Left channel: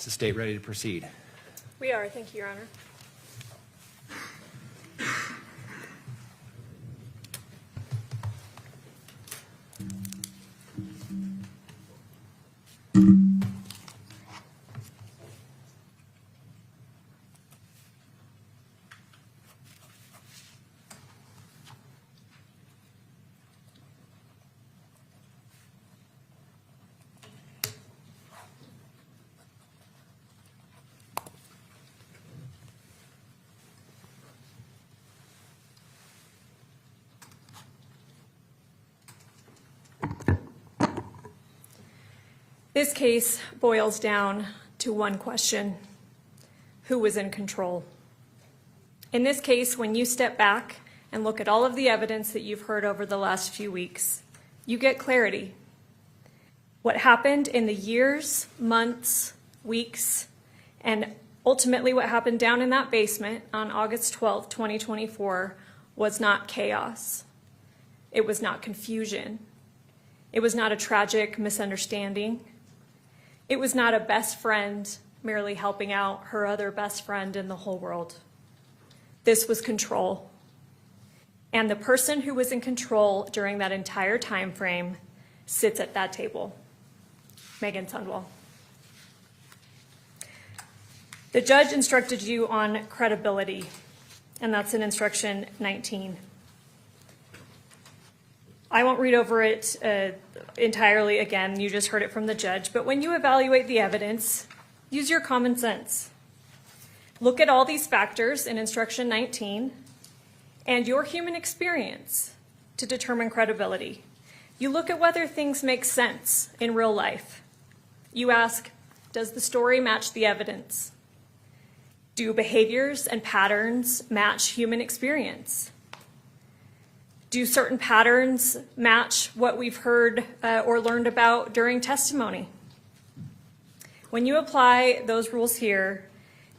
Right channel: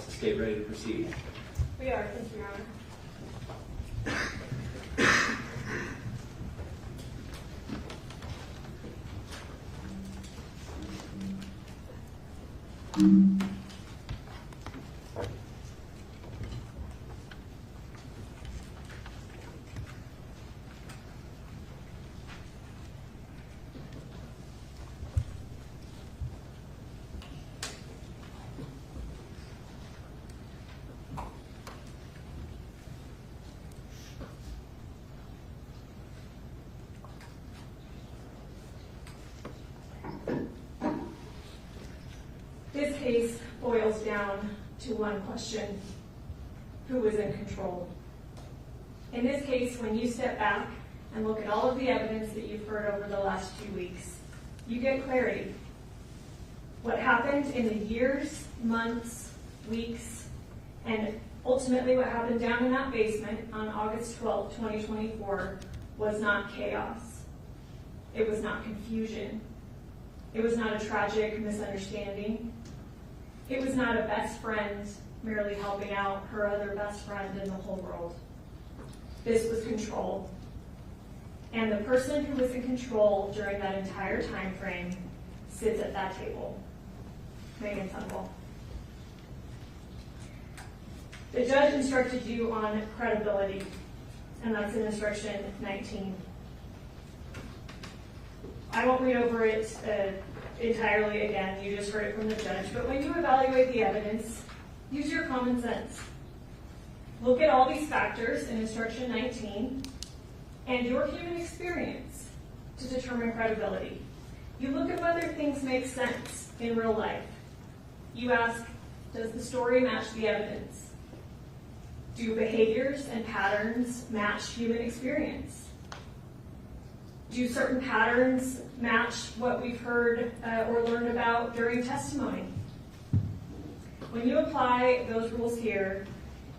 Is the state ready to proceed? We are. Thank you, Your Honor. This case boils down to one question: who was in control? In this case, when you step back and look at all of the evidence that you've heard over the last few weeks, you get clarity. What happened in the years, months, weeks, and ultimately what happened down in that basement on August 12, 2024 was not chaos. It was not confusion. It was not a tragic misunderstanding. It was not a best friend merely helping out her other best friend in the whole world. This was control. And the person who was in control during that entire time frame sits at that table: Meggan Sundwall. The judge instructed you on credibility, and that's in instruction 19. I won't read over it entirely again, you just heard it from the judge, but when you evaluate the evidence, use your common sense. Look at all these factors in instruction 19 and your human experience to determine credibility. You look at whether things make sense in real life. You ask, does the story match the evidence? Do behaviors and patterns match human experience? Do certain patterns match what we've heard or learned about during testimony? When you apply those rules here,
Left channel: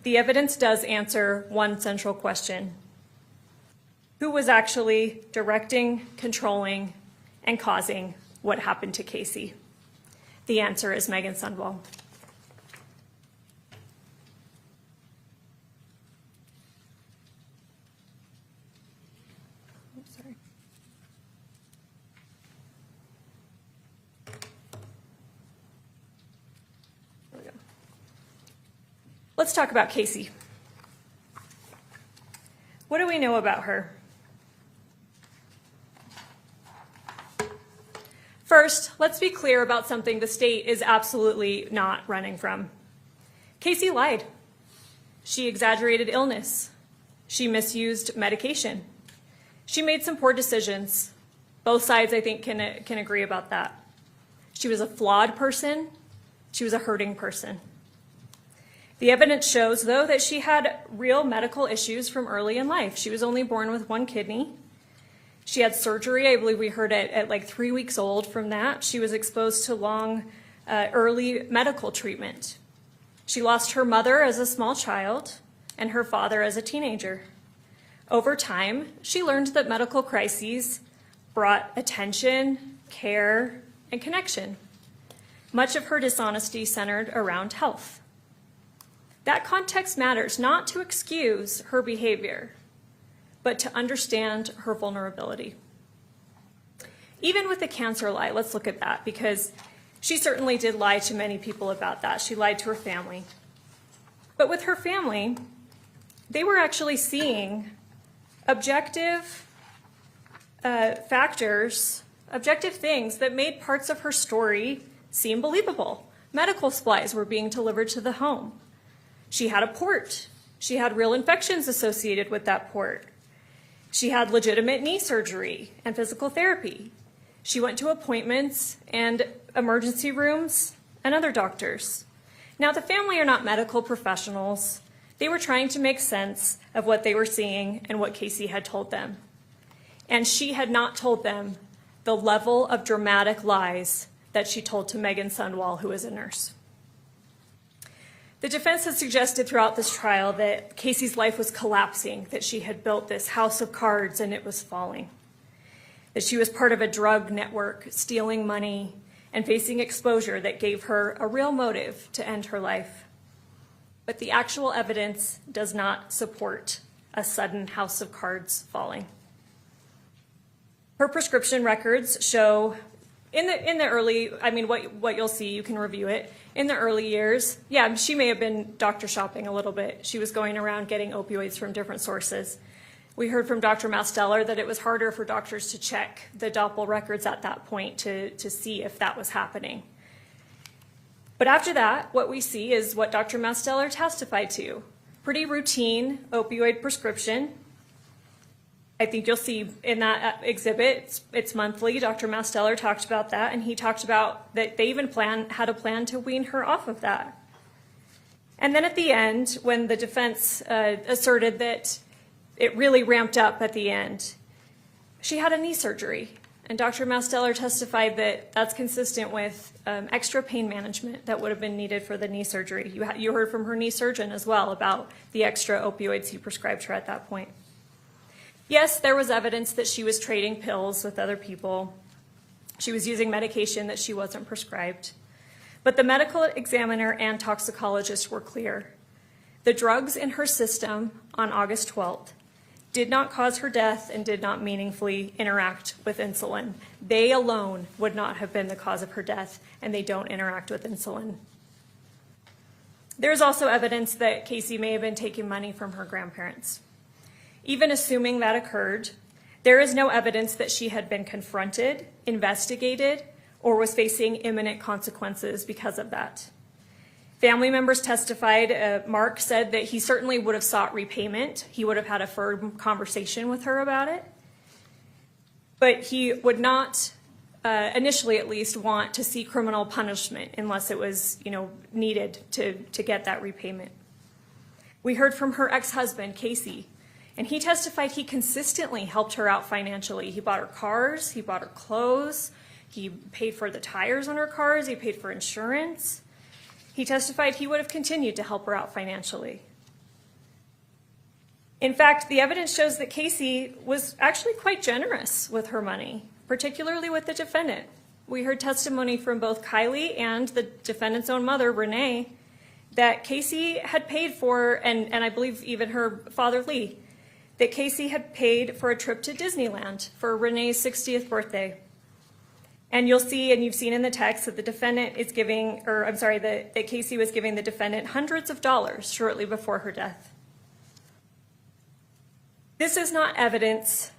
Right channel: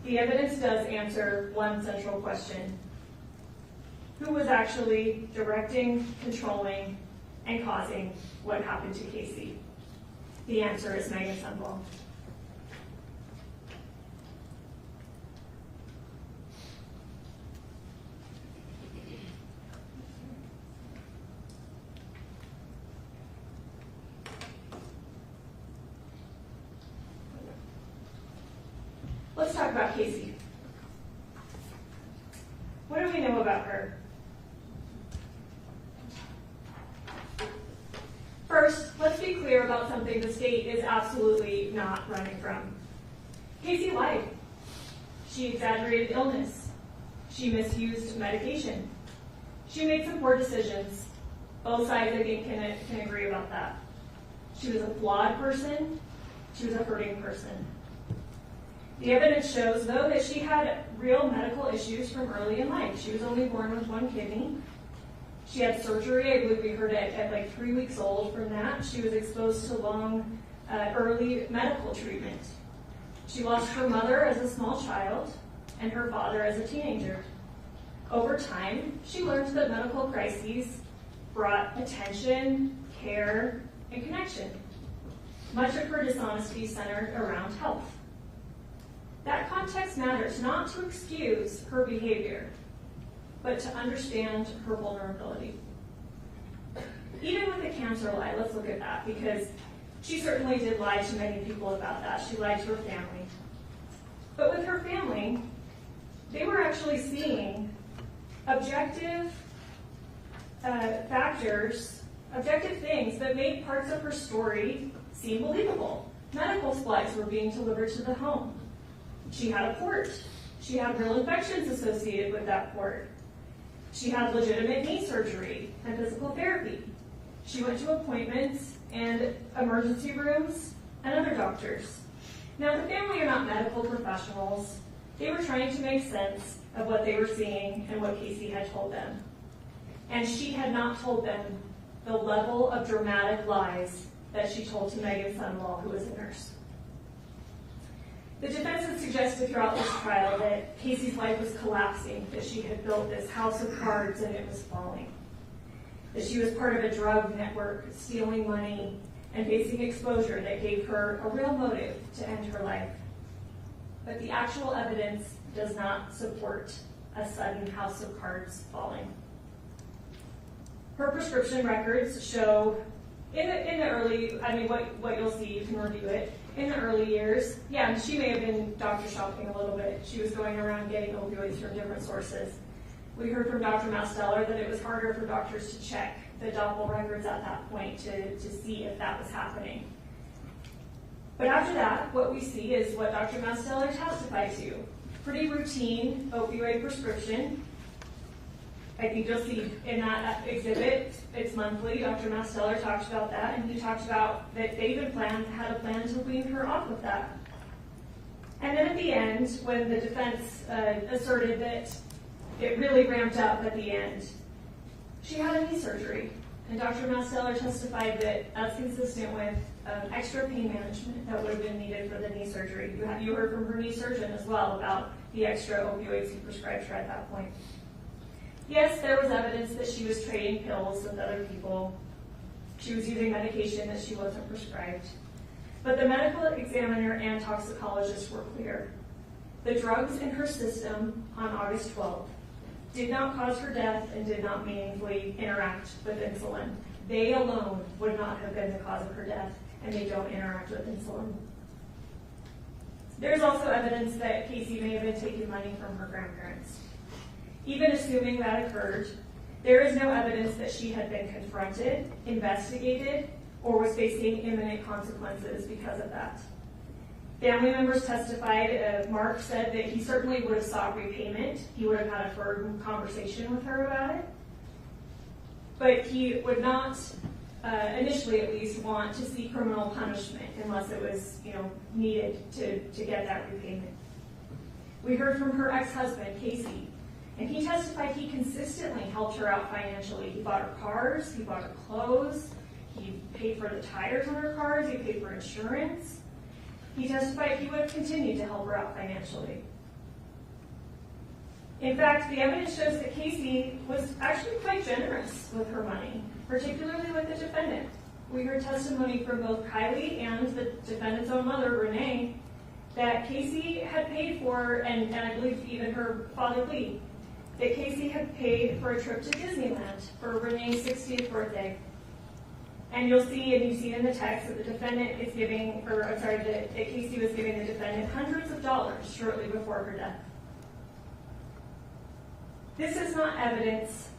the evidence does answer one central question: who was actually directing, controlling, and causing what happened to Casey? The answer is Meggan Sundwall. Let's talk about Casey. What do we know about her? First, let's be clear about something the state is absolutely not running from. Casey lied. She exaggerated illness. She misused medication. She made some poor decisions. Both sides, I think, can agree about that. She was a flawed person. She was a hurting person. The evidence shows, though, that she had real medical issues from early in life. She was only born with one kidney. She had surgery, I believe we heard it, at like 3 weeks old from that. She was exposed to long, early medical treatment. She lost her mother as a small child and her father as a teenager. Over time, she learned that medical crises brought attention, care, and connection. Much of her dishonesty centered around health. That context matters not to excuse her behavior, but to understand her vulnerability. Even with the cancer lie, let's look at that, because she certainly did lie to many people about that. She lied to her family. But with her family, they were actually seeing objective factors, objective things that made parts of her story seem believable. Medical supplies were being delivered to the home. She had a port. She had real infections associated with that port. She had legitimate knee surgery and physical therapy. She went to appointments and emergency rooms and other doctors. Now, the family are not medical professionals. They were trying to make sense of what they were seeing and what Casey had told them. And she had not told them the level of dramatic lies that she told to Meggan Sundwall, who is a nurse. The defense has suggested throughout this trial that Casey's life was collapsing, that she had built this house of cards and it was falling, that she was part of a drug network, stealing money and facing exposure that gave her a real motive to end her life. but the actual evidence does not support a sudden house of cards falling. Her prescription records show in the early, what you'll see, you can review it. In the early years, yeah, she may have been doctor shopping a little bit. She was going around getting opioids from different sources. We heard from Dr. Masteller that it was harder for doctors to check the Doppel records at that point to see if that was happening. But after that, what we see is what Dr. Masteller testified to. Pretty routine opioid prescription. I think you'll see in that exhibit, it's monthly. Dr. Masteller talked about that, and he talked about that they even had a plan to wean her off of that. And then at the end, when the defense asserted that it really ramped up at the end, she had a knee surgery. And Dr. Masteller testified that that's consistent with extra pain management that would have been needed for the knee surgery. You heard from her knee surgeon as well about the extra opioids he prescribed her at that point. Yes, there was evidence that she was trading pills with other people. She was using medication that she wasn't prescribed. But the medical examiner and toxicologist were clear. The drugs in her system on August 12th did not cause her death and did not meaningfully interact with insulin. They alone would not have been the cause of her death, and they don't interact with insulin. There's also evidence that Casey may have been taking money from her grandparents. Even assuming that occurred, there is no evidence that she had been confronted, investigated, or was facing imminent consequences because of that. Family members testified. Mark said that he certainly would have sought repayment. He would have had a firm conversation with her about it. But he would not, initially at least, want to see criminal punishment unless it was, needed to get that repayment. We heard from her ex-husband, Casey, and he testified he consistently helped her out financially. He bought her cars, he bought her clothes, he paid for the tires on her cars, he paid for insurance. He testified he would have continued to help her out financially. In fact, the evidence shows that Casey was actually quite generous with her money, particularly with the defendant. We heard testimony from both Kylie and the defendant's own mother, Renee, that Casey had paid for, and I believe even her father, Lee, that Casey had paid for a trip to Disneyland for Renee's 60th birthday. And you'll see, and you've seen in the text, that the defendant is giving, that Casey was giving the defendant hundreds of dollars shortly before her death. This is not evidence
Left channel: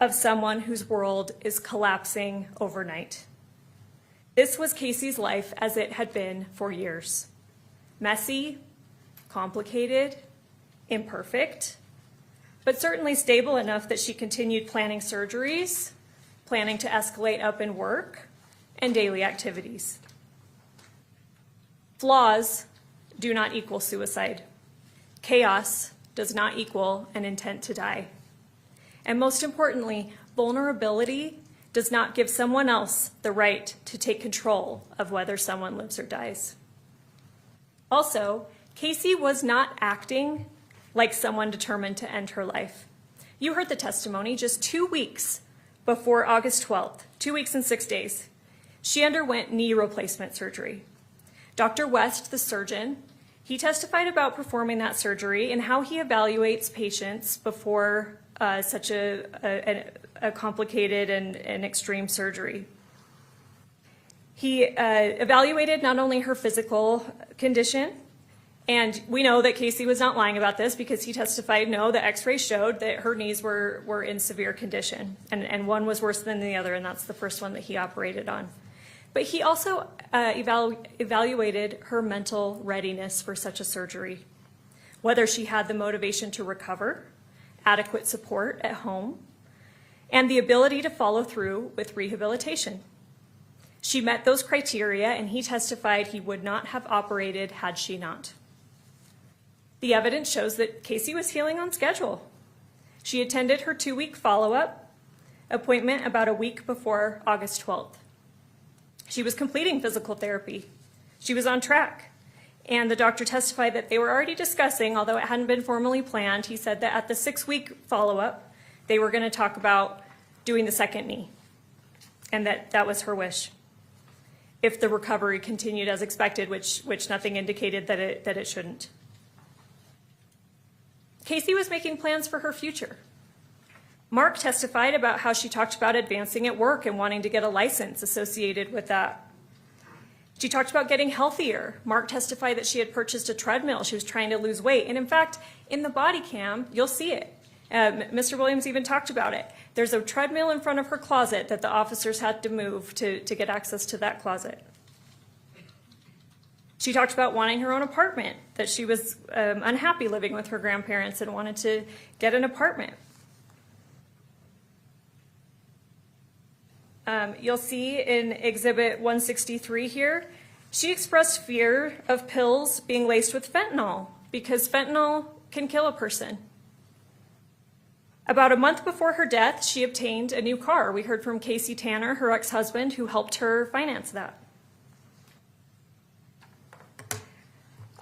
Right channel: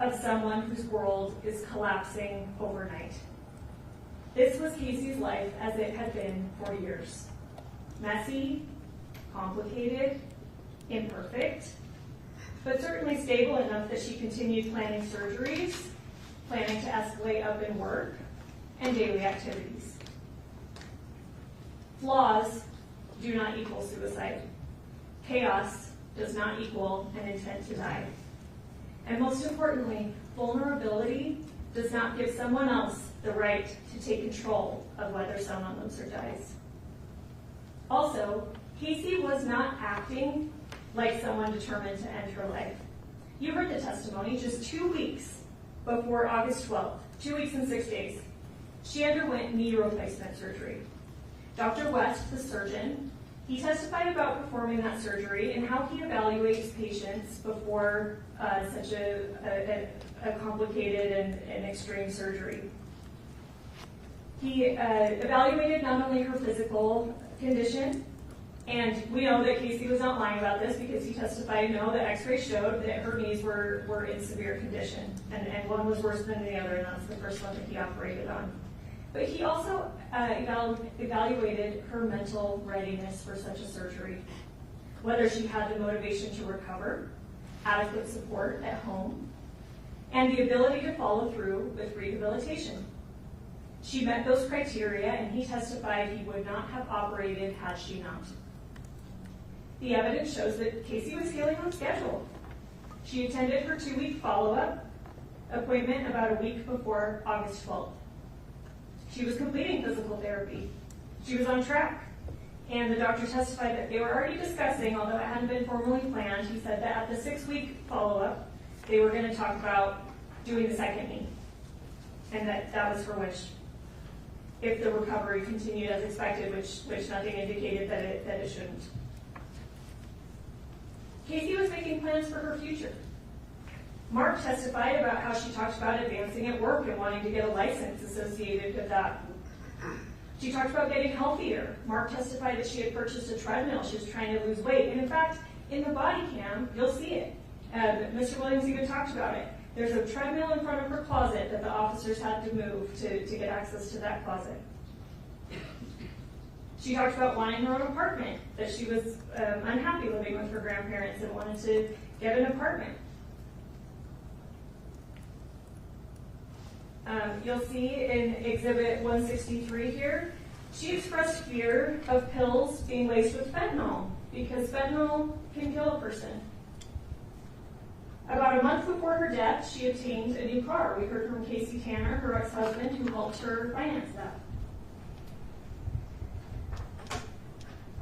of someone whose world is collapsing overnight. This was Casey's life as it had been for years. Messy, complicated, imperfect, but certainly stable enough that she continued planning surgeries, planning to escalate up in work, and daily activities. Flaws do not equal suicide. Chaos does not equal an intent to die. And most importantly, vulnerability does not give someone else the right to take control of whether someone lives or dies. Also, Casey was not acting like someone determined to end her life. You heard the testimony just 2 weeks before August 12th, 2 weeks and 6 days. She underwent knee replacement surgery. Dr. West, the surgeon, he testified about performing that surgery and how he evaluates patients before such a complicated and extreme surgery. He evaluated not only her physical condition, and we know that Casey was not lying about this because he testified, no, the x-ray showed that her knees were in severe condition, and one was worse than the other, and that's the first one that he operated on. But he also evaluated her mental readiness for such a surgery, whether she had the motivation to recover, adequate support at home, and the ability to follow through with rehabilitation. She met those criteria, and he testified he would not have operated had she not. The evidence shows that Casey was healing on schedule. She attended her 2-week follow-up appointment about a week before August 12th. She was completing physical therapy. She was on track. And the doctor testified that they were already discussing, although it hadn't been formally planned, he said that at the 6-week follow-up, they were going to talk about doing the second knee, and that was her wish, if the recovery continued as expected, which nothing indicated that it shouldn't. Casey was making plans for her future. Mark testified about how she talked about advancing at work and wanting to get a license associated with that. She talked about getting healthier. Mark testified that she had purchased a treadmill. She was trying to lose weight. And in fact, in the body cam, you'll see it. Mr. Williams even talked about it. There's a treadmill in front of her closet that the officers had to move to get access to that closet. She talked about wanting her own apartment, that she was unhappy living with her grandparents and wanted to get an apartment. You'll see in Exhibit 163 here, she expressed fear of pills being laced with fentanyl because fentanyl can kill a person. About a month before her death, she obtained a new car. We heard from Casey Tanner, her ex-husband, who helped her finance that.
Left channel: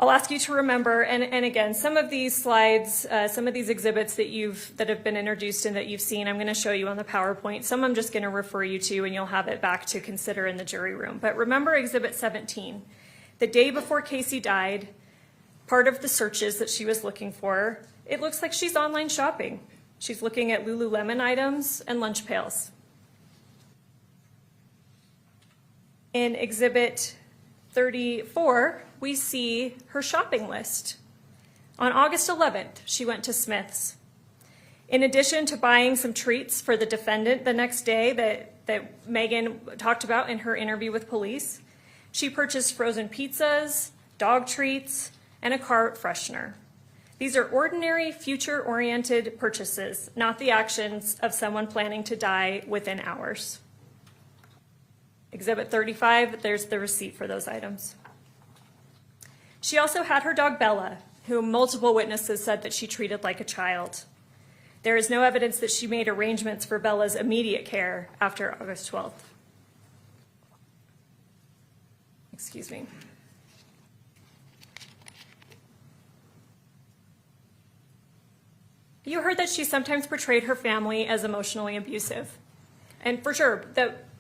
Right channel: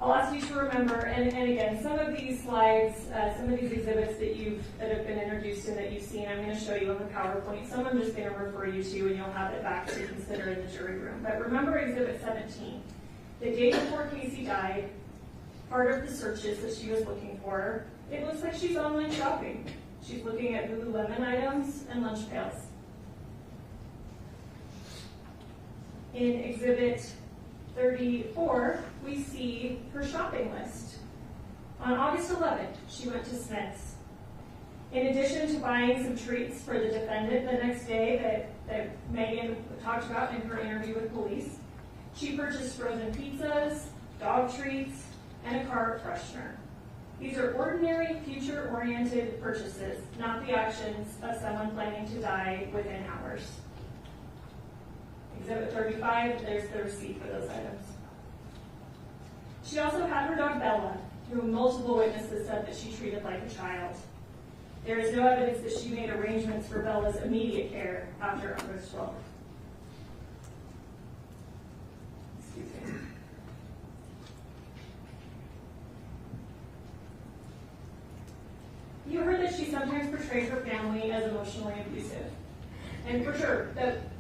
I'll ask you to remember, and again, some of these slides, some of these exhibits that have been introduced and that you've seen, I'm going to show you on the PowerPoint. Some I'm just going to refer you to, and you'll have it back to consider in the jury room. But remember Exhibit 17. The day before Casey died, part of the searches that she was looking for, it looks like she's online shopping. She's looking at Lululemon items and lunch pails. In Exhibit 34, we see her shopping list. On August 11th, she went to Smith's. In addition to buying some treats for the defendant the next day that Meggan talked about in her interview with police, she purchased frozen pizzas, dog treats, and a car freshener. These are ordinary, future-oriented purchases, not the actions of someone planning to die within hours. Exhibit 35, there's the receipt for those items. She also had her dog Bella, whom multiple witnesses said that she treated like a child. There is no evidence that she made arrangements for Bella's immediate care after August 12th. Excuse me. You heard that she sometimes portrayed her family as emotionally abusive. And for sure,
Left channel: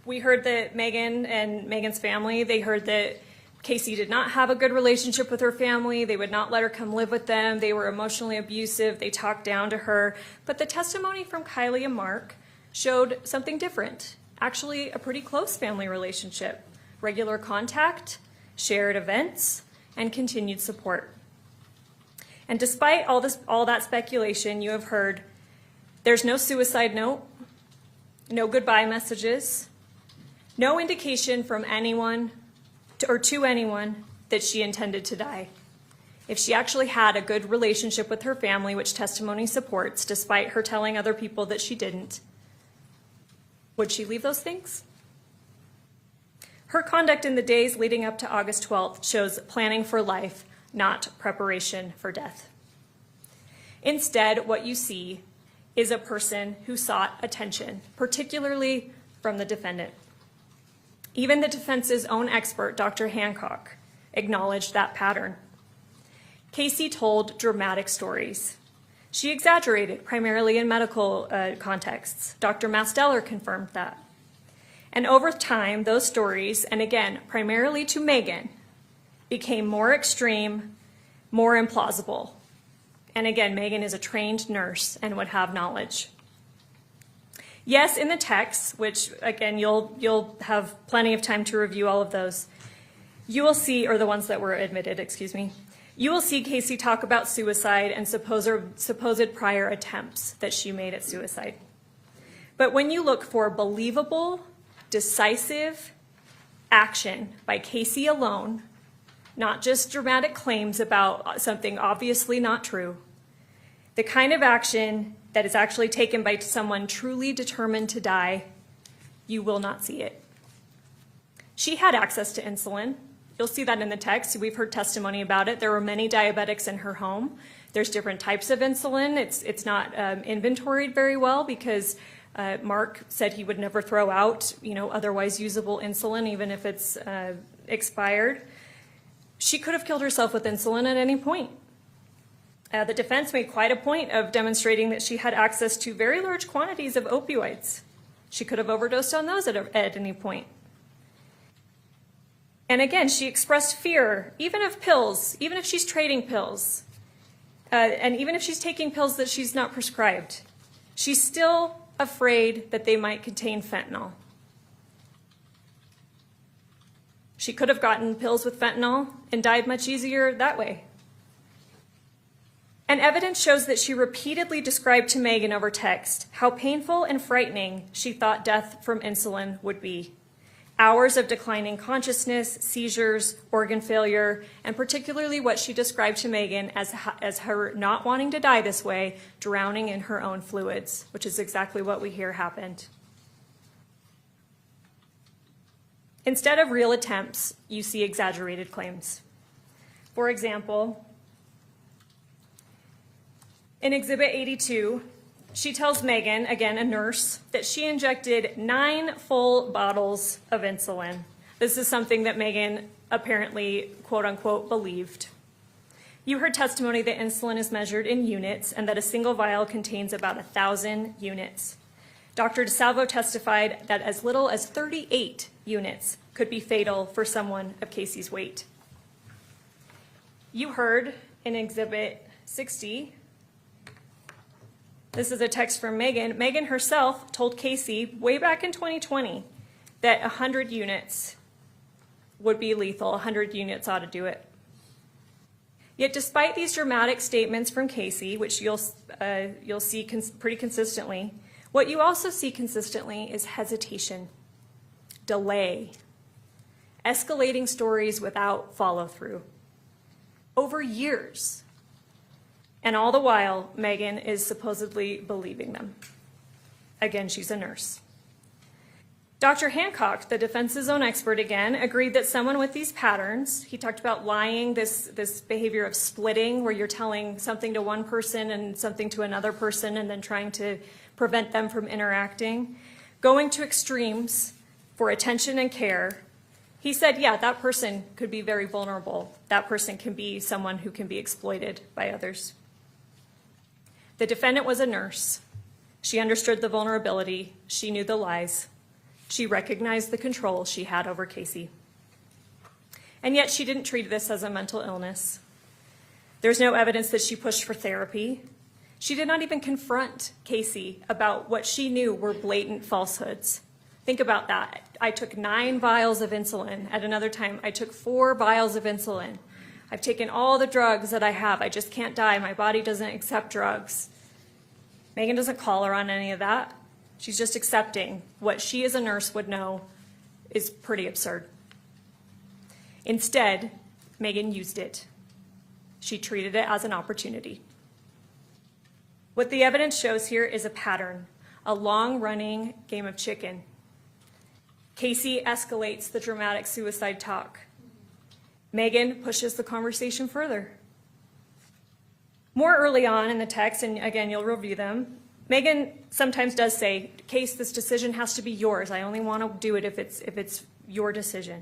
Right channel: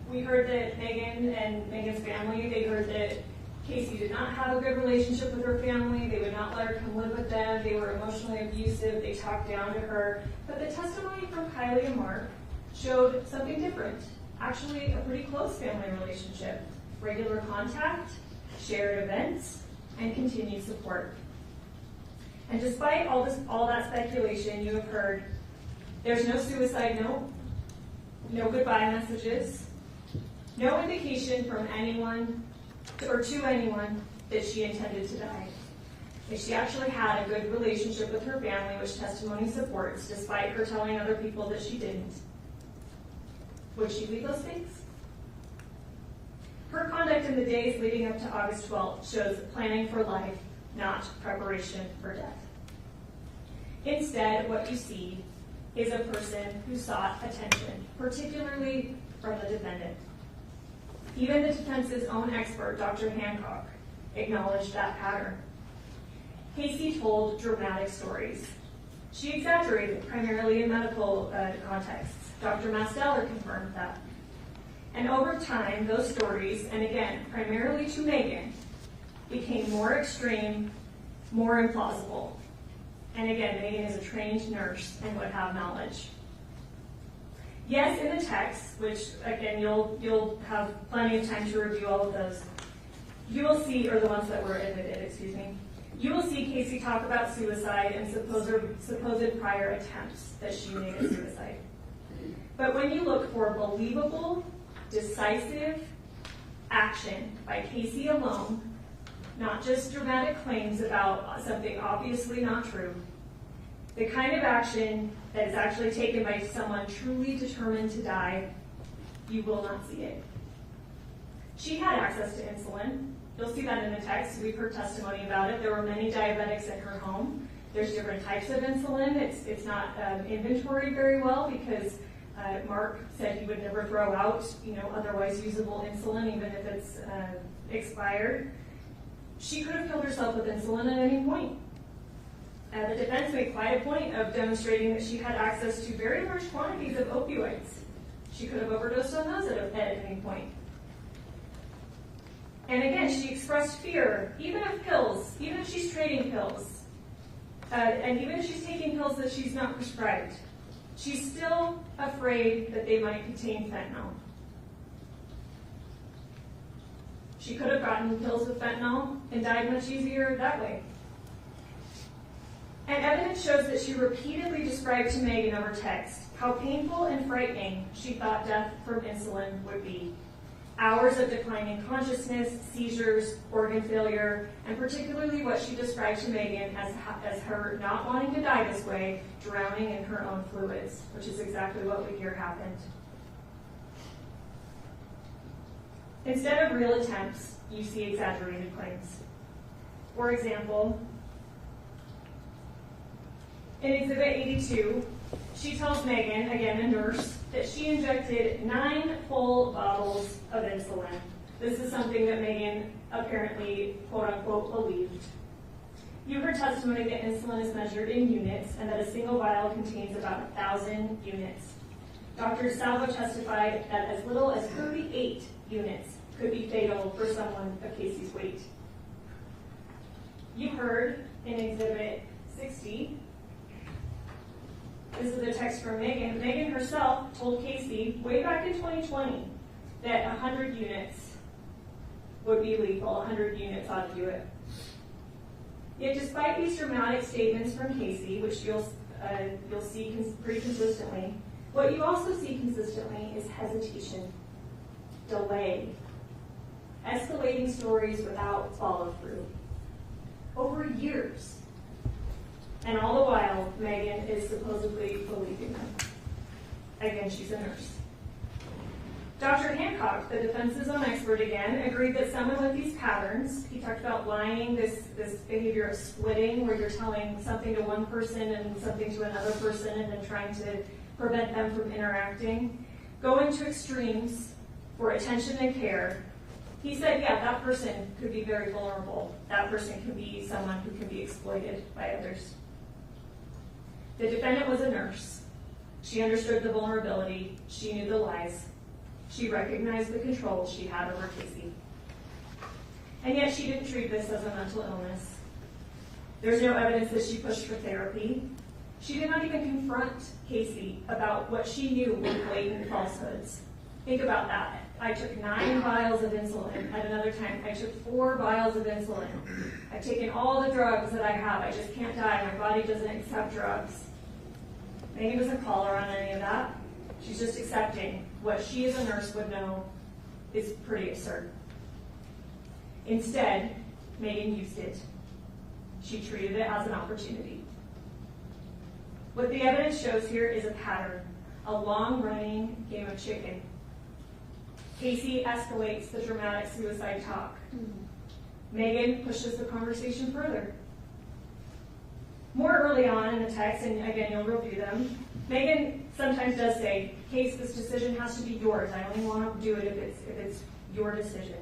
we heard that Meggan and Meggan's family, they heard that Casey did not have a good relationship with her family. They would not let her come live with them. They were emotionally abusive. They talked down to her. But the testimony from Kylie and Mark showed something different. Actually, a pretty close family relationship. Regular contact, shared events, and continued support. And despite all that speculation, you have heard there's no suicide note, no goodbye messages, no indication from anyone to anyone that she intended to die. If she actually had a good relationship with her family, which testimony supports, despite her telling other people that she didn't, would she leave those things? Her conduct in the days leading up to August 12th shows planning for life, not preparation for death. Instead, what you see is a person who sought attention, particularly from the defendant. Even the defense's own expert, Dr. Hancock, acknowledged that pattern. Casey told dramatic stories. She exaggerated, primarily in medical contexts. Dr. Masteller confirmed that. And over time, those stories, and again, primarily to Meggan, became more extreme, more implausible. And again, Meggan is a trained nurse and would have knowledge. Yes, in the text, which again, you'll have plenty of time to review all of those, you will see, or the ones that were admitted, excuse me, you will see Casey talk about suicide and supposed prior attempts that she made at suicide. But when you look for believable, decisive action by Casey alone, not just dramatic claims about something obviously not true, the kind of action that is actually taken by someone truly determined to die, you will not see it. She had access to insulin. You'll see that in the text. We've heard testimony about it. There were many diabetics in her home. There's different types of insulin. It's not inventoried very well because Mark said he would never throw out, otherwise usable insulin, even if it's expired. She could have killed herself with insulin at any point. The defense made quite a point of demonstrating that she had access to very large quantities of opioids. She could have overdosed on those at any point. And again, she expressed fear, even of pills, even if she's trading pills. and even if she's taking pills that she's not prescribed, she's still afraid that they might contain fentanyl. She could have gotten pills with fentanyl and died much easier that way. And evidence shows that she repeatedly described to Meggan over text how painful and frightening she thought death from insulin would be. Hours of declining consciousness, seizures, organ failure, and particularly what she described to Meggan as her not wanting to die this way, drowning in her own fluids, which is exactly what we hear happened. Instead of real attempts, you see exaggerated claims. For example, in Exhibit 82, she tells Meggan, again a nurse, that she injected 9 full bottles of insulin. This is something that Meggan apparently, quote unquote, believed. You heard testimony that insulin is measured in units and that a single vial contains about 1,000 units. Dr. DeSalvo testified that as little as 38 units could be fatal for someone of Casey's weight. You heard in Exhibit 60, this is a text from Meggan. Meggan herself told Casey way back in 2020 that 100 units would be lethal, 100 units ought to do it. Yet despite these dramatic statements from Casey, which you'll see pretty consistently, what you also see consistently is hesitation, delay, escalating stories without follow-through, over years. And all the while, Meggan is supposedly believing them. Again, she's a nurse. Dr. Hancock, the defense's own expert again, agreed that someone with these patterns, he talked about lying, this behavior of splitting, where you're telling something to one person and something to another person and then trying to prevent them from interacting, going to extremes for attention and care. He said, yeah, that person could be very vulnerable. That person can be someone who can be exploited by others. The defendant was a nurse. She understood the vulnerability. She knew the lies. She recognized the control she had over Casey. And yet she didn't treat this as a mental illness. There's no evidence that she pushed for therapy. She did not even confront Casey about what she knew were blatant falsehoods. Think about that. I took 9 vials of insulin. At another time, I took 4 vials of insulin. I've taken all the drugs that I have. I just can't die. My body doesn't accept drugs. Meggan doesn't call her on any of that. She's just accepting what she as a nurse would know is pretty absurd. Instead, Meggan used it. She treated it as an opportunity. What the evidence shows here is a pattern, a long-running game of chicken. Casey escalates the dramatic suicide talk. Meggan pushes the conversation further. More early on in the text, and again, you'll review them, Meggan sometimes does say, Case, this decision has to be yours. I only want to do it if it's your decision.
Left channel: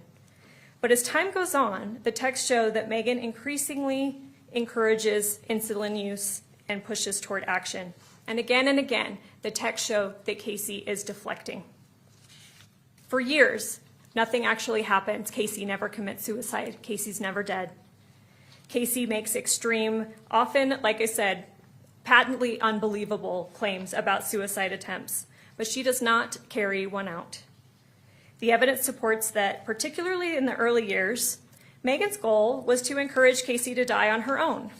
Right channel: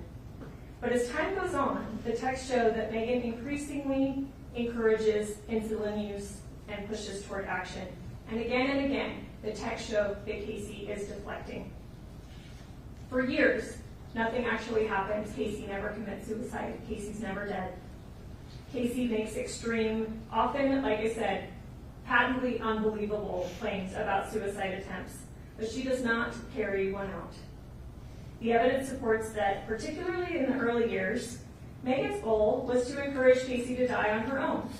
But as time goes on, the text shows that Meggan increasingly encourages insulin use and pushes toward action. And again, the text show that Casey is deflecting. For years, nothing actually happens. Casey never commits suicide. Casey's never dead. Casey makes extreme, often, like I said, patently unbelievable claims about suicide attempts, but she does not carry one out. The evidence supports that, particularly in the early years, Meggan's goal was to encourage Casey to die on her own.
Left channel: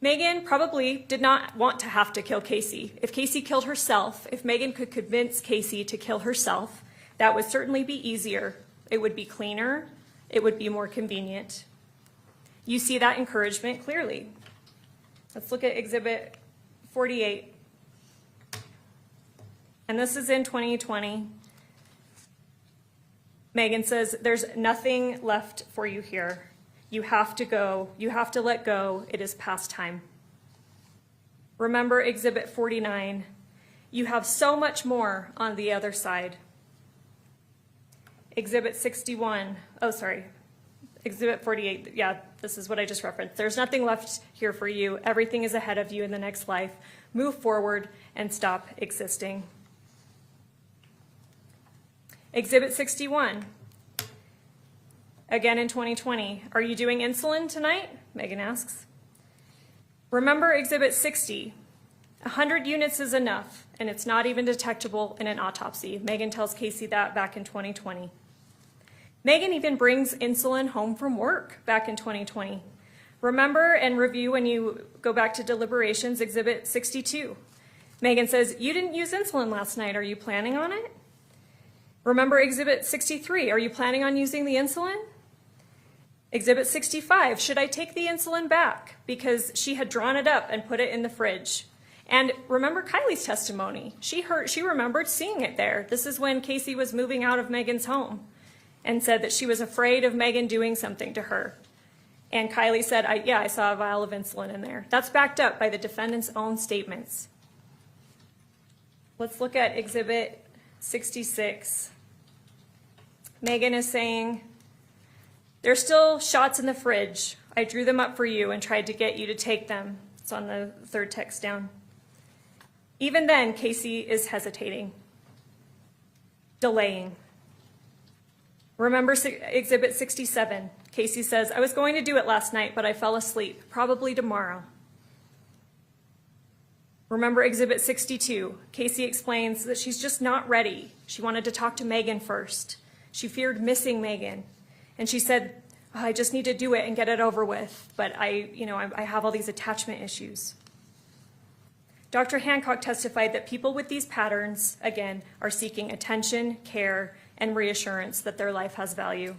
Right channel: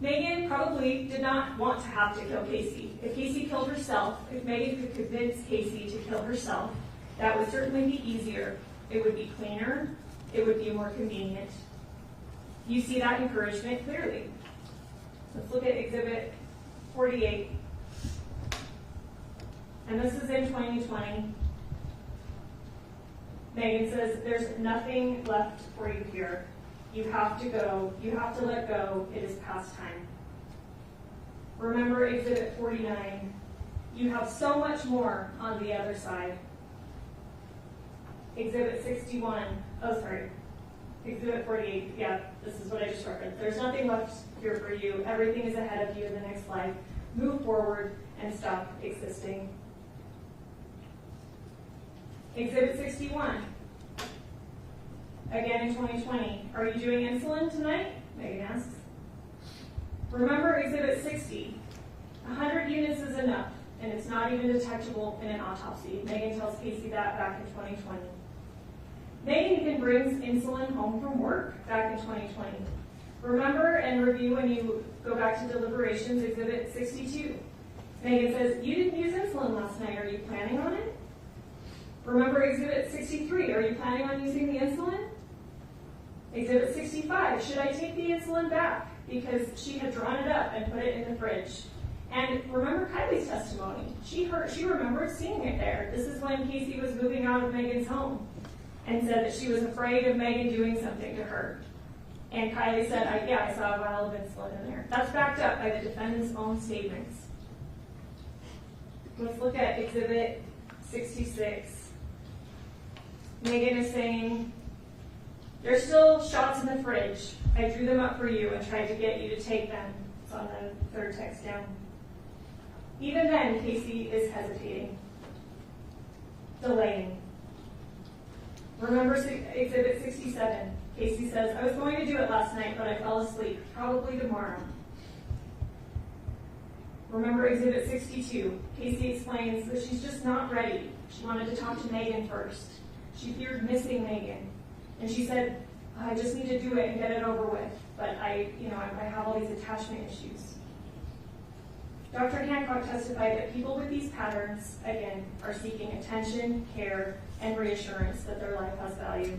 Meggan probably did not want to have to kill Casey. If Casey killed herself, if Meggan could convince Casey to kill herself, that would certainly be easier. It would be cleaner. It would be more convenient. You see that encouragement clearly. Let's look at Exhibit 48. And this is in 2020. Meggan says, there's nothing left for you here. You have to go. You have to let go. It is past time. Remember Exhibit 49. You have so much more on the other side. Exhibit 61. Oh, sorry. Exhibit 48. Yeah, this is what I just referenced. There's nothing left here for you. Everything is ahead of you in the next life. Move forward and stop existing. Exhibit 61. Again in 2020. Are you doing insulin tonight? Meggan asks. Remember Exhibit 60. 100 units is enough, and it's not even detectable in an autopsy. Meggan tells Casey that back in 2020. Meggan even brings insulin home from work back in 2020. Remember and review when you go back to deliberations, Exhibit 62. Meggan says, you didn't use insulin last night. Are you planning on it? Remember Exhibit 63. Are you planning on using the insulin? Exhibit 65. Should I take the insulin back? Because she had drawn it up and put it in the fridge. And remember Kylie's testimony. She remembered seeing it there. This is when Casey was moving out of Meggan's home and said that she was afraid of Meggan doing something to her. And Kylie said, I saw a vial of insulin in there. That's backed up by the defendant's own statements. Let's look at Exhibit 66. Meggan is saying, there's still shots in the fridge. I drew them up for you and tried to get you to take them. It's on the third text down. Even then, Casey is hesitating, delaying. Remember Exhibit 67. Casey says, I was going to do it last night, but I fell asleep. Probably tomorrow. Remember Exhibit 62. Casey explains that she's just not ready. She wanted to talk to Meggan first. She feared missing Meggan. And she said, I just need to do it and get it over with. But I have all these attachment issues. Dr. Hancock testified that people with these patterns, again, are seeking attention, care, and reassurance that their life has value.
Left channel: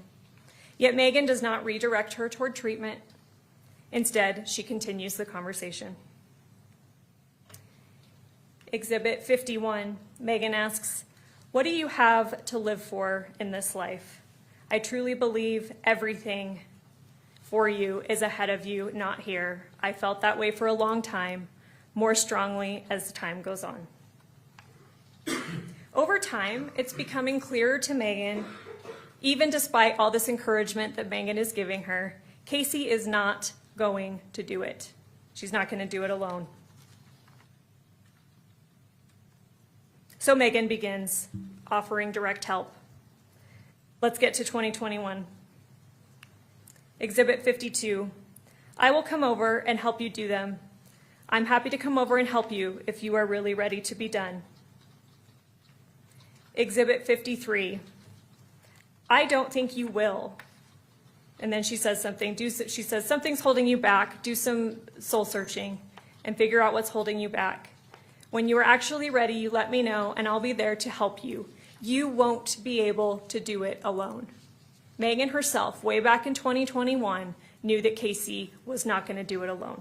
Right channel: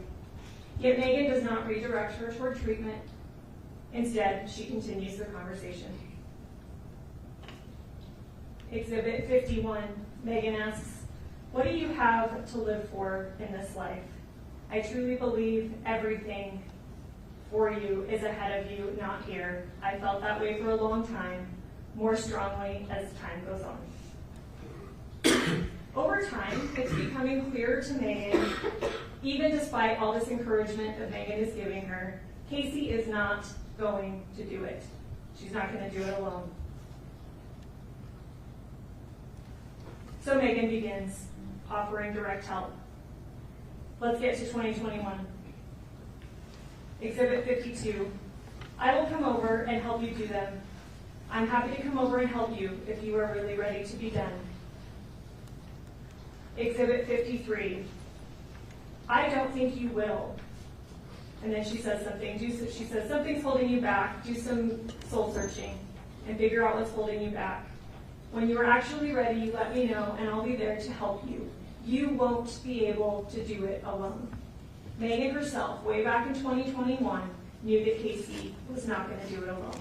Yet Meggan does not redirect her toward treatment. Instead, she continues the conversation. Exhibit 51, Meggan asks, what do you have to live for in this life? I truly believe everything for you is ahead of you, not here. I felt that way for a long time, more strongly as time goes on. Over time, it's becoming clearer to Meggan, even despite all this encouragement that Meggan is giving her, Casey is not going to do it. She's not going to do it alone. So Meggan begins offering direct help. Let's get to 2021. Exhibit 52. I will come over and help you do them. I'm happy to come over and help you if you are really ready to be done. Exhibit 53. I don't think you will. And then she says something. She says, something's holding you back. Do some soul searching and figure out what's holding you back. When you are actually ready, you let me know and I'll be there to help you. You won't be able to do it alone. Meggan herself, way back in 2021, knew that Casey was not going to do it alone.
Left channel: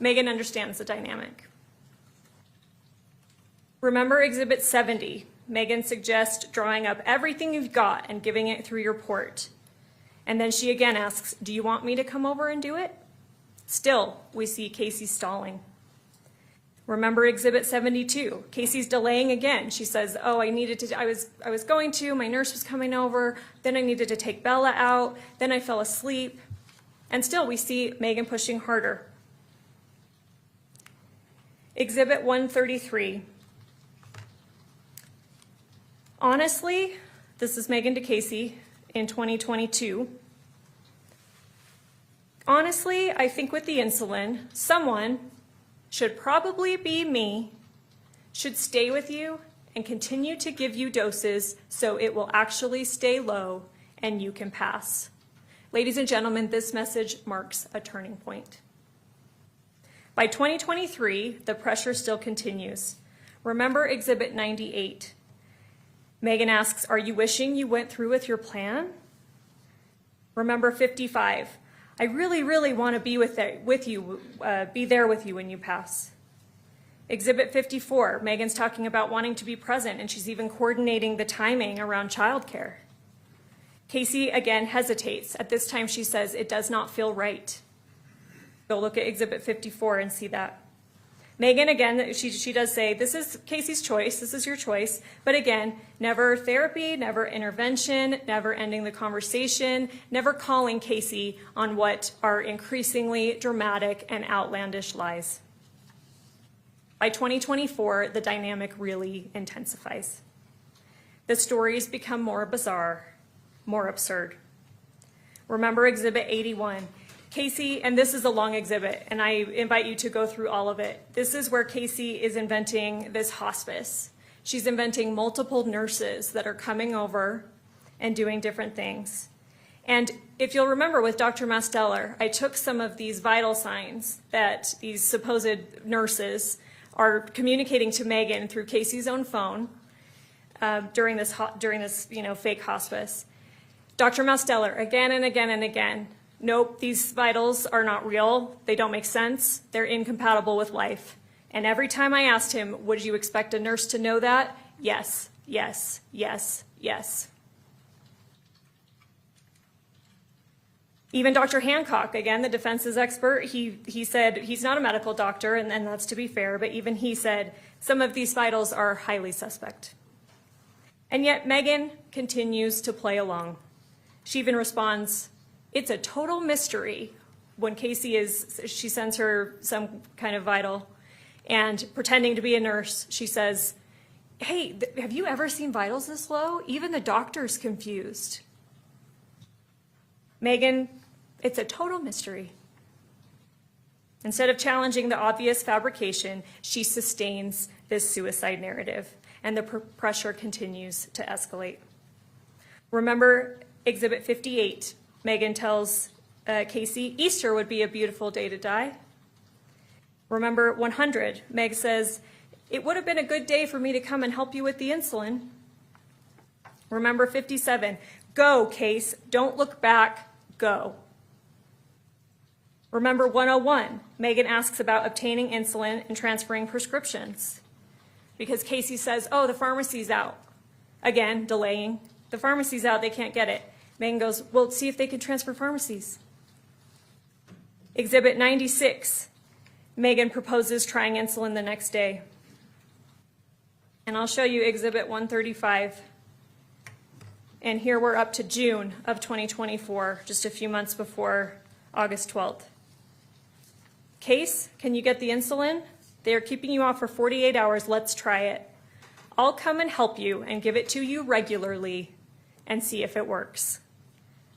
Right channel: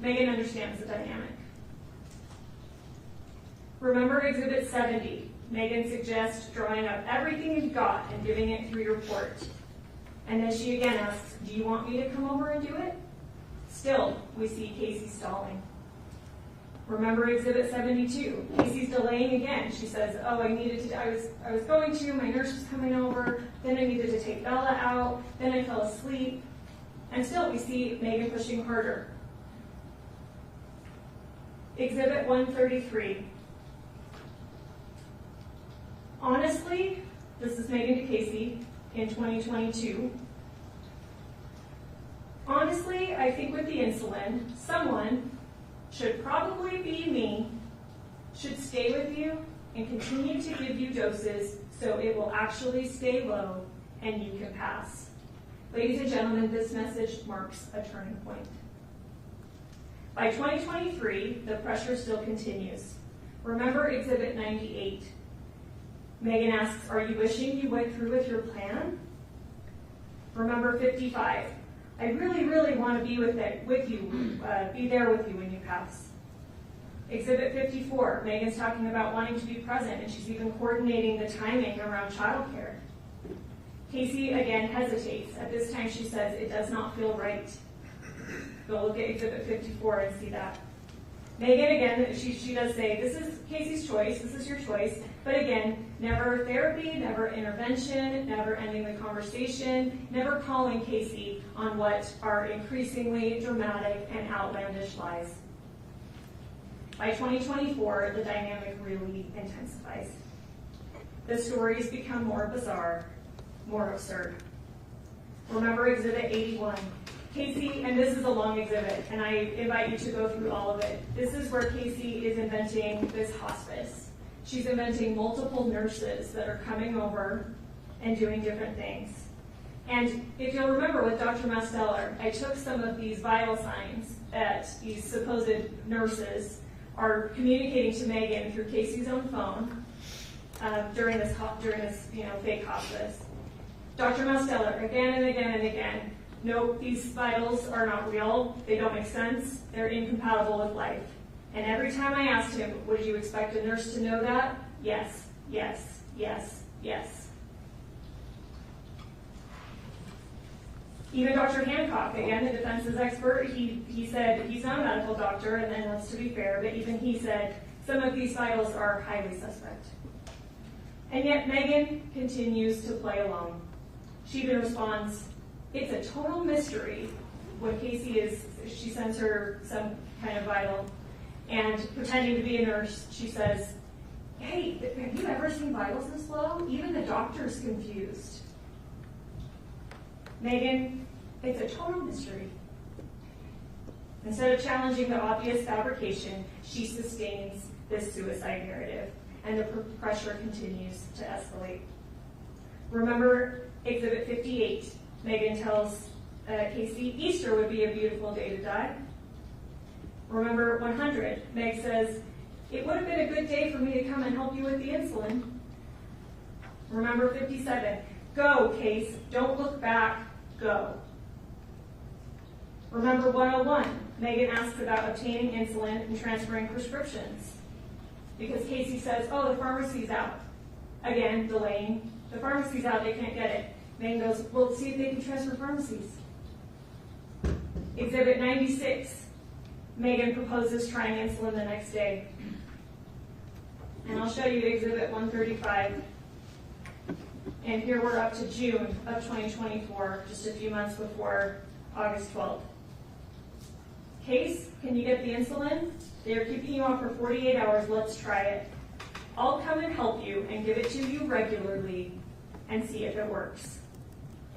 Meggan understands the dynamic. Remember Exhibit 70. Meggan suggests drawing up everything you've got and giving it through your port. And then she again asks, do you want me to come over and do it? Still, we see Casey stalling. Remember Exhibit 72. Casey's delaying again. She says, I was going to, my nurse was coming over, then I needed to take Bella out, then I fell asleep. And still we see Meggan pushing harder. Exhibit 133. Honestly, this is Meggan to Casey in 2022. Honestly, I think with the insulin, someone, should probably be me, should stay with you and continue to give you doses so it will actually stay low and you can pass. Ladies and gentlemen, this message marks a turning point. By 2023, the pressure still continues. Remember Exhibit 98. Meggan asks, are you wishing you went through with your plan? Remember 55. I really, really want to be be there with you when you pass. Exhibit 54, Meggan's talking about wanting to be present and she's even coordinating the timing around childcare. Casey again hesitates. At this time she says, it does not feel right. Go look at Exhibit 54 and see that. Meggan, again, she does say, this is Casey's choice, this is your choice, but again, never therapy, never intervention, never ending the conversation, never calling Casey on what are increasingly dramatic and outlandish lies. By 2024, the dynamic really intensifies. The stories become more bizarre, more absurd. Remember Exhibit 81. Casey, and this is a long exhibit, and I invite you to go through all of it. This is where Casey is inventing this hospice. She's inventing multiple nurses that are coming over and doing different things. And if you'll remember with Dr. Masteller, I took some of these vital signs that these supposed nurses are communicating to Meggan through Casey's own phone during this fake hospice. Dr. Masteller, again and again and again, nope, these vitals are not real, they don't make sense, they're incompatible with life. And every time I asked him, would you expect a nurse to know that? Yes, yes, yes, yes. Even Dr. Hancock, again, the defense's expert, he said he's not a medical doctor, and that's to be fair, but even he said some of these vitals are highly suspect. And yet Meggan continues to play along. She even responds, it's a total mystery when she sends her some kind of vital, and pretending to be a nurse, she says, hey, have you ever seen vitals this low? Even the doctor's confused. Meggan, it's a total mystery. Instead of challenging the obvious fabrication, she sustains this suicide narrative, and the pressure continues to escalate. Remember Exhibit 58, Meggan tells Casey, Easter would be a beautiful day to die. Remember 100, Meg says, it would have been a good day for me to come and help you with the insulin. Remember 57, go, Case, don't look back, go. Remember 101, Meggan asks about obtaining insulin and transferring prescriptions. Because Casey says, oh, the pharmacy's out. Again, delaying. The pharmacy's out, they can't get it. Meggan goes, well, see if they can transfer pharmacies. Exhibit 96, Meggan proposes trying insulin the next day. And I'll show you Exhibit 135. And here we're up to June of 2024, just a few months before August 12th. Case, can you get the insulin? They are keeping you off for 48 hours, let's try it. I'll come and help you and give it to you regularly and see if it works.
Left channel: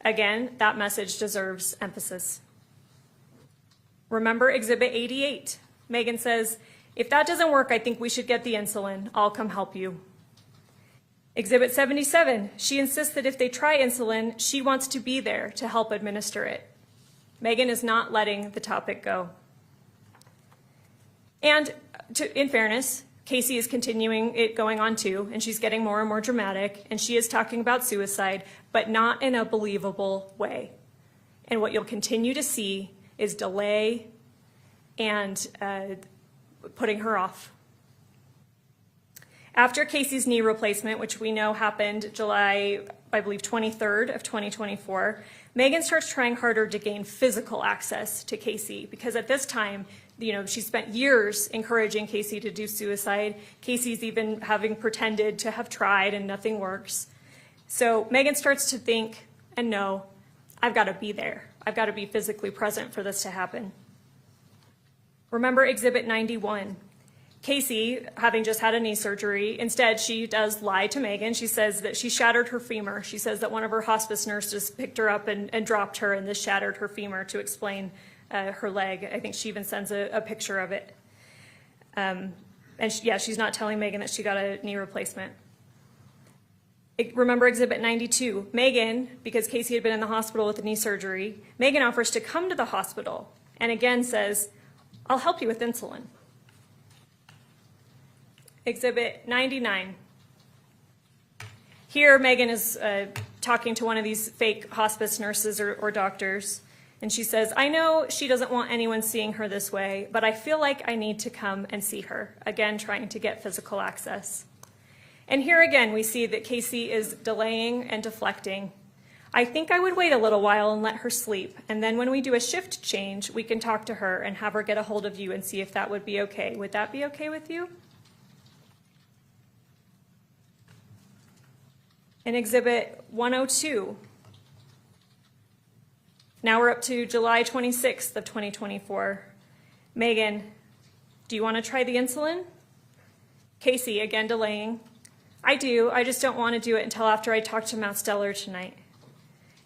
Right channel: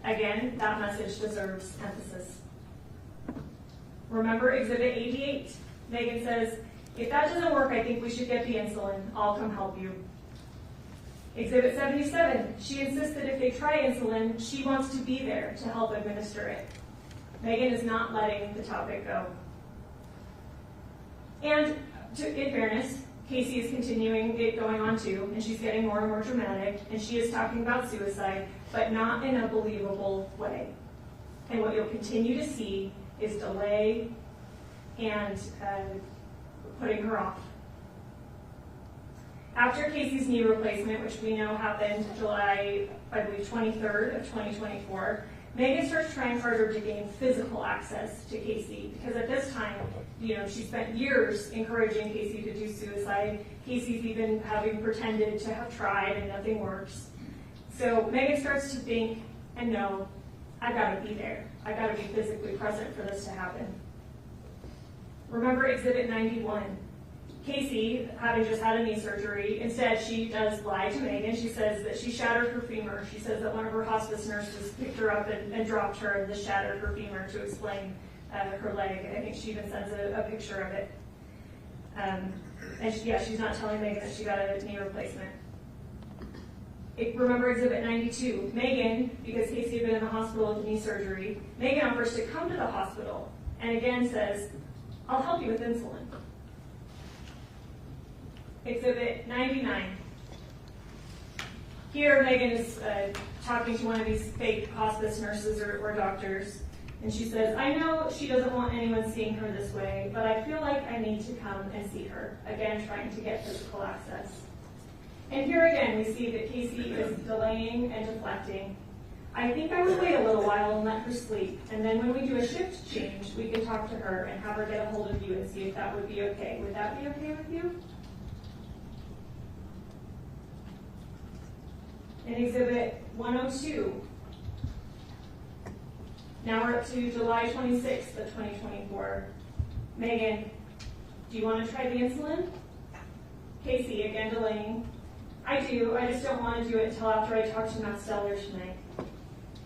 Again, that message deserves emphasis. Remember Exhibit 88. Meggan says, if that doesn't work, I think we should get the insulin. I'll come help you. Exhibit 77, she insists that if they try insulin, she wants to be there to help administer it. Meggan is not letting the topic go. And in fairness, Casey is continuing it going on too, and she's getting more and more dramatic, and she is talking about suicide, but not in a believable way. And what you'll continue to see is delay and putting her off. After Casey's knee replacement, which we know happened July, I believe, 23rd of 2024, Meggan starts trying harder to gain physical access to Casey, because at this time, she spent years encouraging Casey to do suicide. Casey's even having pretended to have tried and nothing works. So Meggan starts to think and know, I've got to be there. I've got to be physically present for this to happen. Remember Exhibit 91. Casey, having just had a knee surgery, instead she does lie to Meggan. She says that she shattered her femur. She says that one of her hospice nurses picked her up and dropped her, and this shattered her femur to explain her leg. I think she even sends a picture of it. She's not telling Meggan that she got a knee replacement. Remember Exhibit 92. Meggan, because Casey had been in the hospital with the knee surgery, Meggan offers to come to the hospital and again says, I'll help you with insulin. Exhibit 99. Here, Meggan is talking to one of these fake hospice nurses or doctors, and she says, I know she doesn't want anyone seeing her this way, but I feel like I need to come and see her. Again, trying to get physical access. And here again, we see that Casey is delaying and deflecting. I think I would wait a little while and let her sleep, and then when we do a shift change, we can talk to her and have her get a hold of you and see if that would be okay. Would that be okay with you? In Exhibit 102, now we're up to July 26th of 2024. Meggan, do you want to try the insulin? Casey, again delaying. I do, I just don't want to do it until after I talk to Masteller tonight.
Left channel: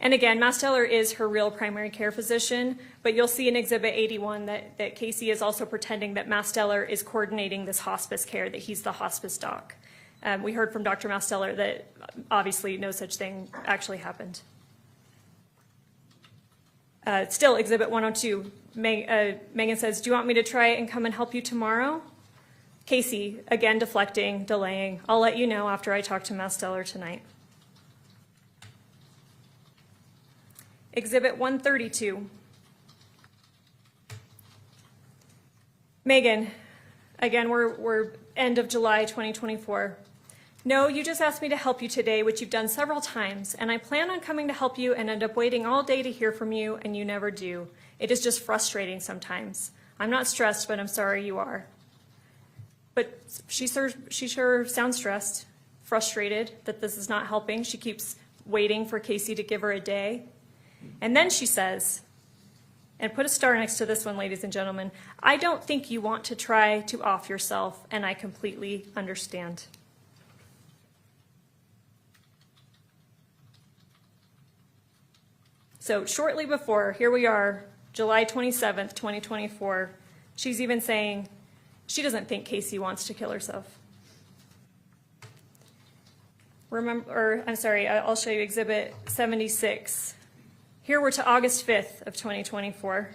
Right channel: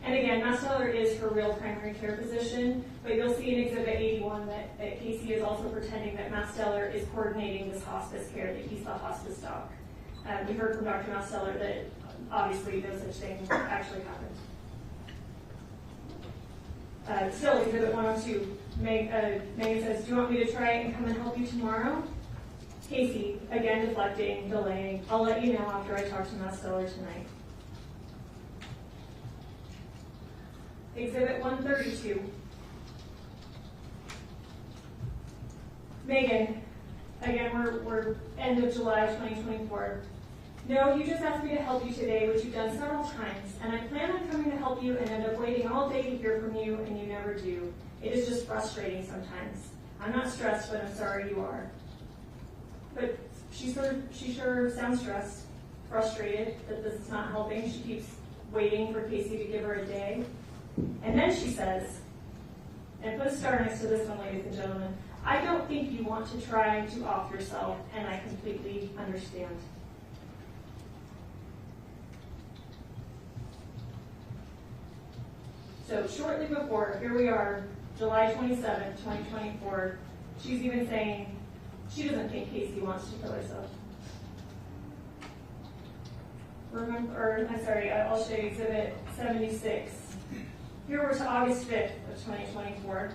And again, Masteller is her real primary care physician, but you'll see in Exhibit 81 that Casey is also pretending that Masteller is coordinating this hospice care, that he's the hospice doc. We heard from Dr. Masteller that obviously no such thing actually happened. Still, Exhibit 102, Meggan says, do you want me to try and come and help you tomorrow? Casey, again deflecting, delaying. I'll let you know after I talk to Masteller tonight. Exhibit 132. Meggan, again, we're end of July 2024. No, you just asked me to help you today, which you've done several times, and I plan on coming to help you and end up waiting all day to hear from you, and you never do. It is just frustrating sometimes. I'm not stressed, but I'm sorry you are. But she sure sounds stressed, frustrated that this is not helping. She keeps waiting for Casey to give her a day. And then she says, and put a star next to this one, ladies and gentlemen, I don't think you want to try to off yourself, and I completely understand. So shortly before, here we are, July 27th, 2024, she's even saying she doesn't think Casey wants to kill herself. I'll show you Exhibit 76. Here we're to August 5th of 2024.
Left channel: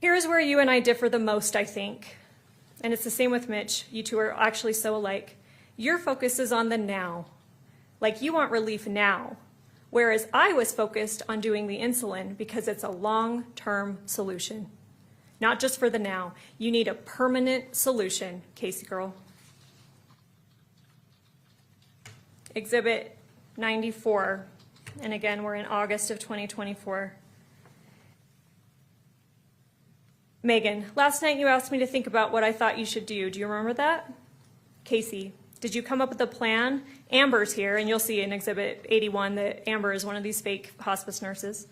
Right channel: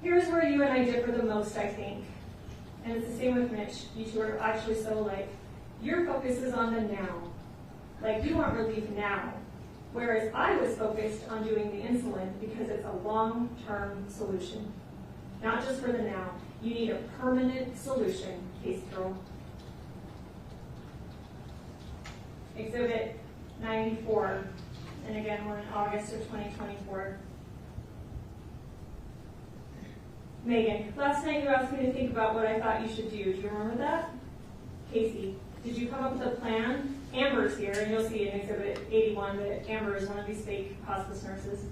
Here's where you and I differ the most, I think. And it's the same with Mitch. You two are actually so alike. Your focus is on the now. Like you want relief now. Whereas I was focused on doing the insulin because it's a long-term solution. Not just for the now. You need a permanent solution, Casey girl. Exhibit 94. And again, we're in August of 2024. Meggan, last night you asked me to think about what I thought you should do. Do you remember that? Casey, did you come up with a plan? Amber's here, and you'll see in Exhibit 81 that Amber is one of these fake hospice nurses.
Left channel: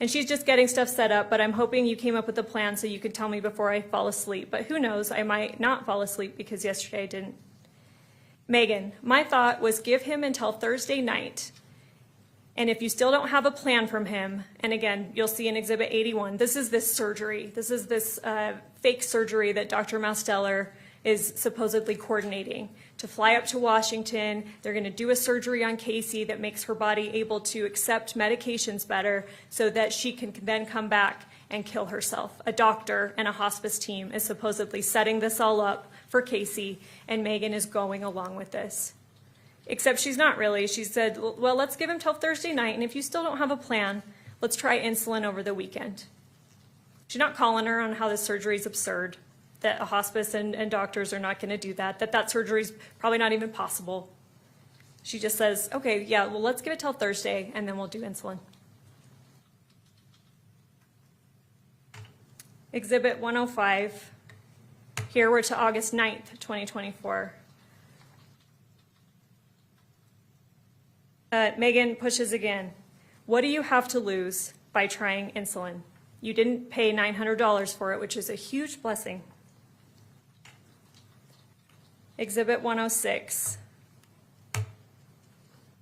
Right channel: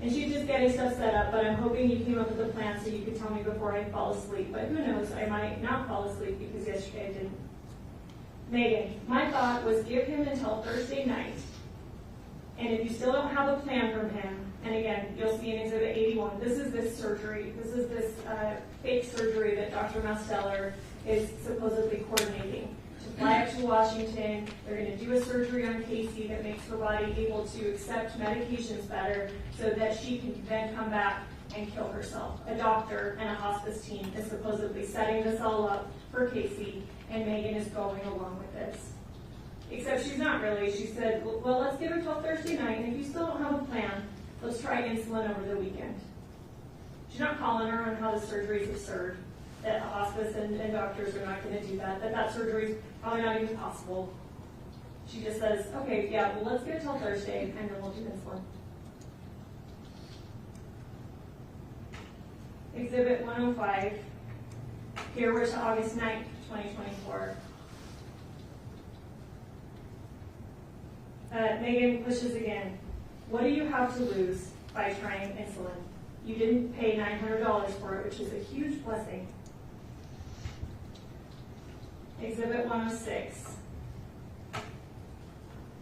And she's just getting stuff set up, but I'm hoping you came up with a plan so you could tell me before I fall asleep. But who knows, I might not fall asleep because yesterday I didn't. Meggan, my thought was give him until Thursday night. And if you still don't have a plan from him, and again, you'll see in Exhibit 81, this is this surgery. This is this fake surgery that Dr. Masteller is supposedly coordinating to fly up to Washington. They're going to do a surgery on Casey that makes her body able to accept medications better so that she can then come back and kill herself. A doctor and a hospice team is supposedly setting this all up for Casey, and Meggan is going along with this. Except she's not really. She said, well, let's give him till Thursday night, and if you still don't have a plan, let's try insulin over the weekend. She's not calling her on how this surgery is absurd, that a hospice and doctors are not going to do that, that surgery is probably not even possible. She just says, okay, yeah, well, let's give it till Thursday, and then we'll do insulin. Exhibit 105. Here we're to August 9th, 2024. Meggan pushes again. What do you have to lose by trying insulin? You didn't pay $900 for it, which is a huge blessing. Exhibit 106.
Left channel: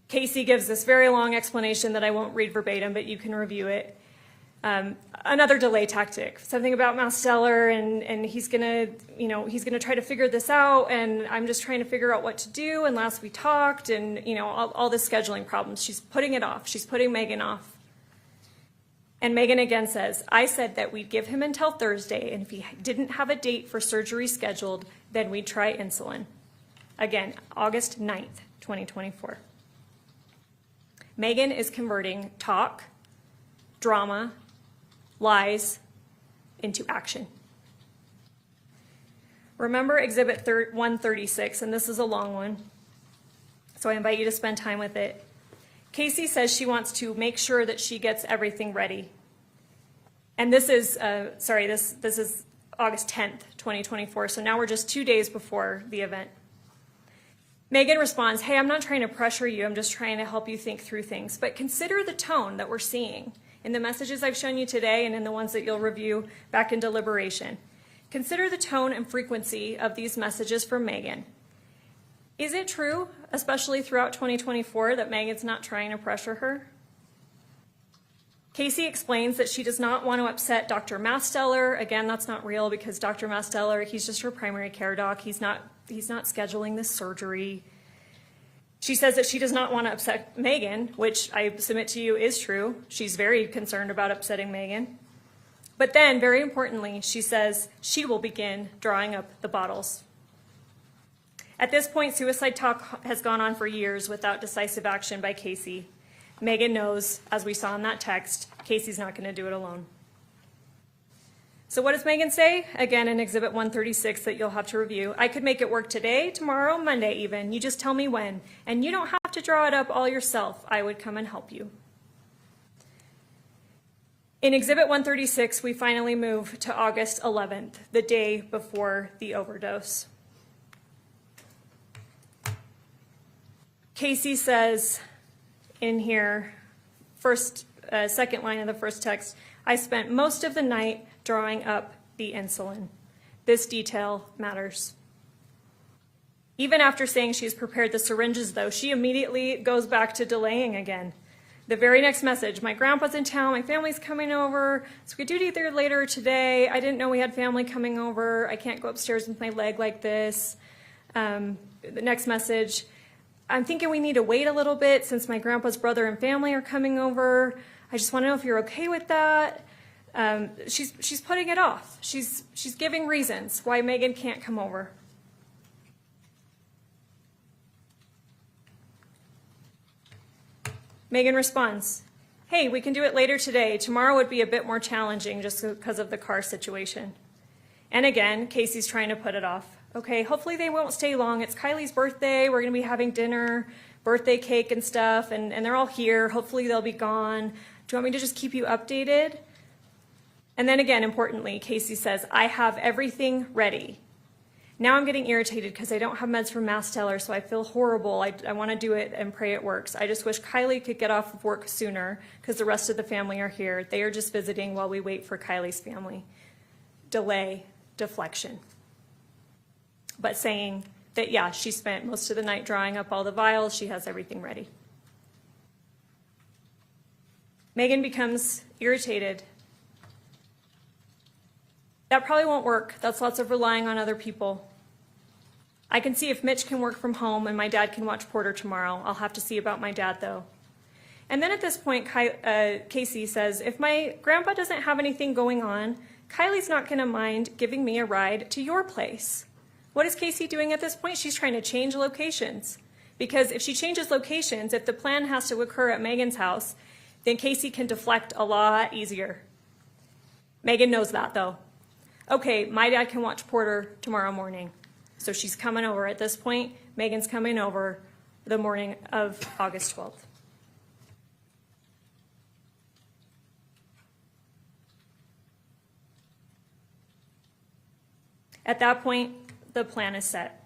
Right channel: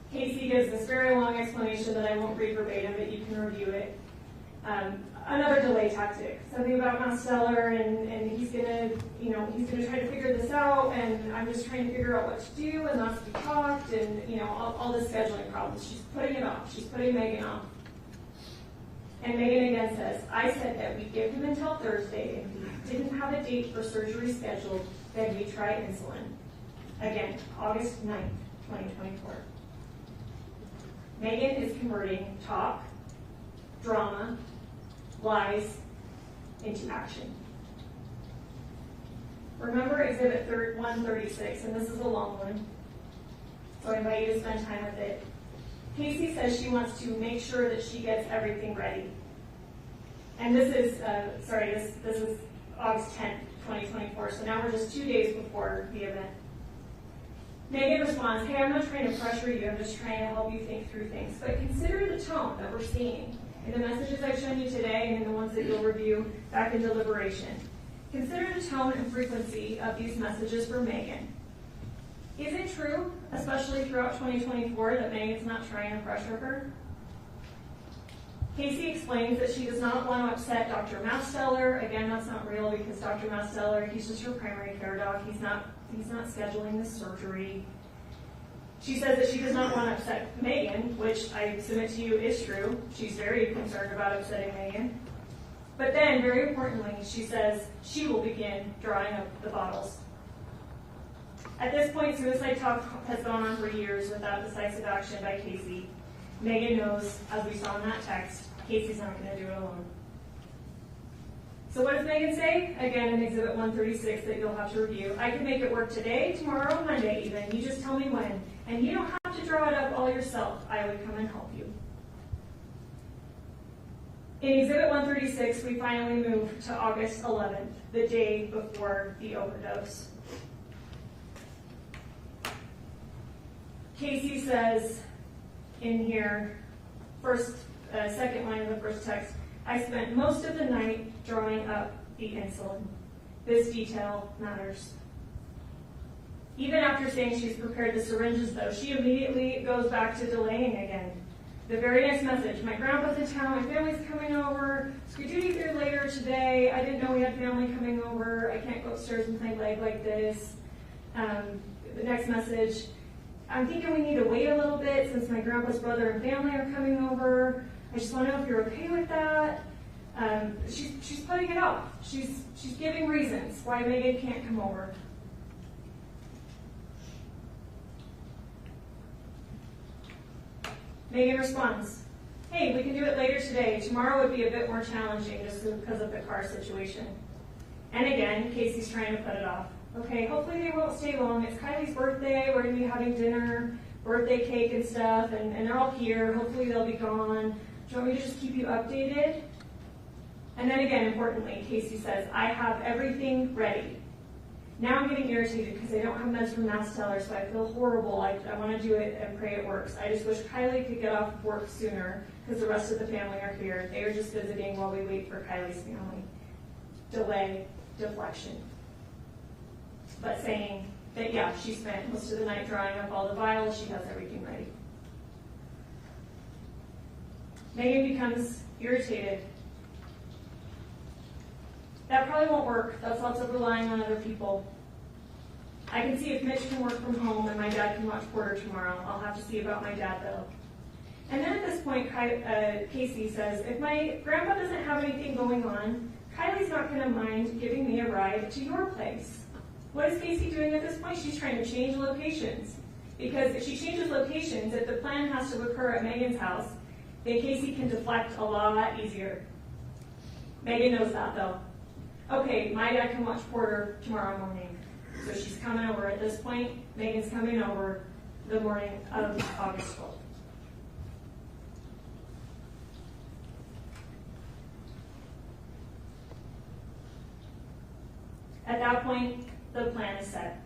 Casey gives this very long explanation that I won't read verbatim, but you can review it. Another delay tactic, something about Masteller, and he's gonna try to figure this out, and I'm just trying to figure out what to do, and last we talked, and all the scheduling problems. She's putting it off. She's putting Meggan off. And Meggan again says, I said that we'd give him until Thursday, and if he didn't have a date for surgery scheduled, then we'd try insulin. Again, August 9th, 2024. Meggan is converting talk, drama, lies into action. Remember Exhibit 136, and this is a long one, so I invite you to spend time with it. Casey says she wants to make sure that she gets everything ready. And this is, this is August 10th, 2024, so now we're just 2 days before the event. Meggan responds, hey, I'm not trying to pressure you, I'm just trying to help you think through things, but consider the tone that we're seeing in the messages I've shown you today and in the ones that you'll review back in deliberation. Consider the tone and frequency of these messages from Meggan. Is it true, especially throughout 2024, that Meggan's not trying to pressure her? Casey explains that she does not want to upset Dr. Masteller. Again, that's not real because Dr. Masteller, he's just her primary care doc. He's not scheduling this surgery. She says that she does not want to upset Meggan, which I submit to you is true. She's very concerned about upsetting Meggan. But then, very importantly, she says she will begin drawing up the bottles. At this point, suicide talk has gone on for years without decisive action by Casey. Meggan knows, as we saw in that text, Casey's not going to do it alone. So what does Meggan say? Again, in Exhibit 136 that you'll have to review. I could make it work today, tomorrow, Monday even. You just tell me when. And you don't have to draw it up all yourself. I would come and help you. In Exhibit 136, we finally move to August 11th, the day before the overdose. Casey says in here, second line of the first text, I spent most of the night drawing up the insulin. This detail matters. Even after saying she's prepared the syringes, though, she immediately goes back to delaying again. The very next message, my grandpa's in town, my family's coming over, so we do it either later or today. I didn't know we had family coming over. I can't go upstairs with my leg like this. The next message, I'm thinking we need to wait a little bit since my grandpa's brother and family are coming over. I just want to know if you're okay with that. She's putting it off. She's giving reasons why Meggan can't come over. Meggan responds, hey, we can do it later today. Tomorrow would be a bit more challenging just because of the car situation. And again, Casey's trying to put it off. Okay, hopefully they won't stay long. It's Kylie's birthday. We're going to be having dinner, birthday cake and stuff, and they're all here. Hopefully they'll be gone. Do you want me to just keep you updated? And then again, importantly, Casey says, I have everything ready. Now I'm getting irritated because I don't have meds for Masteller, so I feel horrible. I want to do it and pray it works. I just wish Kylie could get off of work sooner because the rest of the family are here. They are just visiting while we wait for Kylie's family. Delay, deflection. But saying that, yeah, she spent most of the night drawing up all the vials. She has everything ready. Meggan becomes irritated. That probably won't work. That's lots of relying on other people. I can see if Mitch can work from home and my dad can watch Porter tomorrow. I'll have to see about my dad, though. And then at this point, Casey says, if my grandpa doesn't have anything going on, Kylie's not going to mind giving me a ride to your place. What is Casey doing at this point? She's trying to change locations. Because if she changes locations, if the plan has to occur at Meggan's house, then Casey can deflect a lot easier. Meggan knows that, though. Okay, my dad can watch Porter tomorrow morning. So she's coming over at this point. Meggan's coming over the morning of August 12th. At that point, the plan is set.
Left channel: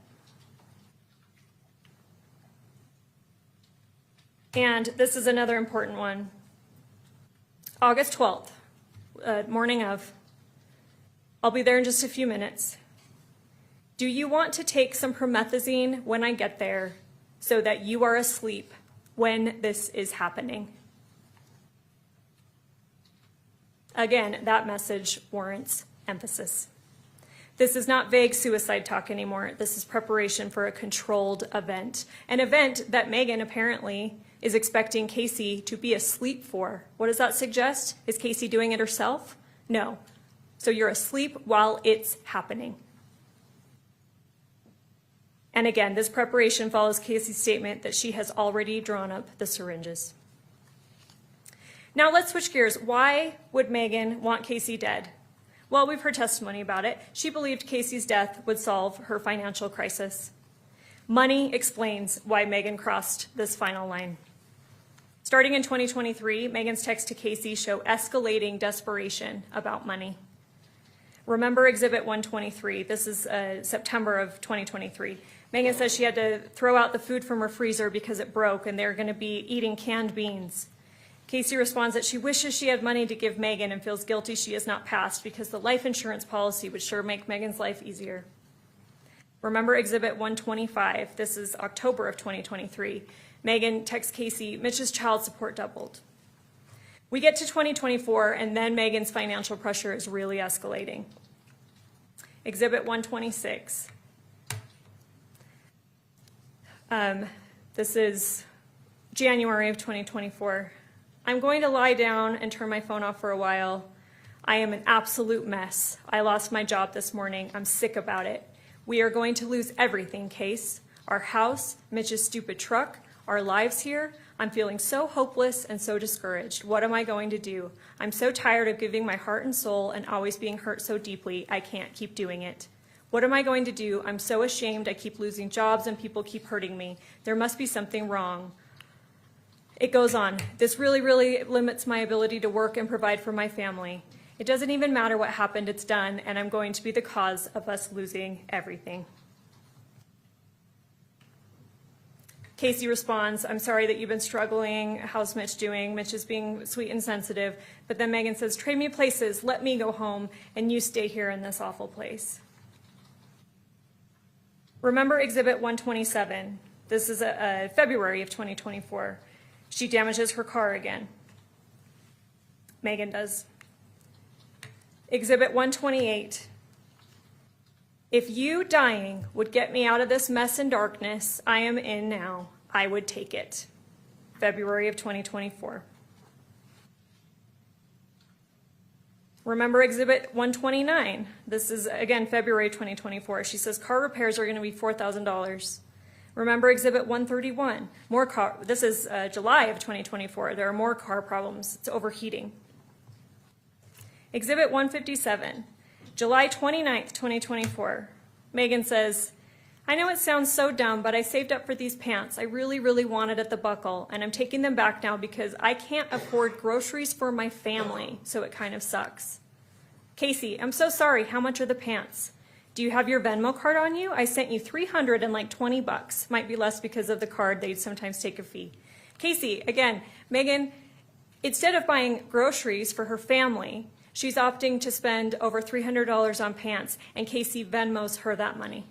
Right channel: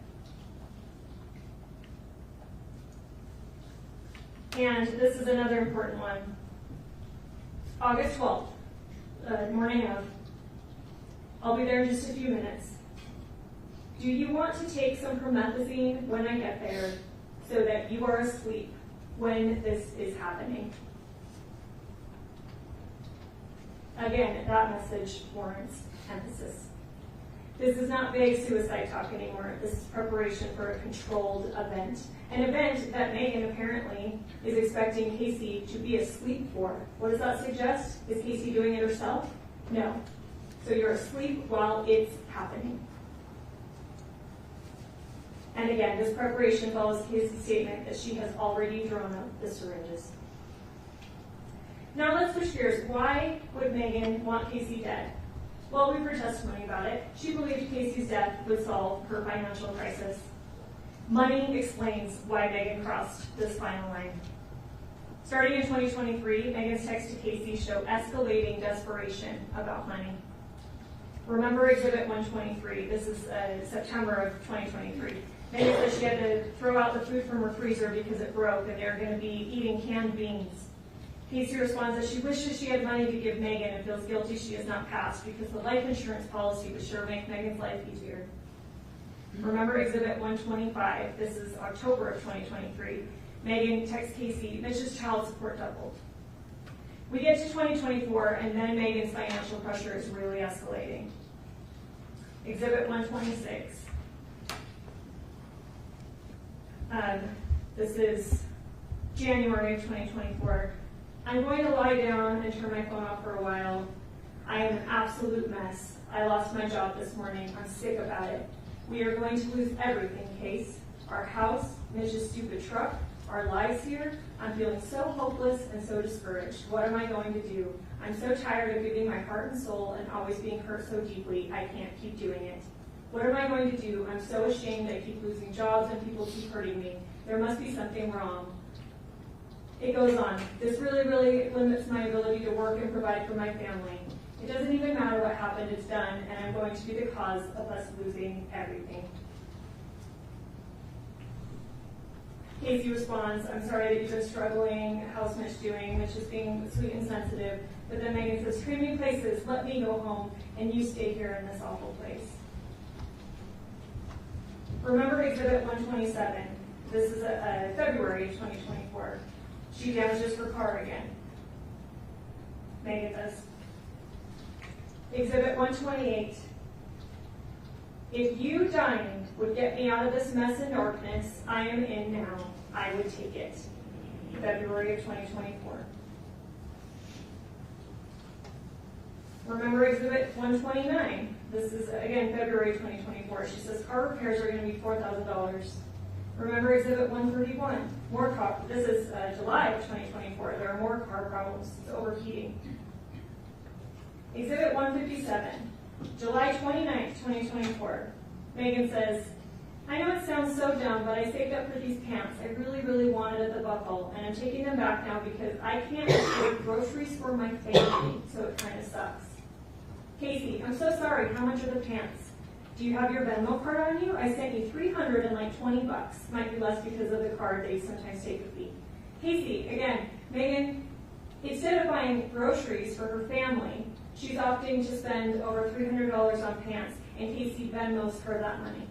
And this is another important one. August 12th, morning of. I'll be there in just a few minutes. Do you want to take some promethazine when I get there so that you are asleep when this is happening? Again, that message warrants emphasis. This is not vague suicide talk anymore. This is preparation for a controlled event. An event that Meggan apparently is expecting Casey to be asleep for. What does that suggest? Is Casey doing it herself? No. So you're asleep while it's happening. And again, this preparation follows Casey's statement that she has already drawn up the syringes. Now let's switch gears. Why would Meggan want Casey dead? Well, we've heard testimony about it. She believed Casey's death would solve her financial crisis. Money explains why Meggan crossed this final line. Starting in 2023, Meggan's texts to Casey show escalating desperation about money. Remember Exhibit 123. This is September of 2023. Meggan says she had to throw out the food from her freezer because it broke and they're going to be eating canned beans. Casey responds that she wishes she had money to give Meggan and feels guilty she has not passed because the life insurance policy would sure make Meggan's life easier. Remember Exhibit 125. This is October of 2023. Meggan texts Casey, Mitch's child support doubled. We get to 2024, and then Meggan's financial pressure is really escalating. Exhibit 126. This is January of 2024. I'm going to lie down and turn my phone off for a while. I am an absolute mess. I lost my job this morning. I'm sick about it. We are going to lose everything, Case. Our house, Mitch's stupid truck, our lives here. I'm feeling so hopeless and so discouraged. What am I going to do? I'm so tired of giving my heart and soul and always being hurt so deeply. I can't keep doing it. What am I going to do? I'm so ashamed. I keep losing jobs and people keep hurting me. There must be something wrong. It goes on. This really, really limits my ability to work and provide for my family. It doesn't even matter what happened, it's done, and I'm going to be the cause of us losing everything. Casey responds, I'm sorry that you've been struggling. How's Mitch doing? Mitch is being sweet and sensitive. But then Meggan says, trade me places, let me go home, and you stay here in this awful place. Remember Exhibit 127. This is February of 2024. She damages her car again. Meggan does. Exhibit 128. If you dying would get me out of this mess and darkness I am in now, I would take it. February of 2024. Remember Exhibit 129. This is, again, February 2024. She says car repairs are going to be $4,000. Remember Exhibit 131. This is July of 2024. There are more car problems. It's overheating. Exhibit 157. July 29th, 2024. Meggan says, I know it sounds so dumb, but I saved up for these pants. I really, really wanted at the buckle, and I'm taking them back now because I can't afford groceries for my family, so it kind of sucks. Casey, I'm so sorry. How much are the pants? Do you have your Venmo card on you? I sent you $320. Might be less because of the card. They sometimes take a fee. Casey, again, Meggan, instead of buying groceries for her family, she's opting to spend over $300 on pants, and Casey Venmos her that money.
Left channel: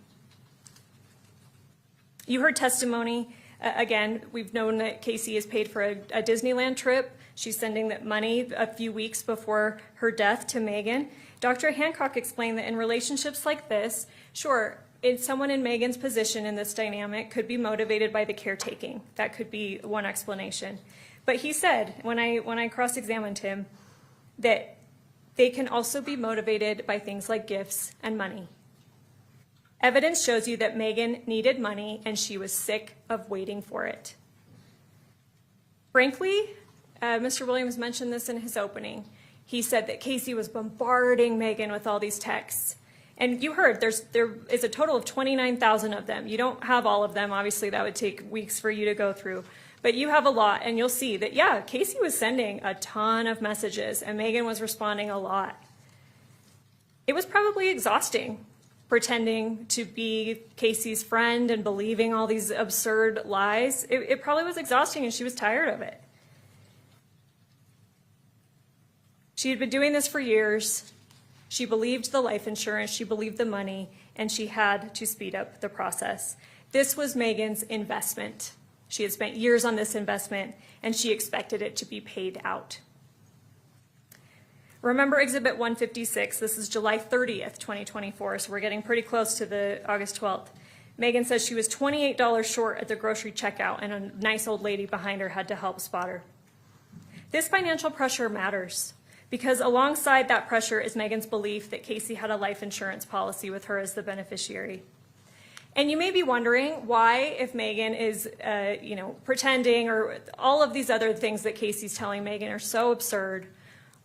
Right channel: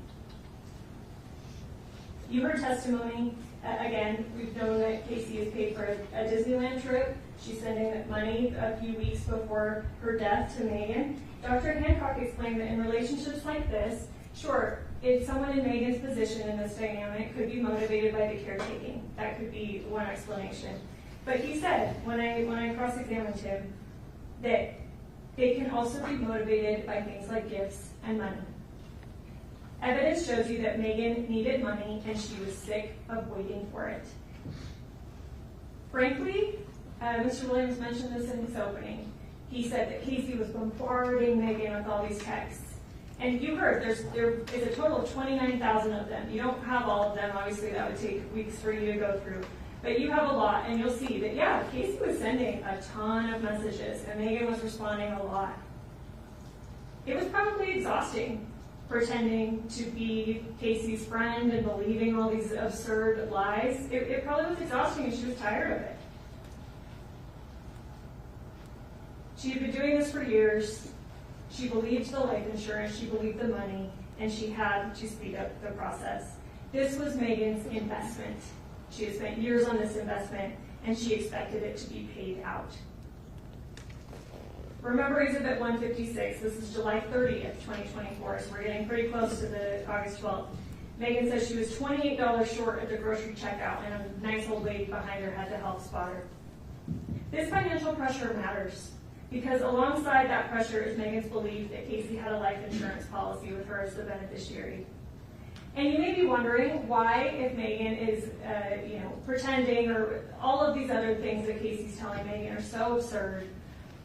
You heard testimony. Again, we've known that Casey is paid for a Disneyland trip. She's sending that money a few weeks before her death to Meggan. Dr. Hancock explained that in relationships like this, sure, someone in Meggan's position in this dynamic could be motivated by the caretaking. That could be one explanation. But he said, when I cross-examined him, that they can also be motivated by things like gifts and money. Evidence shows you that Meggan needed money and she was sick of waiting for it. Frankly, Mr. Williams mentioned this in his opening. He said that Casey was bombarding Meggan with all these texts. And you heard, there is a total of 29,000 of them. You don't have all of them. Obviously, that would take weeks for you to go through. But you have a lot, and you'll see that, yeah, Casey was sending a ton of messages, and Meggan was responding a lot. It was probably exhausting, pretending to be Casey's friend and believing all these absurd lies. It probably was exhausting, and she was tired of it. She had been doing this for years. She believed the life insurance, she believed the money, and she had to speed up the process. This was Meggan's investment. She had spent years on this investment, and she expected it to be paid out. Remember Exhibit 156. This is July 30th, 2024, so we're getting pretty close to the August 12th. Meggan says she was $28 short at the grocery checkout, and a nice old lady behind her had to help spot her. This financial pressure matters, because alongside that pressure is Meggan's belief that Casey had a life insurance policy with her as the beneficiary. And you may be wondering why, if Meggan is, pretending, or all of these other things that Casey's telling Meggan are so absurd,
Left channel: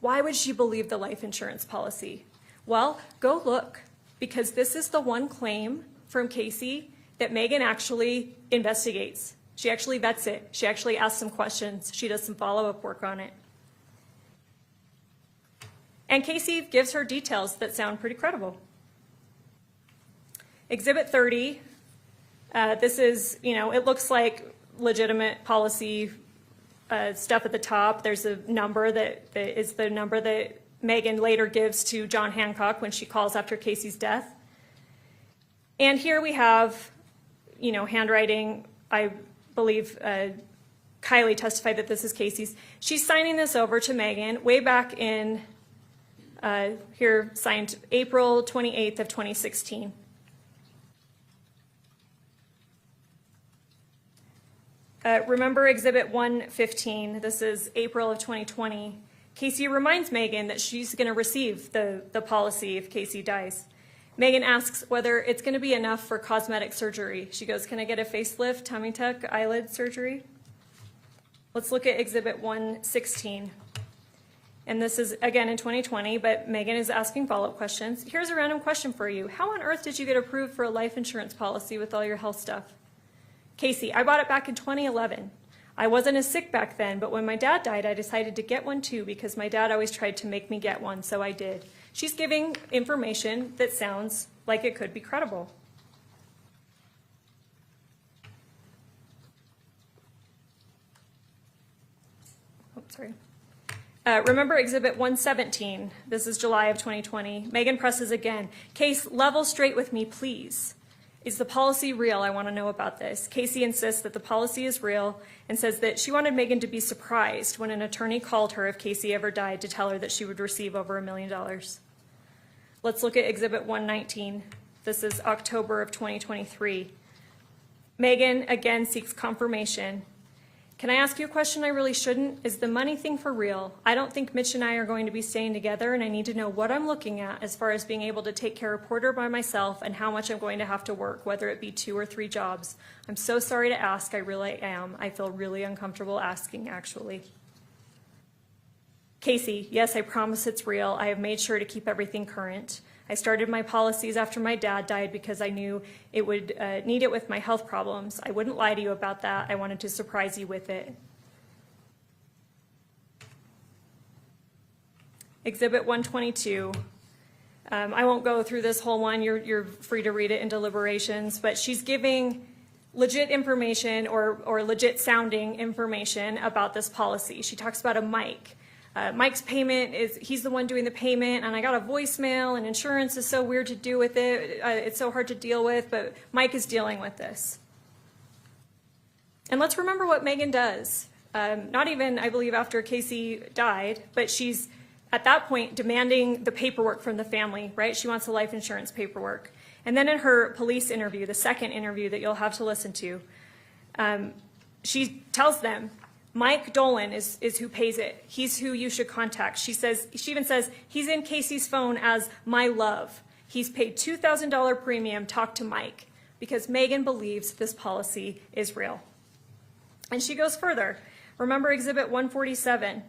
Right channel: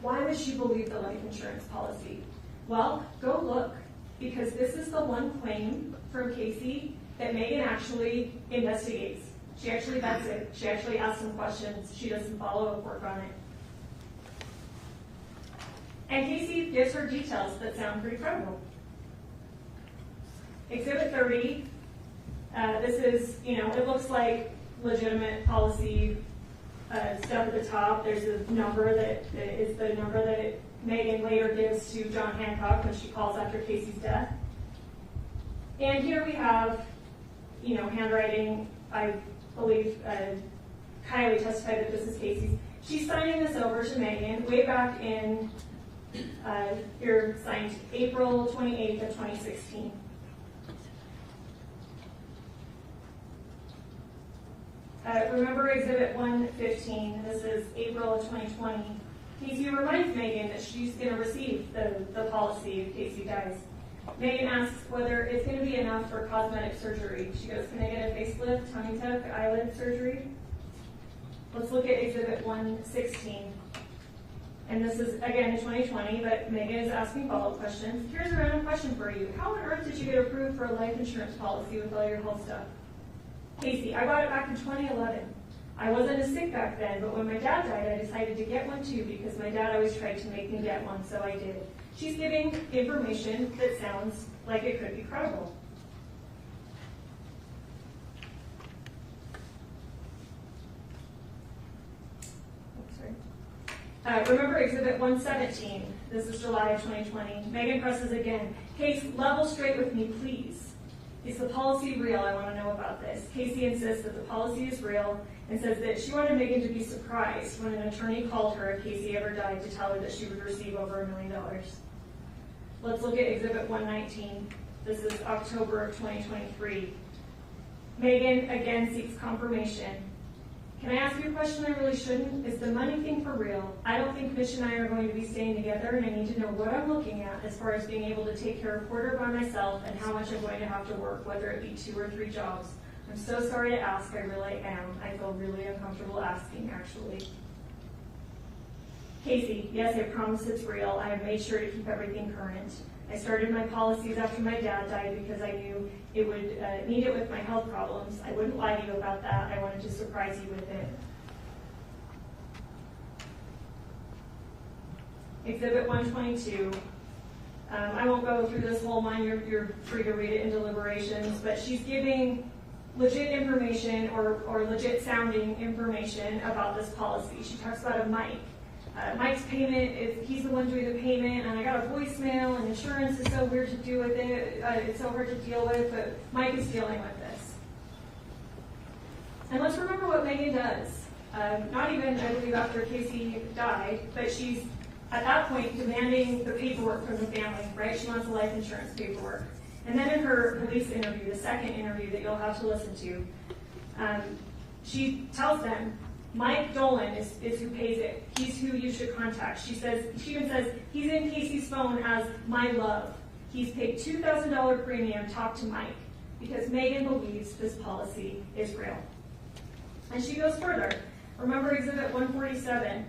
why would she believe the life insurance policy? Well, go look, because this is the one claim from Casey that Meggan actually investigates. She actually vets it. She actually asks some questions. She does some follow-up work on it. And Casey gives her details that sound pretty credible. Exhibit 30, this is, it looks like legitimate policy stuff at the top. There's a number that is the number that Meggan later gives to John Hancock when she calls after Casey's death. And here we have, handwriting. I believe Kylie testified that this is Casey's. She's signing this over to Meggan way back in, here signed April 28th of 2016. Remember Exhibit 115, this is April of 2020. Casey reminds Meggan that she's going to receive the policy if Casey dies. Meggan asks whether it's going to be enough for cosmetic surgery. She goes, can I get a facelift, tummy tuck, eyelid surgery? Let's look at Exhibit 116. And this is, again, in 2020, but Meggan is asking follow-up questions. Here's a random question for you. How on earth did you get approved for a life insurance policy with all your health stuff? Casey, I bought it back in 2011. I wasn't as sick back then, but when my dad died, I decided to get one too because my dad always tried to make me get one, so I did. She's giving information that sounds like it could be credible. Remember Exhibit 117. This is July of 2020. Meggan presses again. Case, level straight with me, please. Is the policy real? I want to know about this. Casey insists that the policy is real and says that she wanted Meggan to be surprised when an attorney called her if Casey ever died to tell her that she would receive over $1 million. Let's look at Exhibit 119. This is October of 2023. Meggan again seeks confirmation. Can I ask you a question I really shouldn't? Is the money thing for real? I don't think Mitch and I are going to be staying together, and I need to know what I'm looking at as far as being able to take care of Porter by myself and how much I'm going to have to work, whether it be 2 or 3 jobs. I'm so sorry to ask, I really am. I feel really uncomfortable asking, actually. Casey, yes, I promise it's real. I have made sure to keep everything current. I started my policies after my dad died because I knew it would need it with my health problems. I wouldn't lie to you about that. I wanted to surprise you with it. Exhibit 122. I won't go through this whole one. You're free to read it in deliberations, but she's giving legit information or legit sounding information about this policy. She talks about a Mike. Mike's payment he's the one doing the payment, and I got a voicemail, and insurance is so weird to do with it. It's so hard to deal with, but Mike is dealing with this. And let's remember what Meggan does. Not even, I believe, after Casey died, but she's at that point demanding the paperwork from the family, right? She wants the life insurance paperwork. And then in her police interview, the second interview that you'll have to listen to, she tells them, Mike Dolan is who pays it. He's who you should contact. She even says, he's in Casey's phone as my love. He's paid $2,000 premium, talk to Mike, because Meggan believes this policy is real. And she goes further. Remember Exhibit 147.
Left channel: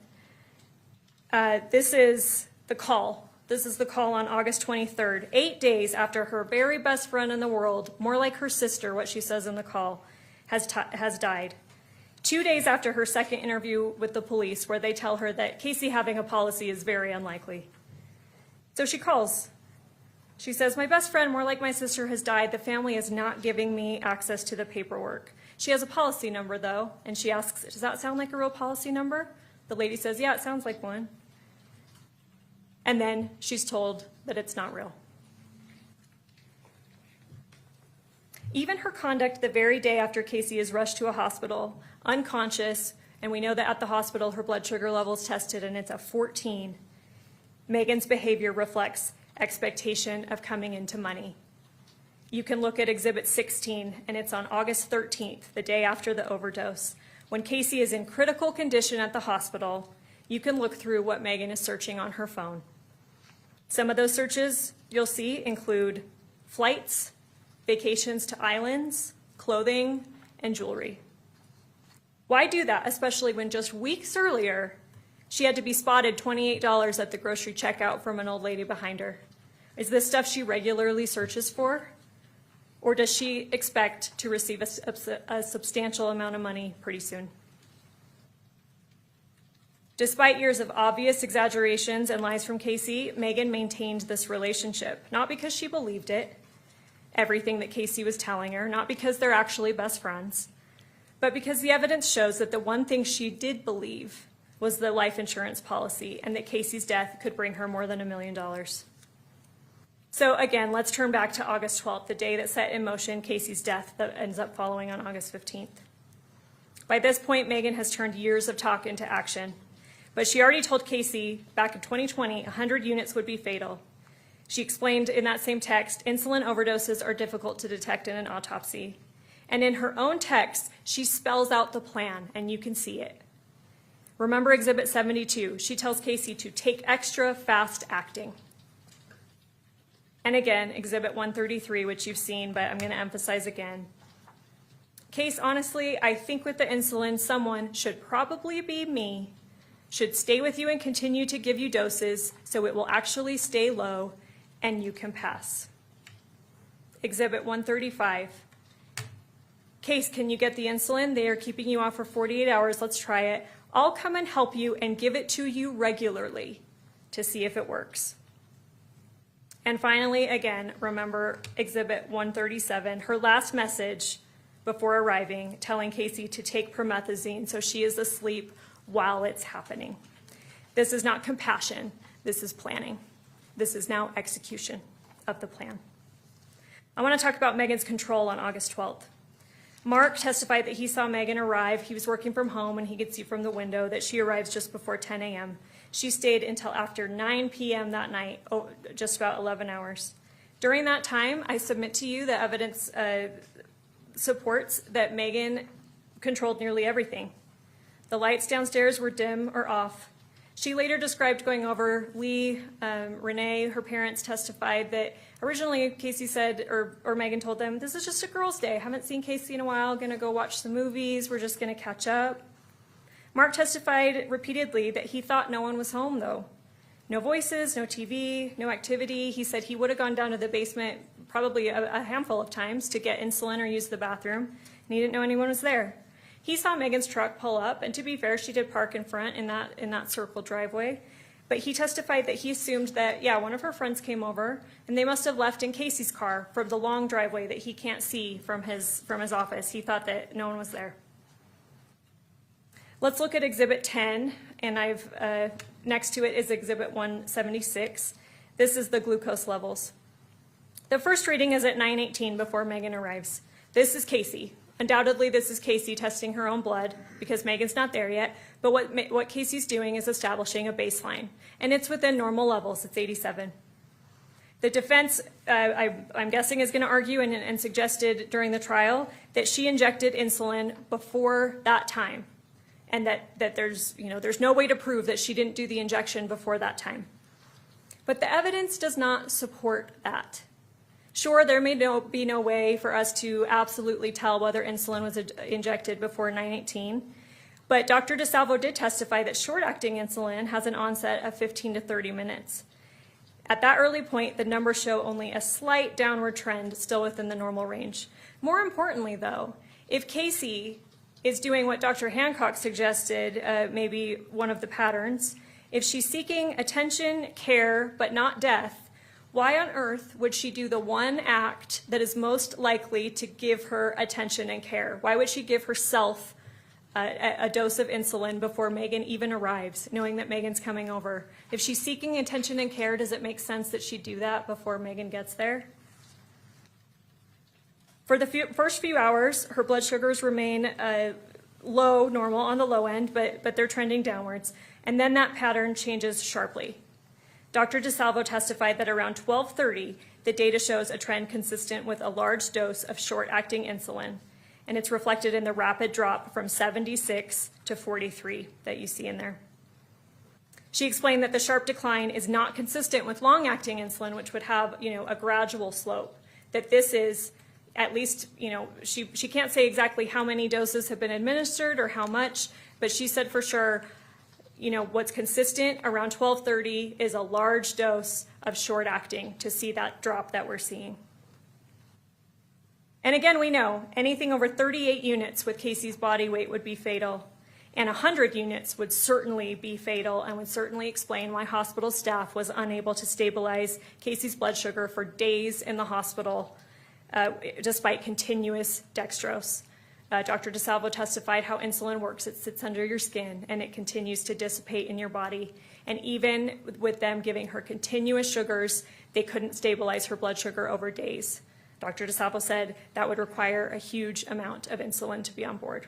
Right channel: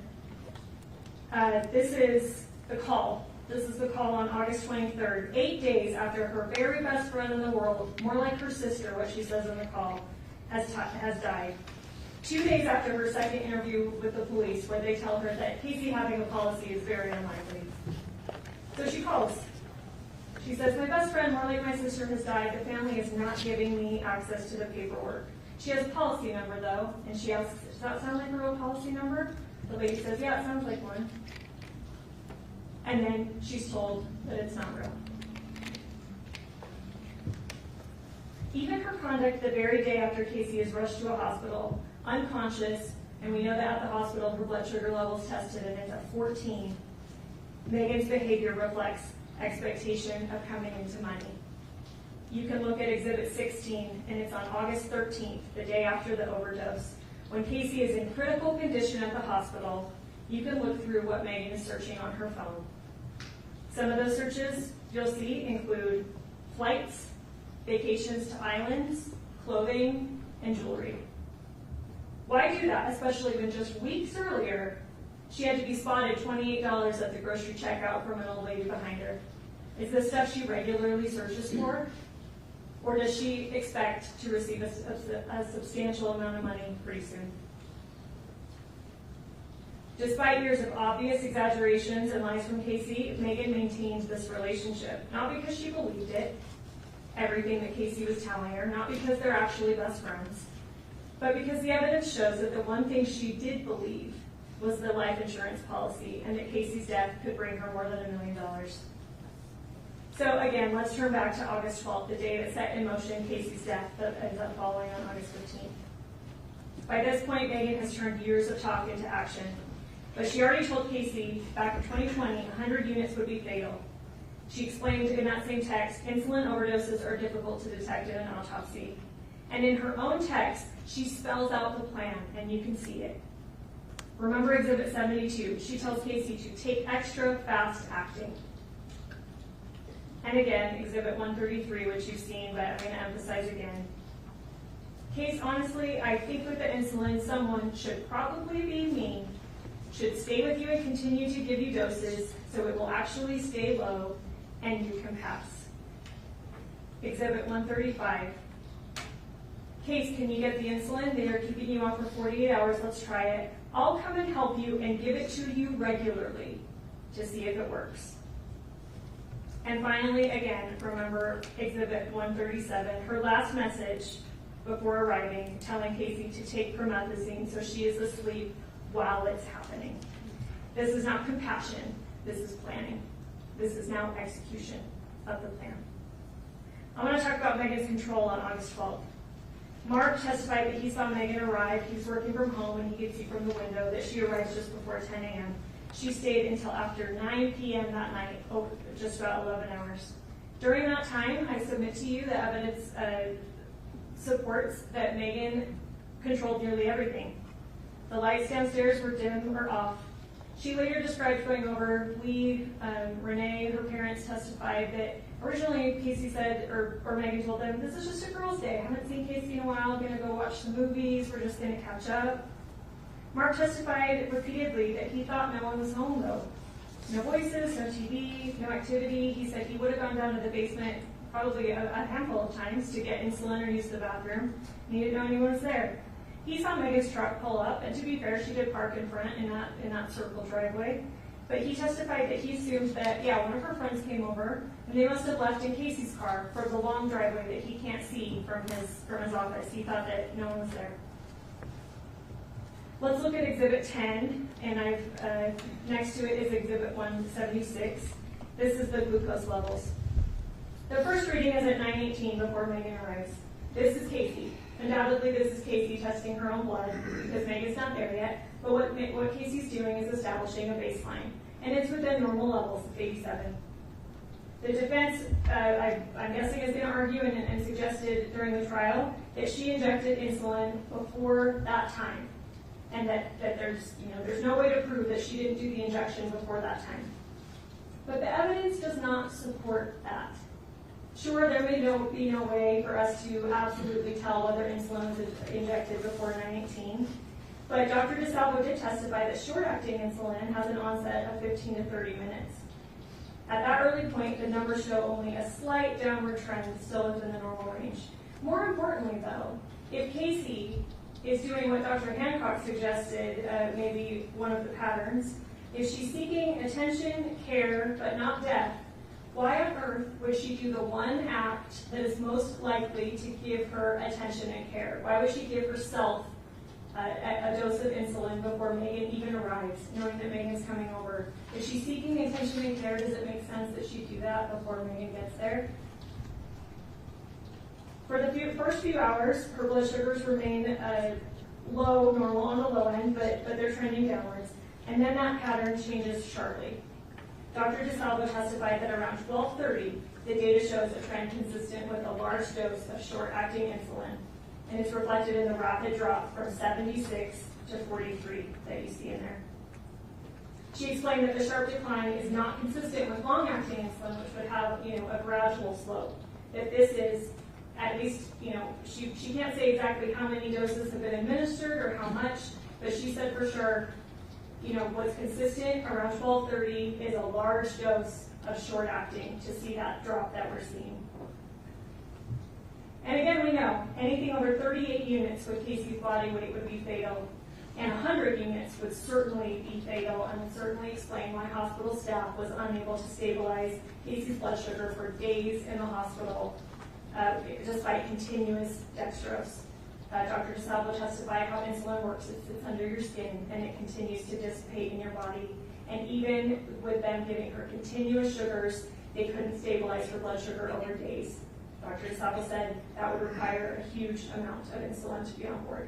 This is the call. This is the call on August 23rd, 8 days after her very best friend in the world, more like her sister, what she says in the call, has died. 2 days after her second interview with the police, where they tell her that Casey having a policy is very unlikely. So she calls. She says, my best friend, more like my sister, has died. The family is not giving me access to the paperwork. She has a policy number, though, and she asks, does that sound like a real policy number? The lady says, yeah, it sounds like one. And then she's told that it's not real. Even her conduct the very day after Casey is rushed to a hospital, unconscious, and we know that at the hospital her blood sugar level is tested and it's at 14. Meggan's behavior reflects expectation of coming into money. You can look at Exhibit 16, and it's on August 13th, the day after the overdose. When Casey is in critical condition at the hospital, you can look through what Meggan is searching on her phone. Some of those searches you'll see include flights, vacations to islands, clothing, and jewelry. Why do that, especially when just weeks earlier she had to be spotted $28 at the grocery checkout from an old lady behind her? Is this stuff she regularly searches for? Or does she expect to receive a substantial amount of money pretty soon? Despite years of obvious exaggerations and lies from Casey, Meggan maintained this relationship, not because she believed it, everything that Casey was telling her, not because they're actually best friends, but because the evidence shows that the one thing she did believe was the life insurance policy and that Casey's death could bring her more than $1 million. So again, let's turn back to August 12th, the day that set in motion Casey's death that ends up following on August 15th. By this point, Meggan has turned years of talk into action. But she already told Casey back in 2020 100 units would be fatal. She explained in that same text, insulin overdoses are difficult to detect in an autopsy. And in her own text, she spells out the plan, and you can see it. Remember Exhibit 72. She tells Casey to take extra fast acting. And again, Exhibit 133, which you've seen, but I'm going to emphasize again. Case, honestly, I think with the insulin, someone, should probably be me, should stay with you and continue to give you doses so it will actually stay low and you can pass. Exhibit 135. Case, can you get the insulin? They are keeping you off for 48 hours. Let's try it. I'll come and help you and give it to you regularly to see if it works. And finally, again, remember Exhibit 137, her last message before arriving, telling Casey to take promethazine so she is asleep while it's happening. This is not compassion, this is planning. This is now execution of the plan. I want to talk about Meggan's control on August 12th. Mark testified that he saw Meggan arrive. He was working from home and he could see from the window that she arrives just before 10 a.m. She stayed until after 9 p.m. that night, just about 11 hours. During that time, I submit to you that evidence supports that Meggan controlled nearly everything. The lights downstairs were dim or off. She later described going over. Renee, her parents, testified that originally Casey said, or Meggan told them, this is just a girls' day. Haven't seen Casey in a while, gonna go watch the movies, we're just gonna catch up. Mark testified repeatedly that he thought no one was home though. No voices, no TV, no activity. He said he would have gone down to the basement probably a handful of times to get insulin or use the bathroom, and he didn't know anyone was there. He saw Meggan's truck pull up, and to be fair, she did park in front in that circle driveway. But he testified that he assumed that, yeah, one of her friends came over, and they must have left in Casey's car from the long driveway that he can't see from his office. He thought that no one was there. Let's look at Exhibit 10, and next to it is Exhibit 176. This is the glucose levels. The first reading is at 9:18 before Meggan arrives. This is Casey. Undoubtedly, this is Casey testing her own blood because Meggan's not there yet, but what Casey's doing is establishing a baseline, and it's within normal levels. It's 87. The defense, I'm guessing, is going to argue and suggested during the trial that she injected insulin before that time, and that there's no way to prove that she didn't do the injection before that time. But the evidence does not support that. Sure, there may be no way for us to absolutely tell whether insulin was injected before 9:18, but Dr. DeSalvo did testify that short-acting insulin has an onset of 15 to 30 minutes. At that early point, the numbers show only a slight downward trend, still within the normal range. More importantly, though, if Casey is doing what Dr. Hancock suggested, maybe one of the patterns, if she's seeking attention, care, but not death, why on earth would she do the one act that is most likely to give her attention and care? Why would she give herself a dose of insulin before Meggan even arrives, knowing that Meggan's coming over? If she's seeking attention and care, does it make sense that she'd do that before Meggan gets there? For the first few hours, her blood sugars remain low, normal on the low end, but they're trending downwards. And then that pattern changes sharply. Dr. DeSalvo testified that around 12:30, the data shows a trend consistent with a large dose of short-acting insulin, and it's reflected in the rapid drop from 76 to 43 that you see in there. She explained that the sharp decline is not consistent with long-acting insulin, which would have, a gradual slope. That this is, at least, she can't say exactly how many doses have been administered or how much, but she said for sure, what's consistent around 12:30 is a large dose of short-acting to see that drop that we're seeing. And again, we know anything over 38 units with Casey's body weight would be fatal, and 100 units would certainly be fatal and would certainly explain why hospital staff was unable to stabilize Casey's blood sugar for days in the hospital despite continuous dextrose. Dr. DeSalvo testified how insulin works. It sits under your skin and it continues to dissipate in your body. And even with them giving her continuous sugars, they couldn't stabilize her blood sugar over days. Dr. DeSalvo said that would require a huge amount of insulin to be on board.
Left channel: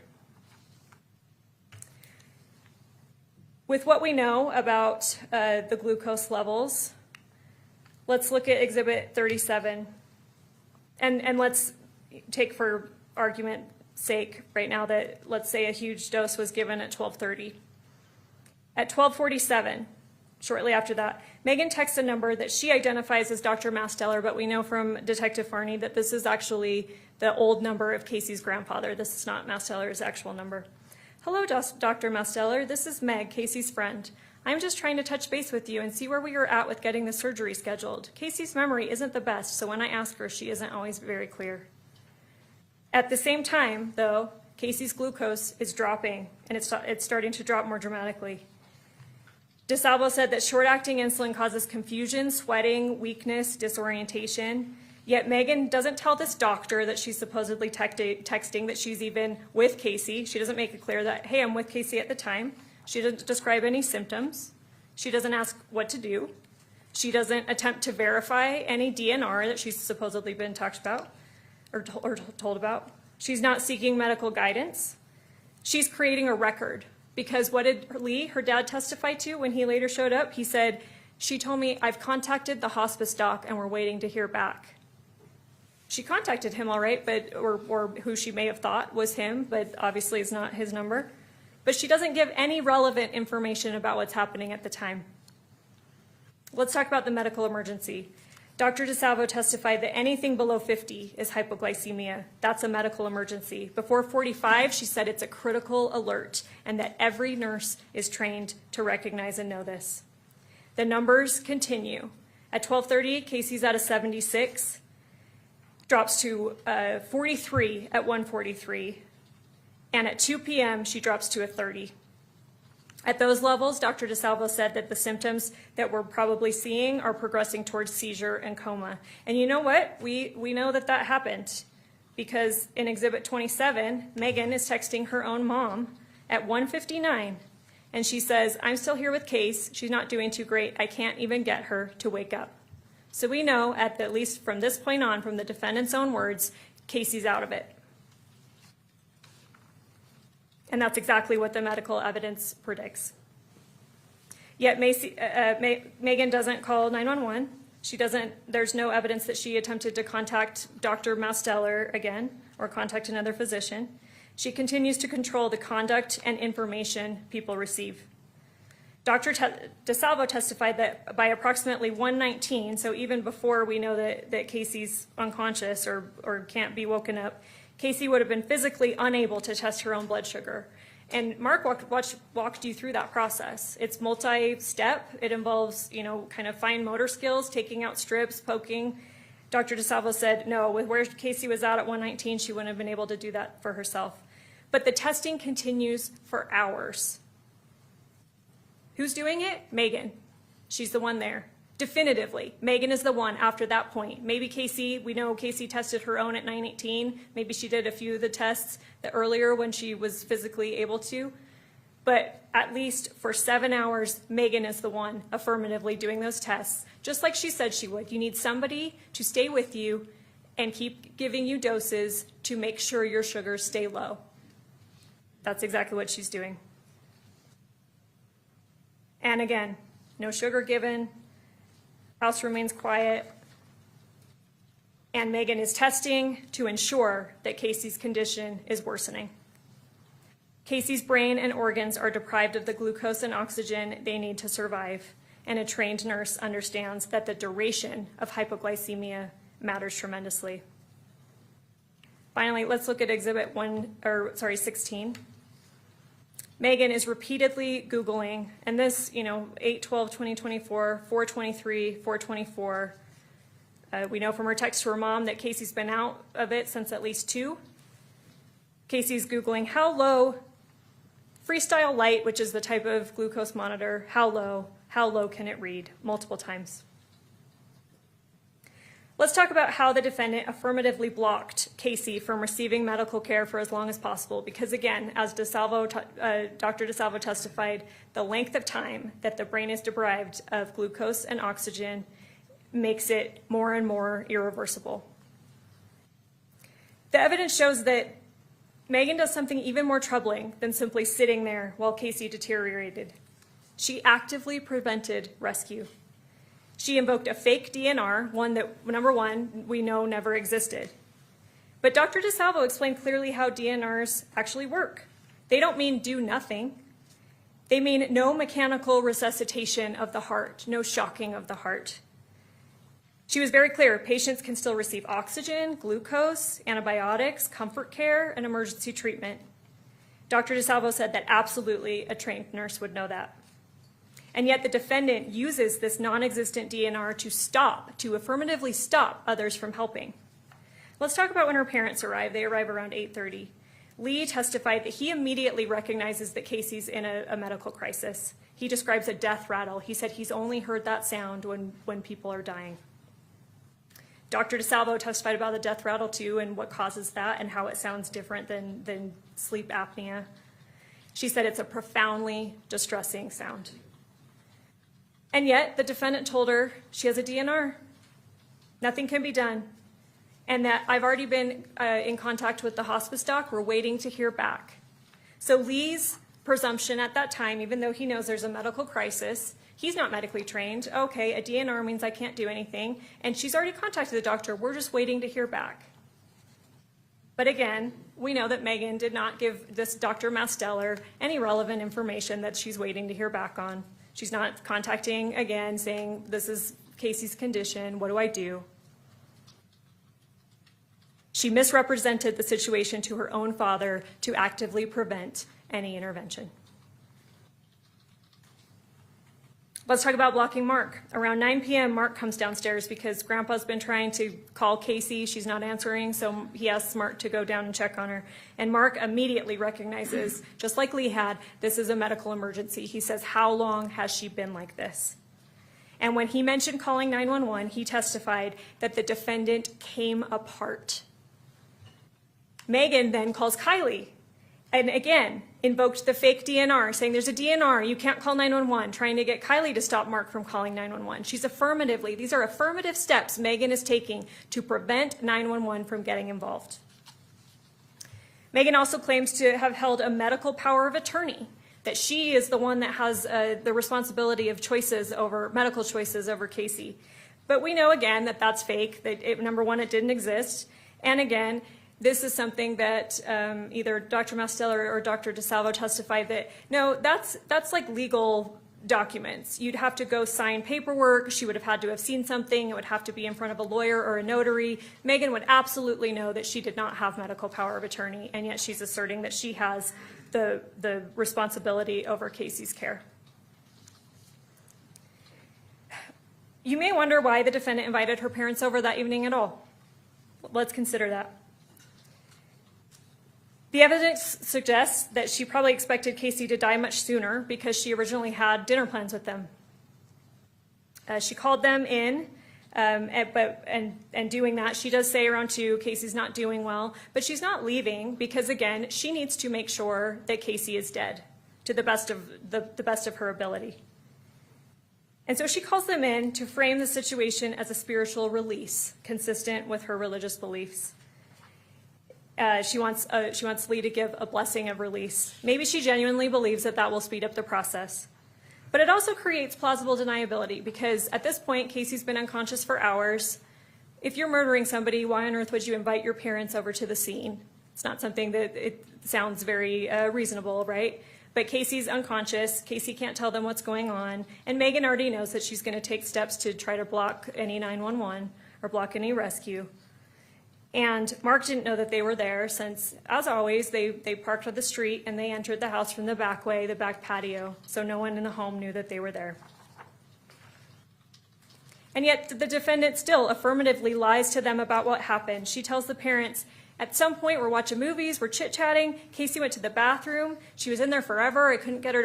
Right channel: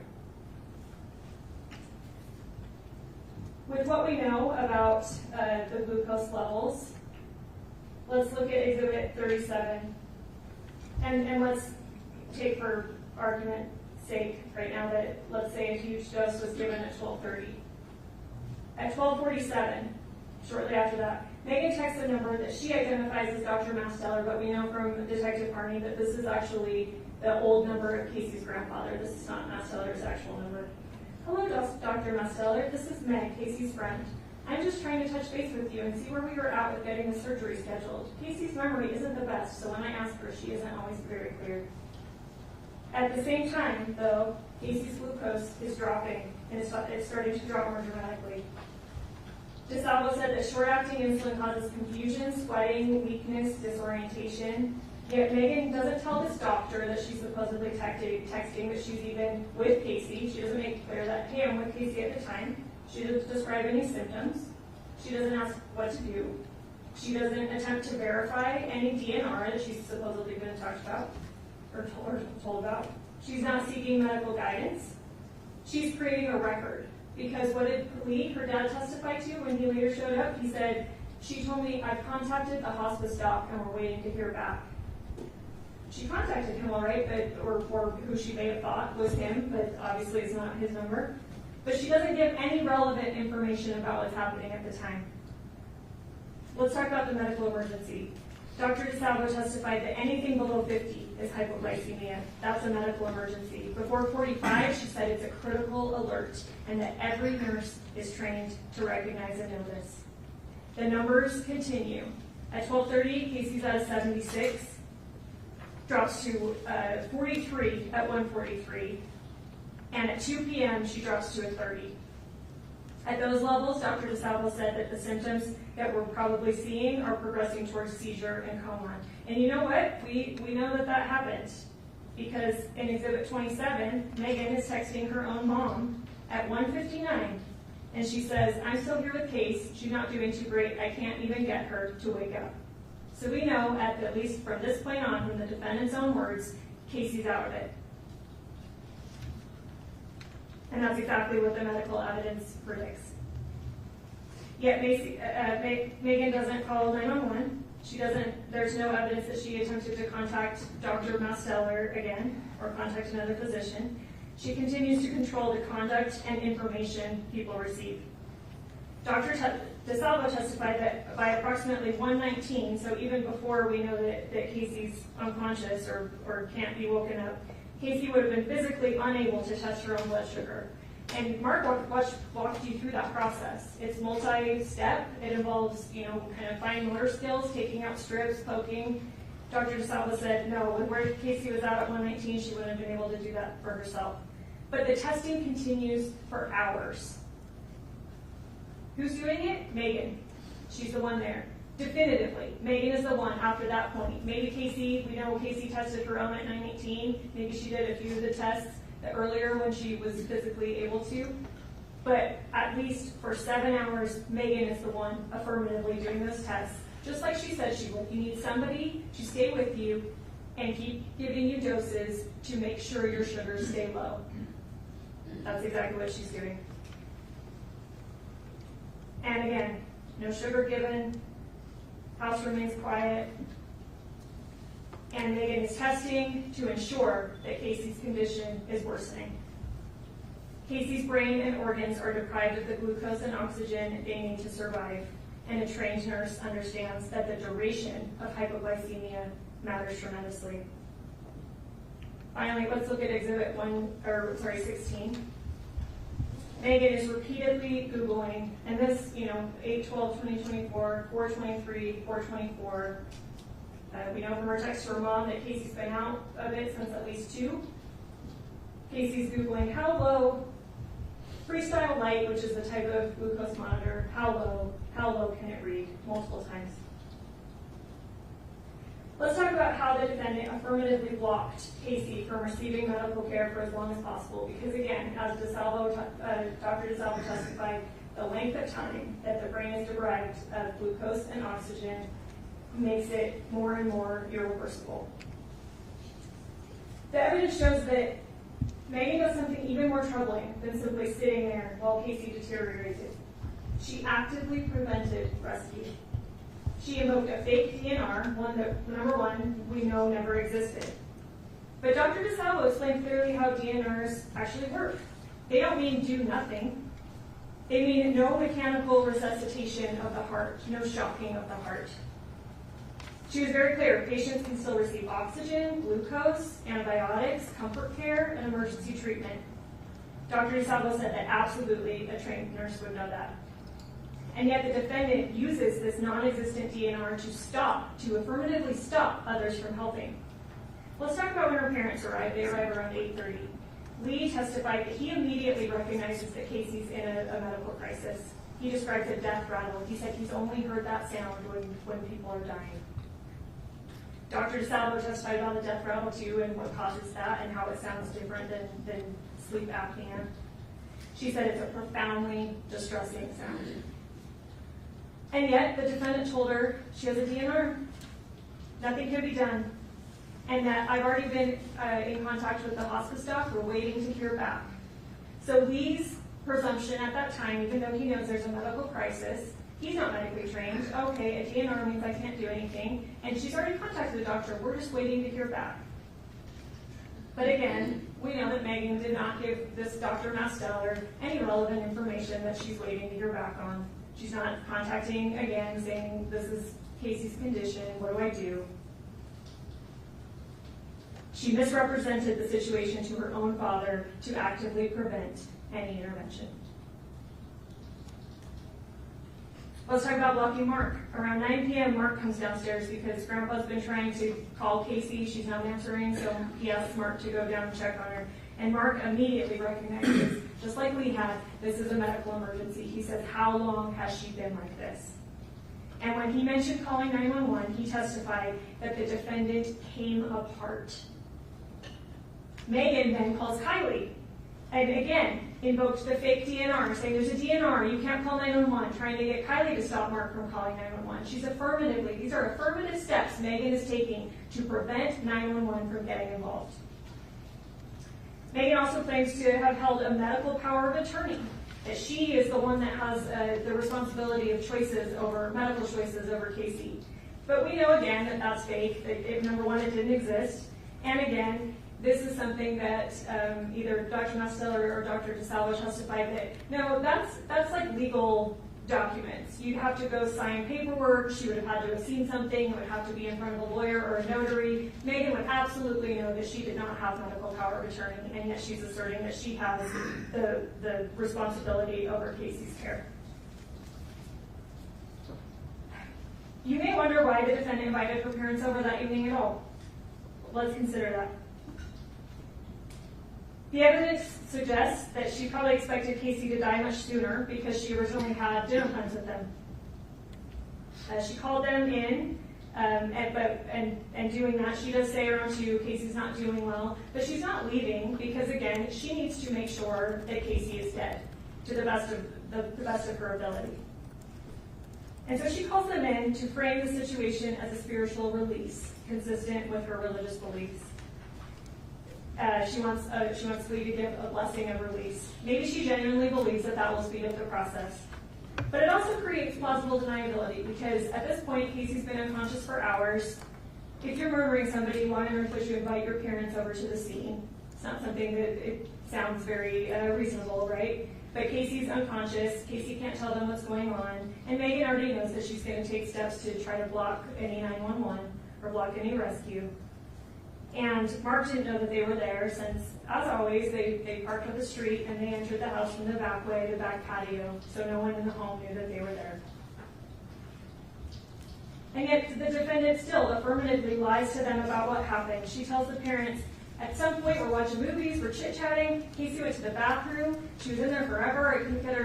With what we know about the glucose levels, let's look at Exhibit 37. And let's take for argument's sake right now that, let's say, a huge dose was given at 12:30. At 12:47, shortly after that, Meggan texts a number that she identifies as Dr. Masteller, but we know from Detective Farney that this is actually the old number of Casey's grandfather. This is not Masteller's actual number. Hello, Dr. Masteller. This is Meg, Casey's friend. I'm just trying to touch base with you and see where we are at with getting the surgery scheduled. Casey's memory isn't the best, so when I ask her, she isn't always very clear. At the same time, though, Casey's glucose is dropping, and it's starting to drop more dramatically. DeSalvo said that short-acting insulin causes confusion, sweating, weakness, disorientation. Yet Meggan doesn't tell this doctor that she's supposedly texting that she's even with Casey. She doesn't make it clear that, hey, I'm with Casey at the time. She doesn't describe any symptoms. She doesn't ask what to do. She doesn't attempt to verify any DNR that she's supposedly been talked about or told about. She's not seeking medical guidance. She's creating a record, because what did Lee, her dad, testify to when he later showed up? He said, she told me, I've contacted the hospice doc and we're waiting to hear back. She contacted him, all right, or who she may have thought was him, but obviously it's not his number. But she doesn't give any relevant information about what's happening at the time. Let's talk about the medical emergency. Dr. DeSalvo testified that anything below 50 is hypoglycemia. That's a medical emergency. Before 45, she said it's a critical alert and that every nurse is trained to recognize and know this. The numbers continue. At 12:30, Casey's at a 76, drops to 43 at 1:43, and at 2 p.m. she drops to a 30. At those levels, Dr. DeSalvo said that the symptoms that we're probably seeing are progressing towards seizure and coma. And you know what? We know that happened, because in Exhibit 27, Meggan is texting her own mom at 1:59, and she says, I'm still here with Case. She's not doing too great. I can't even get her to wake up. So we know, at least from this point on, from the defendant's own words, Casey's out of it. And that's exactly what the medical evidence predicts. Yet Meggan doesn't call 911. There's no evidence that she attempted to contact Dr. Masteller again or contact another physician. She continues to control the conduct and information people receive. Dr. DeSalvo testified that by approximately 1:19, so even before we know that Casey's unconscious or can't be woken up, Casey would have been physically unable to test her own blood sugar. And Mark walked you through that process. It's multi-step. It involves, kind of fine motor skills, taking out strips, poking. Dr. DeSalvo said, no, with where Casey was at 1:19, she wouldn't have been able to do that for herself. But the testing continues for hours. Who's doing it? Meggan. She's the one there. Definitively, Meggan is the one after that point. Maybe Casey, we know Casey tested her own at 9:18. Maybe she did a few of the tests earlier when she was physically able to. But at least for 7 hours, Meggan is the one affirmatively doing those tests, just like she said she would. You need somebody to stay with you and keep giving you doses to make sure your sugars stay low. That's exactly what she's doing. And again, no sugar given. House remains quiet, and Meggan is testing to ensure that Casey's condition is worsening. Casey's brain and organs are deprived of the glucose and oxygen they need to survive, and a trained nurse understands that the duration of hypoglycemia matters tremendously. Finally, let's look at Exhibit 16. Meggan is repeatedly Googling, and this, 8/12/2024, 4/23, 4/24. We know from her text to her mom that Casey's been out of it since at least 2. Casey's Googling how low, Freestyle Light, which is the type of glucose monitor, how low can it read, multiple times. Let's talk about how the defendant affirmatively blocked Casey from receiving medical care for as long as possible, because again, as Dr. DeSalvo testified, the length of time that the brain is deprived of glucose and oxygen makes it more and more irreversible. The evidence shows that Meggan does something even more troubling than simply sitting there while Casey deteriorated. She actively prevented rescue. She invoked a fake DNR, one that, number one, we know never existed. But Dr. DeSalvo explained clearly how DNRs actually work. They don't mean do nothing. They mean no mechanical resuscitation of the heart, no shocking of the heart. She was very clear, patients can still receive oxygen, glucose, antibiotics, comfort care, and emergency treatment. Dr. DeSalvo said that absolutely a trained nurse would know that. And yet the defendant uses this non-existent DNR to affirmatively stop others from helping. Let's talk about when her parents arrive. They arrive around 8:30. Lee testified that he immediately recognizes that Casey's in a medical crisis. He describes a death rattle. He said he's only heard that sound when people are dying. Dr. DeSalvo testified about the death rattle too and what causes that and how it sounds different than sleep apnea. She said it's a profoundly distressing sound. And yet the defendant told her she has a DNR. Nothing can be done. And that I've already been in contact with the hospice doc. We're waiting to hear back. So Lee's presumption at that time, even though he knows there's a medical crisis, he's not medically trained. Okay, a DNR means I can't do anything. And she's already contacted the doctor. We're just waiting to hear back. But again, we know that Meggan did not give this Dr. Masteller any relevant information that she's waiting to hear back on. She's not contacting again saying, this is Casey's condition, what do I do? She misrepresented the situation to her own father to actively prevent any intervention. Let's talk about blocking Mark. Around 9 p.m., Mark comes downstairs because Grandpa's been trying to call Casey. She's not answering, so he asks Mark to go down and check on her. And Mark immediately recognizes, just like Lee had, this is a medical emergency. He says, how long has she been like this? And when he mentioned calling 911, he testified that the defendant came apart. Meggan then calls Kylie and again invoked the fake DNR, saying there's a DNR, you can't call 911, trying to get Kylie to stop Mark from calling 911. These are affirmative steps Meggan is taking to prevent 911 from getting involved. Meggan also claims to have held a medical power of attorney, that she is the one that has the responsibility of medical choices over Casey. But we know again that that's fake, that number one, it didn't exist, and again, this is something that either Dr. Masteller or Dr. DeSalvo testified that, no, that's like legal documents. You'd have to go sign paperwork. She would have had to have seen something. It would have to be in front of a lawyer or a notary. Meggan would absolutely know that she did not have medical power of attorney, and yet she's asserting that she has the responsibility over Casey's care. You may wonder why the defendant invited her parents over that evening at all. Let's consider that. The evidence suggests that she probably expected Casey to die much sooner because she originally had dinner plans with them. She called them in, and doing that, she does say around 2, Casey's not doing well, but she's not leaving because, again, she needs to make sure that Casey is dead to the best of her ability. And so she calls them in to frame the situation as a spiritual release, consistent with her religious beliefs. She wants Lee to give a blessing of release. Maybe she genuinely believes that will speed up the process. But it also creates plausible deniability because at this point, Casey's been unconscious for hours. If you're murdering somebody, why on earth would you invite your parents over to the scene? It's not something that it sounds very reasonable, right? But Casey's unconscious. Casey can't tell them what's going on. And Meggan already knows that she's going to take steps to try to block any 911 or block any rescue. And Mark didn't know that they were there since, as always, they parked on the street and they entered the house from the back way, the back patio, so no one in the home knew that they were there. And yet the defendant still affirmatively lies to them about what happened. She tells the parents, at some point we're watching movies, we're chit-chatting, Casey went to the bathroom, she was in there forever, I couldn't get her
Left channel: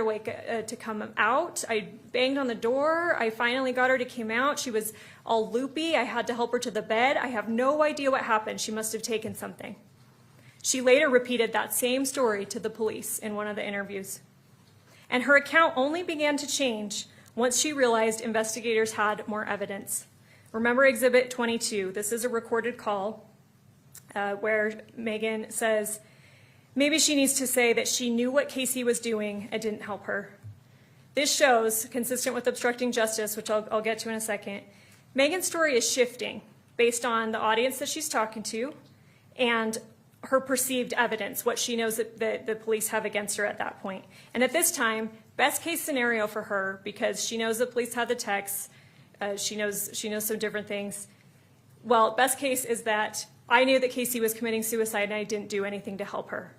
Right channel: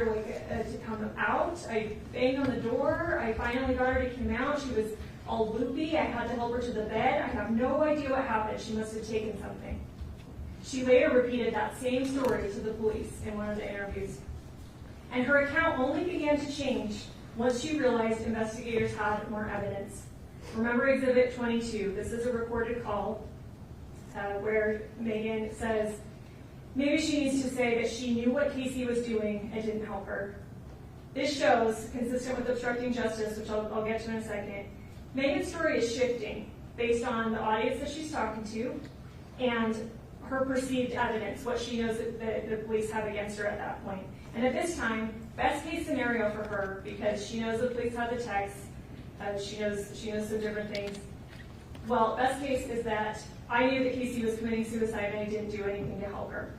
to come out, I banged on the door, I finally got her to come out, she was all loopy, I had to help her to the bed, I have no idea what happened, she must have taken something. She later repeated that same story to the police in one of the interviews. And her account only began to change once she realized investigators had more evidence. Remember Exhibit 22, this is a recorded call where Meggan says, maybe she needs to say that she knew what Casey was doing and didn't help her. This shows, consistent with obstructing justice, which I'll get to in a second, Meggan's story is shifting based on the audience that she's talking to and her perceived evidence, what she knows that the police have against her at that point. And at this time, best case scenario for her, because she knows the police had the texts, she knows some different things. Well, best case is that I knew that Casey was committing suicide and I didn't do anything to help her.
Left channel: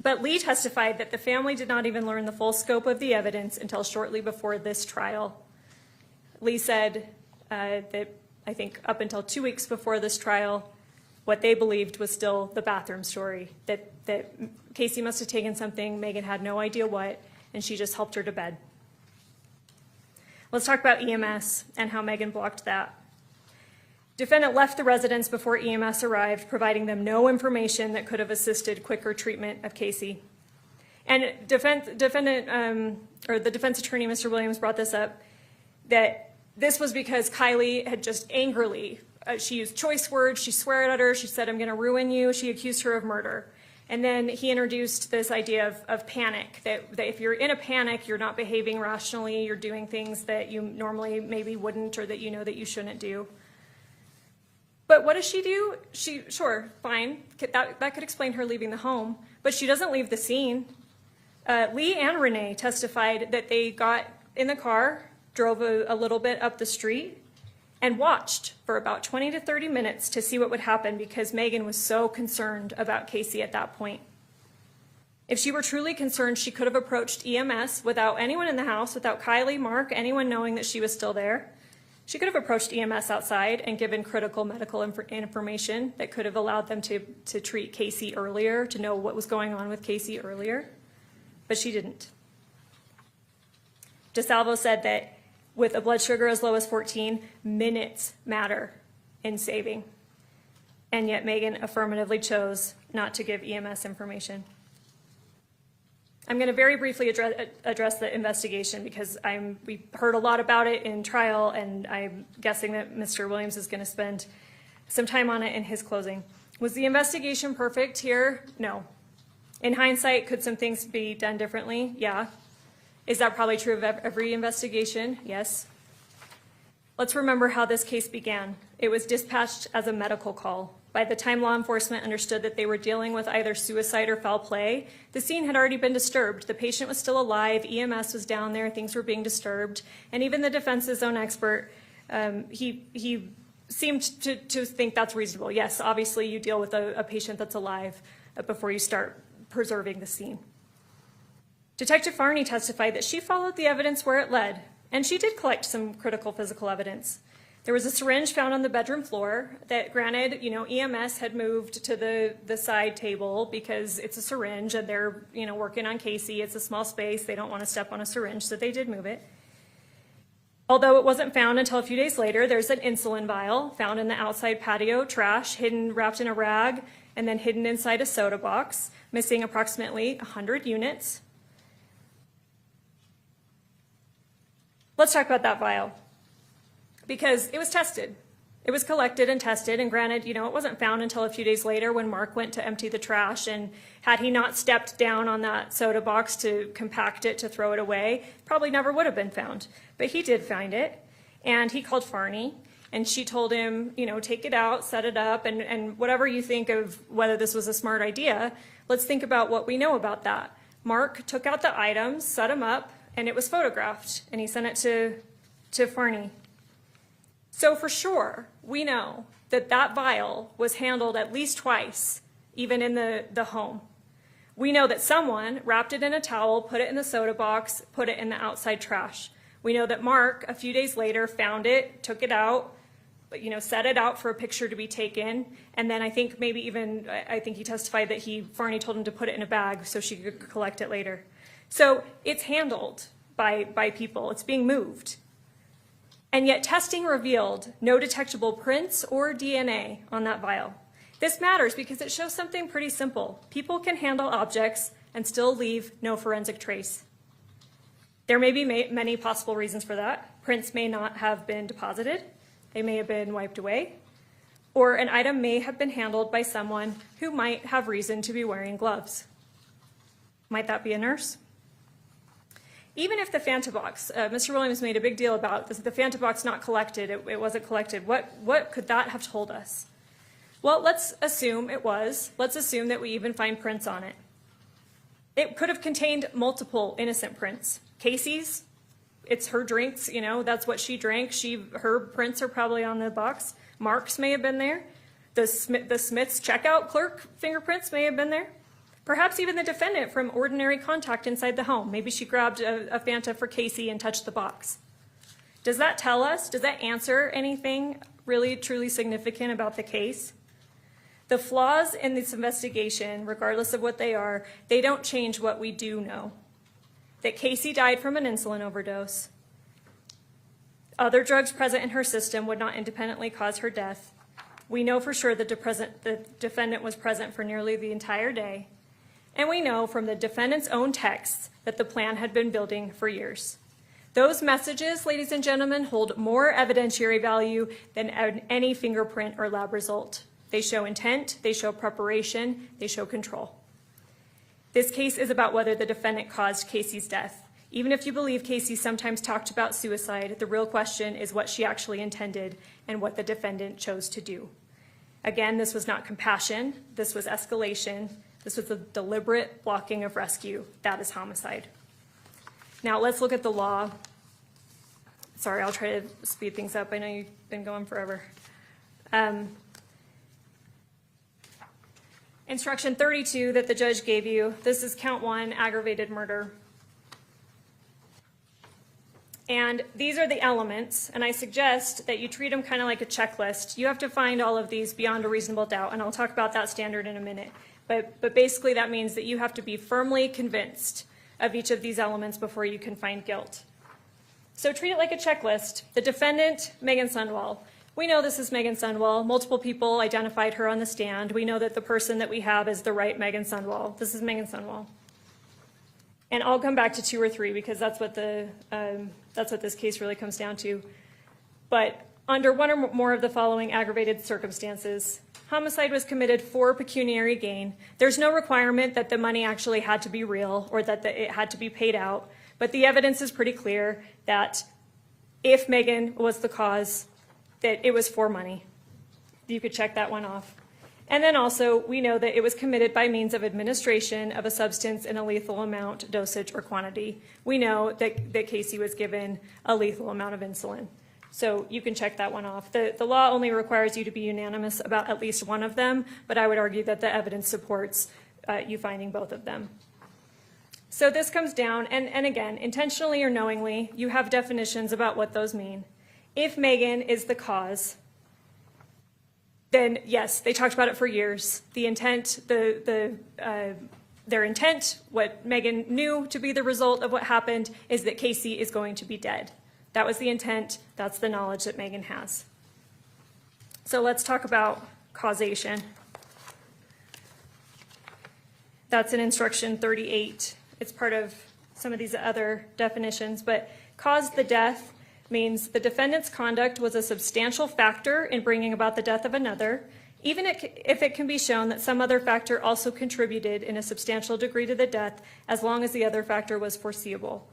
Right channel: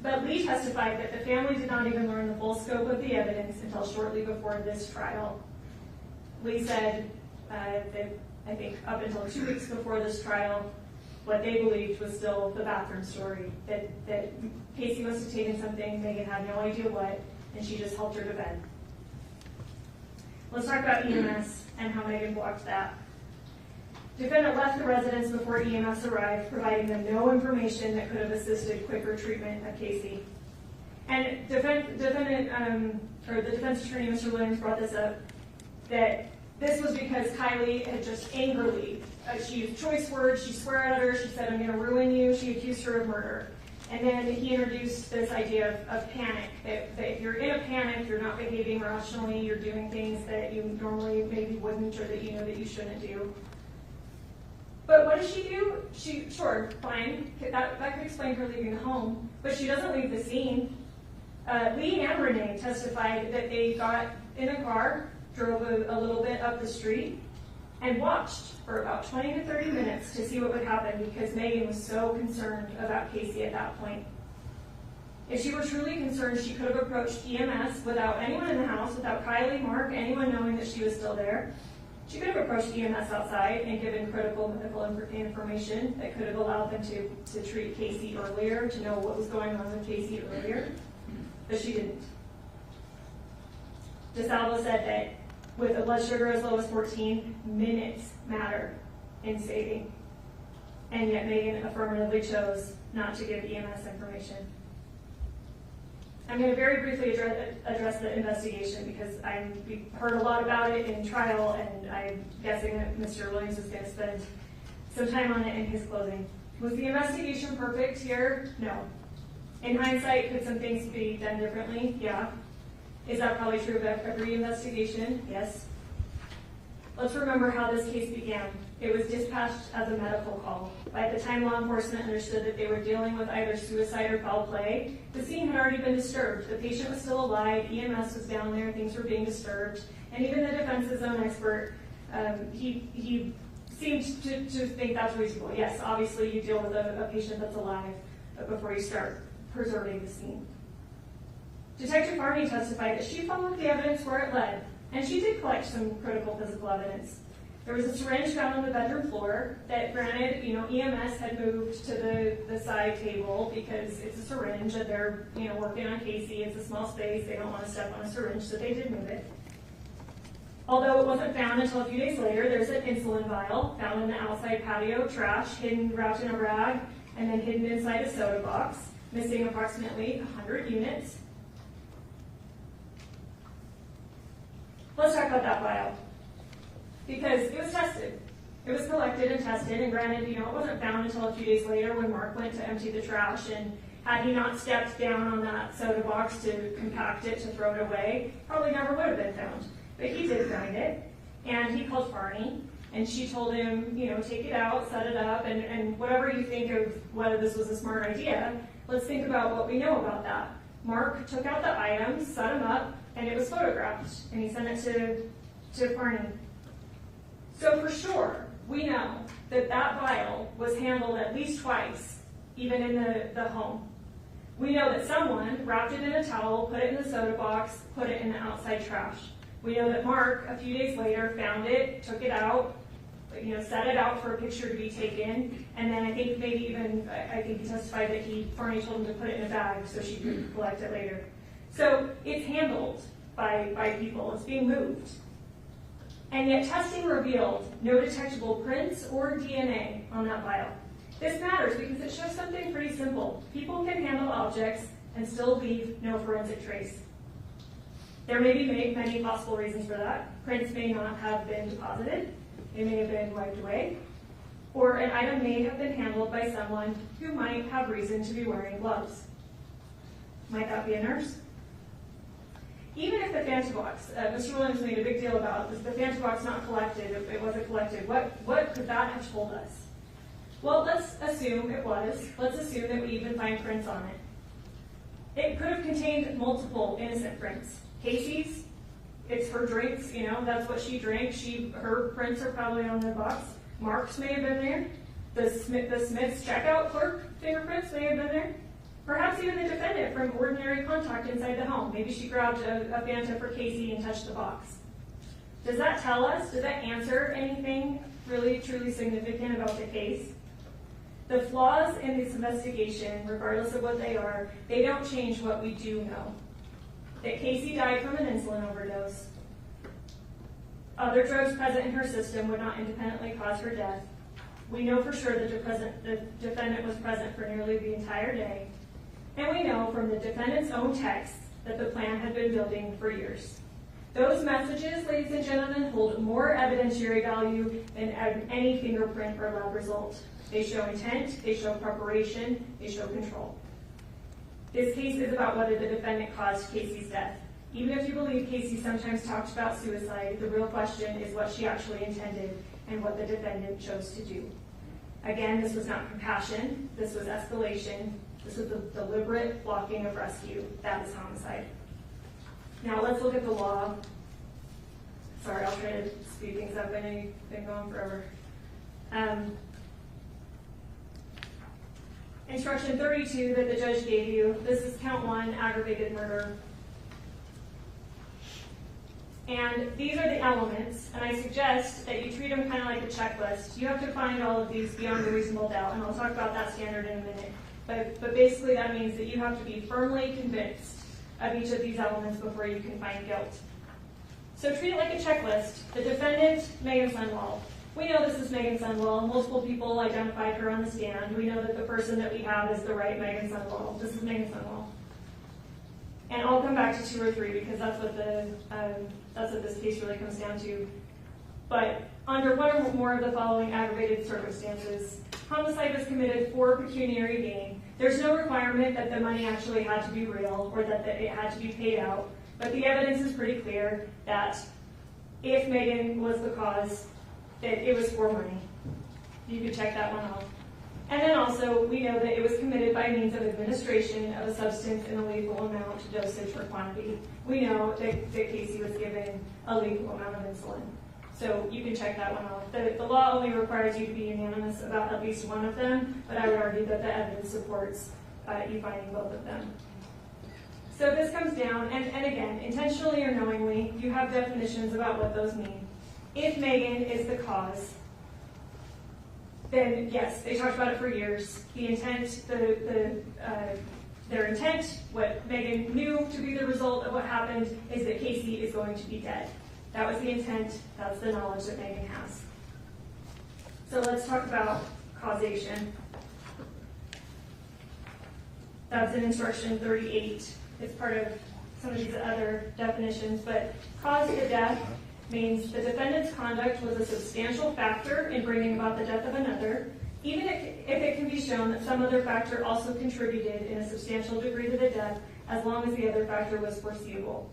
But Lee testified that the family did not even learn the full scope of the evidence until shortly before this trial. Lee said that I think up until 2 weeks before this trial, what they believed was still the bathroom story, that Casey must have taken something, Meggan had no idea what, and she just helped her to bed. Let's talk about EMS and how Meggan blocked that. Defendant left the residence before EMS arrived, providing them no information that could have assisted quicker treatment of Casey. And the defense attorney, Mr. Williams, brought this up, that this was because Kylie had just angrily, she used choice words, she swore at her, she said, "I'm gonna ruin you," she accused her of murder. And then he introduced this idea of panic, that if you're in a panic, you're not behaving rationally, you're doing things that you normally maybe wouldn't, or that you know that you shouldn't do. But what does she do? Sure, fine, that could explain her leaving the home, but she doesn't leave the scene. Lee and Renee testified that they got in the car, drove a little bit up the street, and watched for about 20 to 30 minutes to see what would happen because Meggan was so concerned about Casey at that point. If she were truly concerned, she could have approached EMS without anyone in the house, without Kylie, Mark, anyone knowing that she was still there. She could have approached EMS outside and given critical medical information that could have allowed them to treat Casey earlier, to know what was going on with Casey earlier, but she didn't. DeSalvo said that with a blood sugar as low as 14, minutes matter in saving. And yet Meggan affirmatively chose not to give EMS information. I'm going to very briefly address the investigation because we heard a lot about it in trial, and I'm guessing that Mr. Williams is going to spend some time on it in his closing. Was the investigation perfect here? No. In hindsight, could some things be done differently? Yeah. Is that probably true of every investigation? Yes. Let's remember how this case began. It was dispatched as a medical call. By the time law enforcement understood that they were dealing with either suicide or foul play, the scene had already been disturbed. The patient was still alive, EMS was down there, things were being disturbed, and even the defense's own expert, he seemed to think that's reasonable. Yes, obviously you deal with a patient that's alive before you start preserving the scene. Detective Farney testified that she followed the evidence where it led, and she did collect some critical physical evidence. There was a syringe found on the bedroom floor that, granted, EMS had moved to the side table because it's a syringe and they're, working on Casey. It's a small space. They don't want to step on a syringe, so they did move it. Although it wasn't found until a few days later, there's an insulin vial found in the outside patio trash, wrapped in a rag, and then hidden inside a soda box, missing approximately 100 units. Let's talk about that vial, because it was tested. It was collected and tested, and granted, it wasn't found until a few days later when Mark went to empty the trash, and had he not stepped down on that soda box to compact it, to throw it away, probably never would have been found. But he did find it, and he called Farney, and she told him, take it out, set it up, and whatever you think of whether this was a smart idea, let's think about what we know about that. Mark took out the items, set them up, and it was photographed, and he sent it to Farney. So for sure, we know that vial was handled at least twice, even in the home. We know that someone wrapped it in a towel, put it in the soda box, put it in the outside trash. We know that Mark, a few days later, found it, took it out, but set it out for a picture to be taken, and then I think maybe even, I think he testified that Farney told him to put it in a bag so she could collect it later. So it's handled by people, it's being moved. And yet testing revealed no detectable prints or DNA on that vial. This matters because it shows something pretty simple. People can handle objects and still leave no forensic trace. There may be many possible reasons for that. Prints may not have been deposited, they may have been wiped away, or an item may have been handled by someone who might have reason to be wearing gloves. Might that be a nurse? Even if the Fanta box, Mr. Williams made a big deal about the Fanta box not collected, it wasn't collected. What could that have told us? Well, let's assume it was. Let's assume that we even find prints on it. It could have contained multiple innocent prints. Casey's, it's her drinks, you know, that's what she drank. Her prints are probably on the box. Mark's may have been there. The Smith's checkout clerk fingerprints may have been there. Perhaps even the defendant from ordinary contact inside the home. Maybe she grabbed a Fanta for Casey and touched the box. Does that tell us, does that answer anything really truly significant about the case? The flaws in this investigation, regardless of what they are, they don't change what we do know. That Casey died from an insulin overdose. Other drugs present in her system would not independently cause her death. We know for sure that the defendant was present for nearly the entire day. And we know from the defendant's own texts that the plan had been building for years. Those messages, ladies and gentlemen, hold more evidentiary value than any fingerprint or lab result. They show intent, they show preparation, they show control. This case is about whether the defendant caused Casey's death. Even if you believe Casey sometimes talked about suicide, the real question is what she actually intended and what the defendant chose to do. Again, this was not compassion, this was escalation, this was a deliberate blocking of rescue. That is homicide. Now let's look at the law. Sorry, I'll try to speed things up. I know you've been going forever. Instruction 32 that the judge gave you, this is count 1, aggravated murder. And these are the elements, and I suggest that you treat them kind of like a checklist. You have to find all of these beyond a reasonable doubt, and I'll talk about that standard in a minute. But basically that means that you have to be firmly convinced of each of these elements before you can find guilt. So treat it like a checklist. The defendant, Meggan Sundwall. We know this is Meggan Sundwall. Multiple people identified her on the stand. We know that the person that we have is the right Meggan Sundwall. This is Meggan Sundwall. And I'll come back to 2 or 3 because that's what this case really comes down to. But under one or more of the following aggravated circumstances, homicide was committed for pecuniary gain. There's no requirement that the money actually had to be real or that it had to be paid out. But the evidence is pretty clear that if Meggan was the cause, that it was for money. You could check that one off. And then also, we know that it was committed by means of administration of a substance in a lethal amount, dosage, or quantity. We know that Casey was given a lethal amount of insulin. So you can check that one off. The law only requires you to be unanimous about at least one of them, but I would argue that the evidence supports you finding both of them. So this comes down, and again, intentionally or knowingly, you have definitions about what those mean. If Meggan is the cause, then yes, they talked about it for years. The intent, their intent, what Meggan knew to be the result of what happened is that Casey is going to be dead. That was the intent, that's the knowledge that Meggan has. So let's talk about causation. That's in instruction 38. It's part of some of these other definitions, but cause the death means the defendant's conduct was a substantial factor in bringing about the death of another, even if it can be shown that some other factor also contributed in a substantial degree to the death, as long as the other factor was foreseeable.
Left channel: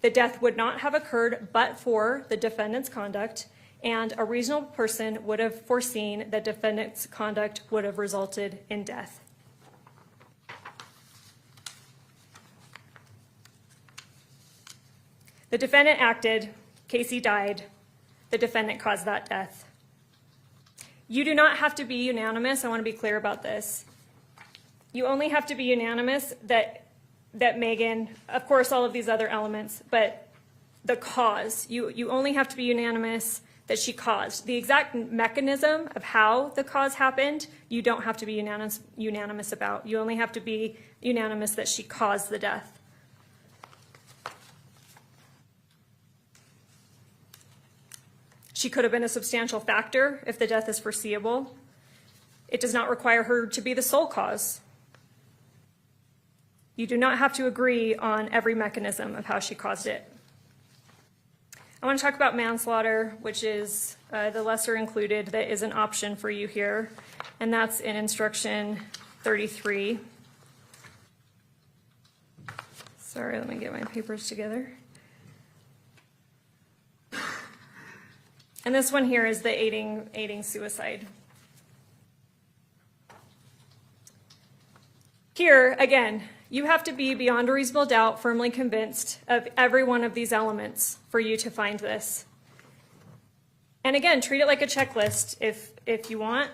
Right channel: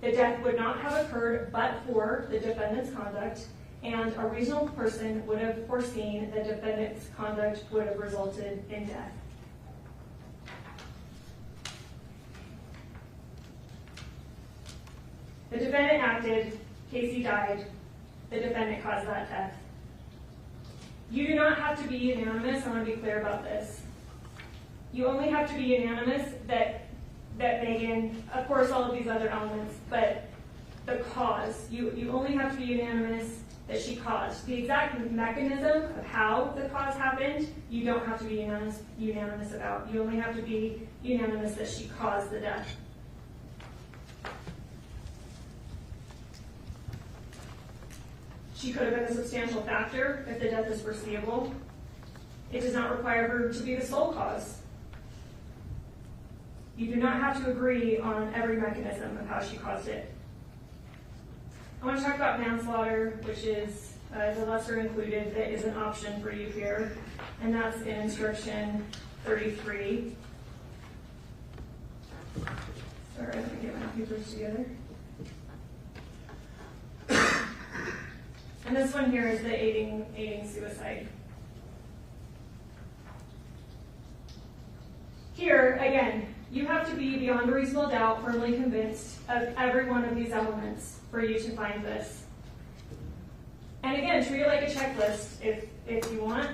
The death would not have occurred but for the defendant's conduct, and a reasonable person would have foreseen that defendant's conduct would have resulted in death. The defendant acted, Casey died, the defendant caused that death. You do not have to be unanimous. I want to be clear about this. You only have to be unanimous that Meggan, of course all of these other elements, but the cause, you only have to be unanimous that she caused. The exact mechanism of how the cause happened, you don't have to be unanimous about. You only have to be unanimous that she caused the death. She could have been a substantial factor if the death is foreseeable. It does not require her to be the sole cause. You do not have to agree on every mechanism of how she caused it. I want to talk about manslaughter, which is the lesser included that is an option for you here, and that's in instruction 33. Sorry, let me get my papers together. And this one here is the aiding suicide. Here, again, you have to be beyond a reasonable doubt firmly convinced of every one of these elements for you to find this. And again, treat it like a checklist if you want.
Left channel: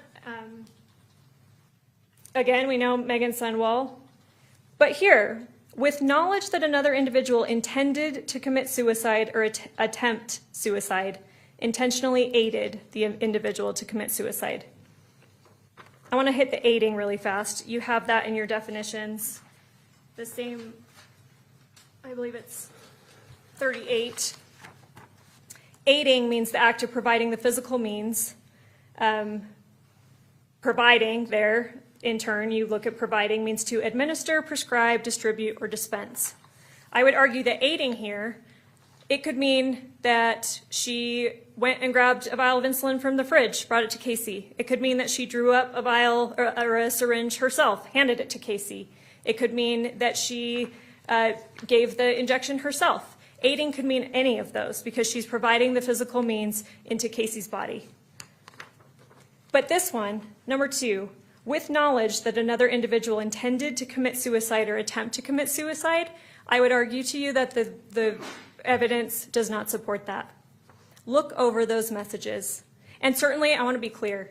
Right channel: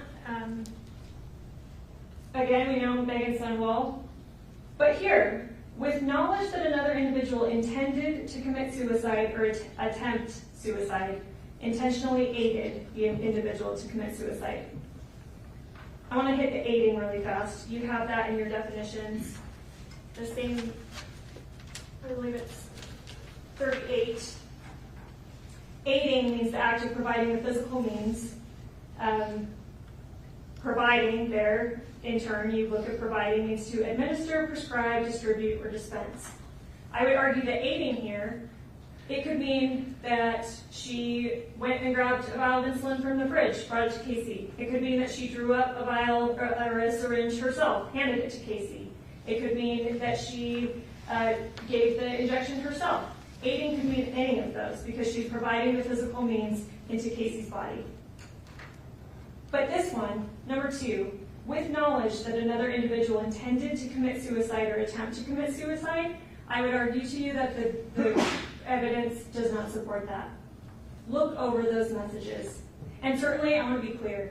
Again, we know Meggan Sundwall. But here, with knowledge that another individual intended to commit suicide or attempt suicide, intentionally aided the individual to commit suicide. I want to hit the aiding really fast. You have that in your definitions. The same, I believe it's 38. Aiding means the act of providing the physical means. Providing there, in turn, you look at providing means to administer, prescribe, distribute, or dispense. I would argue that aiding here, it could mean that she went and grabbed a vial of insulin from the fridge, brought it to Casey. It could mean that she drew up a vial or a syringe herself, handed it to Casey. It could mean that she gave the injection herself. Aiding could mean any of those because she's providing the physical means into Casey's body. But this one, number 2, with knowledge that another individual intended to commit suicide or attempt to commit suicide, I would argue to you that the evidence does not support that. Look over those messages. And certainly, I want to be clear.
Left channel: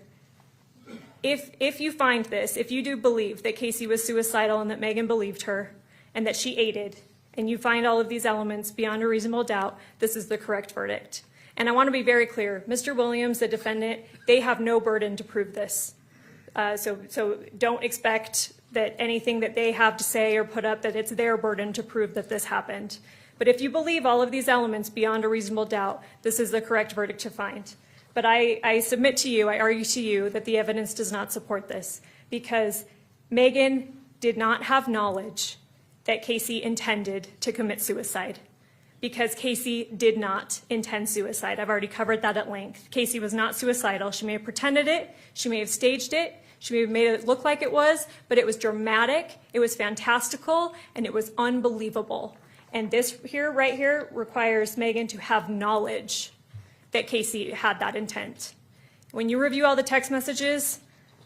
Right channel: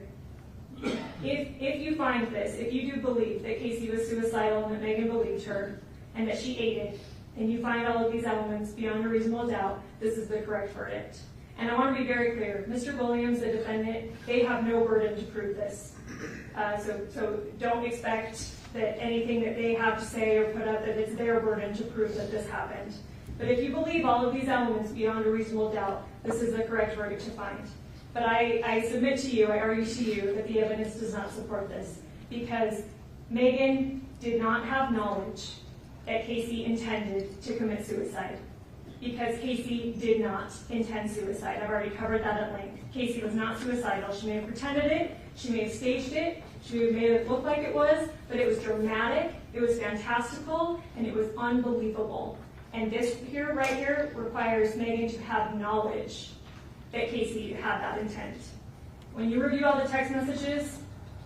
If you find this, if you do believe that Casey was suicidal and that Meggan believed her and that she aided, and you find all of these elements beyond a reasonable doubt, this is the correct verdict. And I want to be very clear. Mr. Williams, the defendant, they have no burden to prove this. So don't expect that anything that they have to say or put up, that it's their burden to prove that this happened. But if you believe all of these elements beyond a reasonable doubt, this is the correct verdict to find. But I submit to you, I argue to you, that the evidence does not support this because Meggan did not have knowledge that Casey intended to commit suicide because Casey did not intend suicide. I've already covered that at length. Casey was not suicidal. She may have pretended it, she may have staged it, she may have made it look like it was, but it was dramatic, it was fantastical, and it was unbelievable. And this here, right here, requires Meggan to have knowledge that Casey had that intent. When you review all the text messages,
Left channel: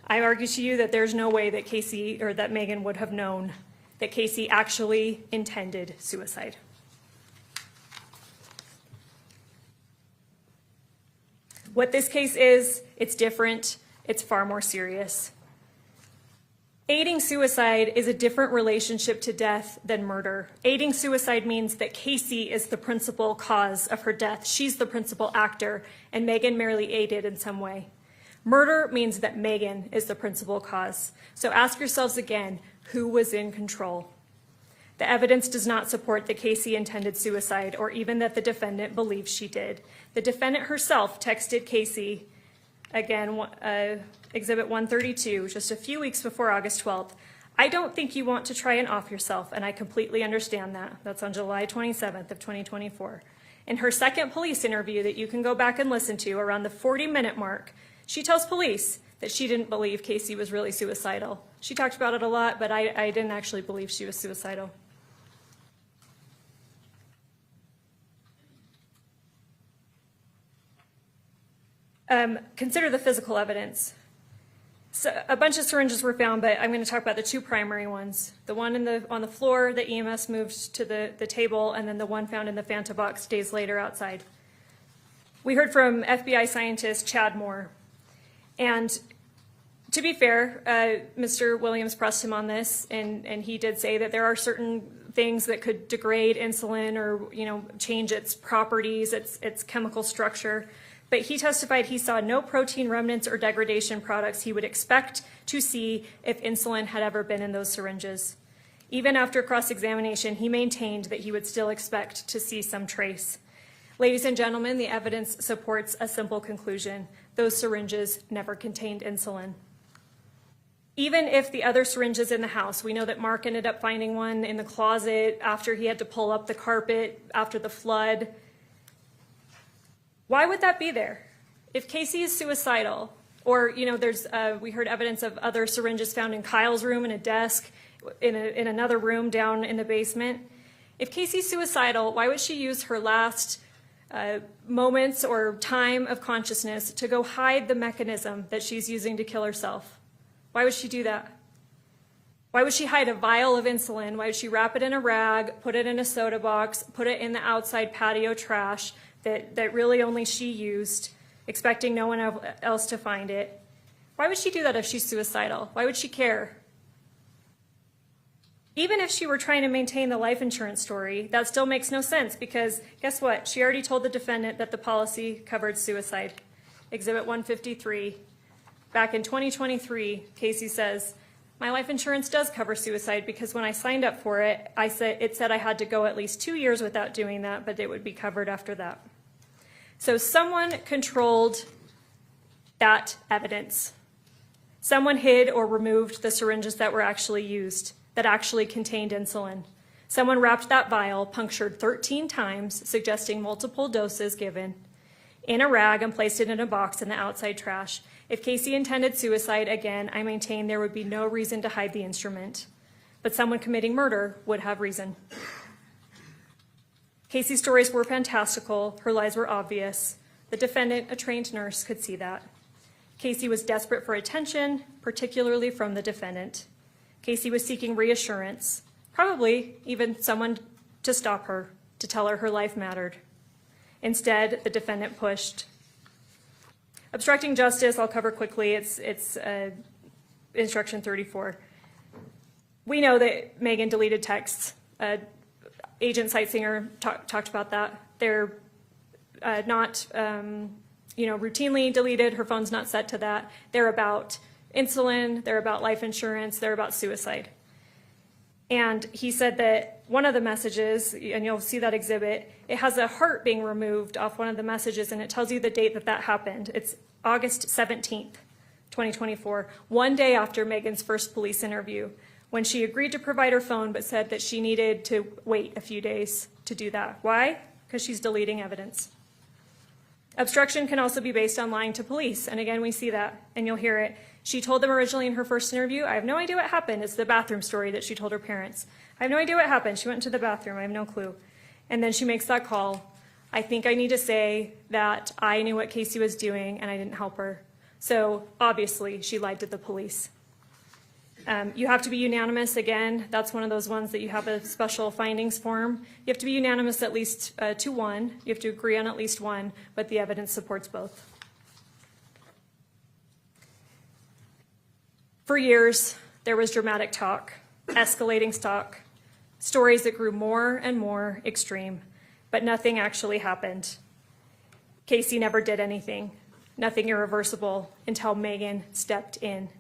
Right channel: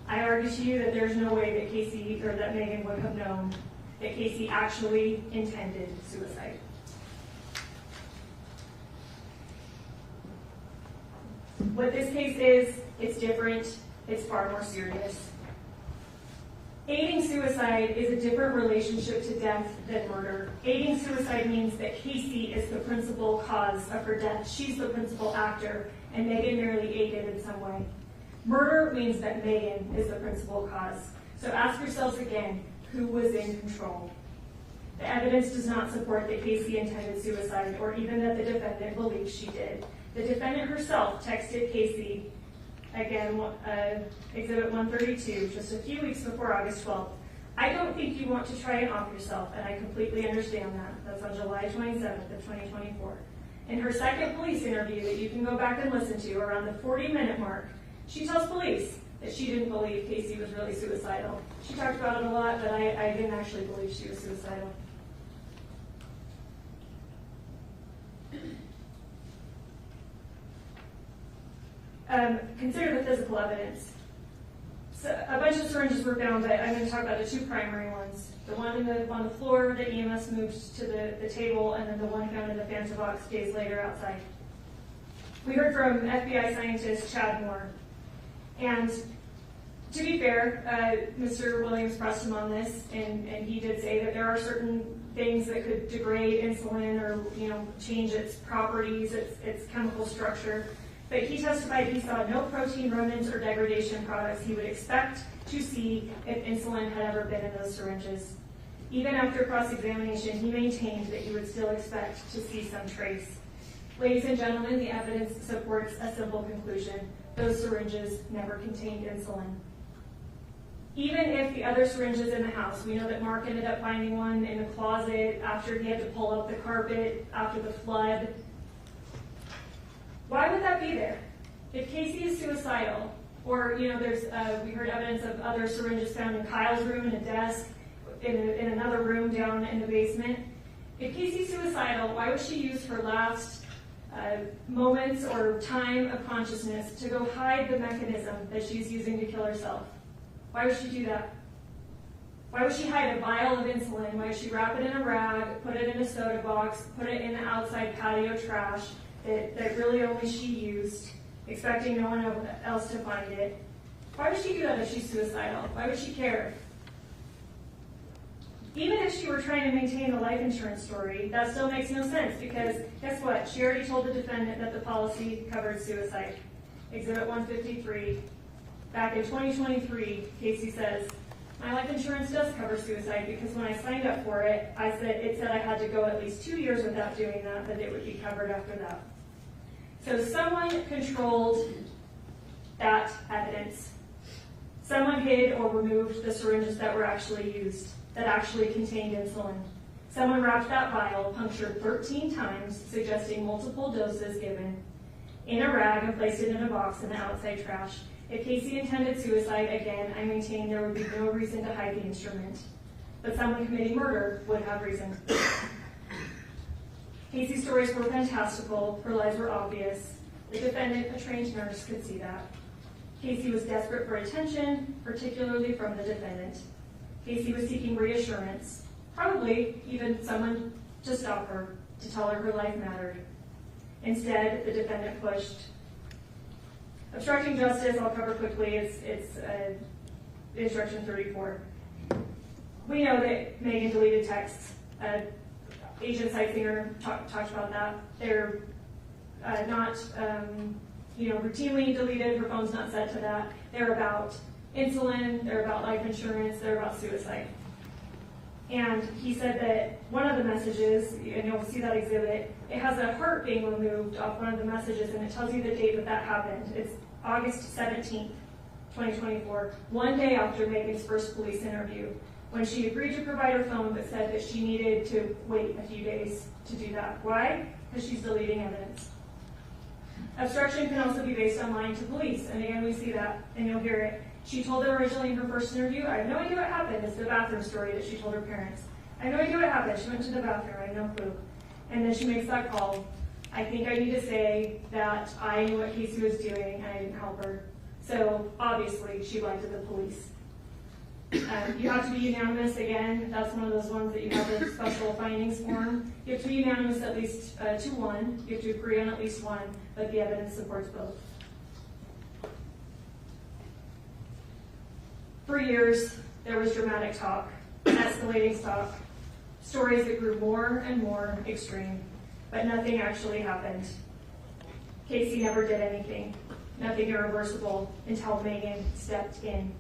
I argue to you that there's no way that Casey or that Meggan would have known that Casey actually intended suicide. What this case is, it's different, it's far more serious. Aiding suicide is a different relationship to death than murder. Aiding suicide means that Casey is the principal cause of her death. She's the principal actor, and Meggan merely aided in some way. Murder means that Meggan is the principal cause. So ask yourselves again, who was in control? The evidence does not support that Casey intended suicide or even that the defendant believes she did. The defendant herself texted Casey, again, Exhibit 132, just a few weeks before August 12th. I don't think you want to try and off yourself, and I completely understand that. That's on July 27th of 2024. In her second police interview that you can go back and listen to, around the 40-minute mark, she tells police that she didn't believe Casey was really suicidal. She talked about it a lot, but I didn't actually believe she was suicidal. Consider the physical evidence. So a bunch of syringes were found, but I'm going to talk about the 2 primary ones. The one on the floor that EMS moved to the table, and then the one found in the Fanta box days later outside. We heard from FBI scientist Chad Moore. And to be fair, Mr. Williams pressed him on this, and he did say that there are certain things that could degrade insulin or change its properties, its chemical structure. But he testified he saw no protein remnants or degradation products he would expect to see if insulin had ever been in those syringes. Even after cross-examination, he maintained that he would still expect to see some trace. Ladies and gentlemen, the evidence supports a simple conclusion. Those syringes never contained insulin. Even if the other syringes in the house, we know that Mark ended up finding one in the closet after he had to pull up the carpet after the flood. Why would that be there? If Casey is suicidal, or we heard evidence of other syringes found in Kyle's room, in a desk, in another room down in the basement. If Casey's suicidal, why would she use her last moments or time of consciousness to go hide the mechanism that she's using to kill herself. Why would she do that? Why would she hide a vial of insulin? Why would she wrap it in a rag, put it in a soda box, put it in the outside patio trash that really only she used, expecting no one else to find it? Why would she do that if she's suicidal? Why would she care? Even if she were trying to maintain the life insurance story, that still makes no sense because guess what? She already told the defendant that the policy covered suicide. Exhibit 153. Back in 2023, Casey says, my life insurance does cover suicide because when I signed up for it, it said I had to go at least 2 years without doing that, but it would be covered after that. So someone controlled that evidence. Someone hid or removed the syringes that were actually used, that actually contained insulin. Someone wrapped that vial, punctured 13 times, suggesting multiple doses given, in a rag and placed it in a box in the outside trash. If Casey intended suicide, again, I maintain there would be no reason to hide the instrument. But someone committing murder would have reason. Casey's stories were fantastical. Her lies were obvious. The defendant, a trained nurse, could see that. Casey was desperate for attention, particularly from the defendant. Casey was seeking reassurance, probably even someone to stop her, to tell her her life mattered. Instead, the defendant pushed. Obstructing justice, I'll cover quickly. It's instruction 34. We know that Meggan deleted texts. Agent Sitsinger talked about that. They're not routinely deleted. Her phone's not set to that. They're about insulin, they're about life insurance, they're about suicide. And he said that one of the messages, and you'll see that exhibit, it has a heart being removed off one of the messages, and it tells you the date that happened. It's August 17th, 2024, one day after Meggan's first police interview, when she agreed to provide her phone but said that she needed to wait a few days to do that. Why? Because she's deleting evidence. Obstruction can also be based on lying to police, and again, we see that, and you'll hear it. She told them originally in her first interview, I have no idea what happened. It's the bathroom story that she told her parents. I have no idea what happened. She went to the bathroom. I have no clue. And then she makes that call. I think I need to say that I knew what Casey was doing and I didn't help her. So obviously she lied to the police. You have to be unanimous. Again, that's one of those ones that you have a special findings form. You have to be unanimous at least to one. You have to agree on at least one, but the evidence supports both. For years, there was dramatic talk, escalating talk, stories that grew more and more extreme, but nothing actually happened. Casey never did anything, nothing irreversible, until Meggan stepped in.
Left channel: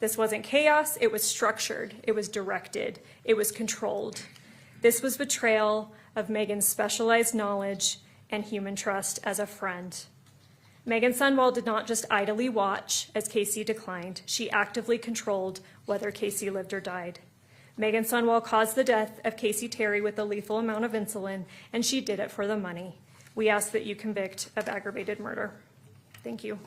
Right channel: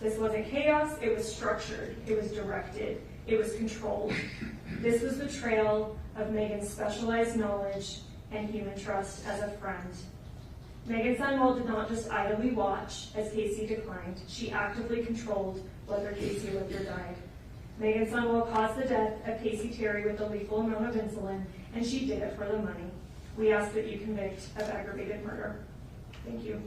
This wasn't chaos, it was structured, it was directed, it was controlled. This was betrayal of Meggan's specialized knowledge and human trust as a friend. Meggan Sundwall did not just idly watch as Casey declined. She actively controlled whether Casey lived or died. Meggan Sundwall caused the death of Casey Terry with a lethal amount of insulin, and she did it for the money. We ask that you convict of aggravated murder. Thank you.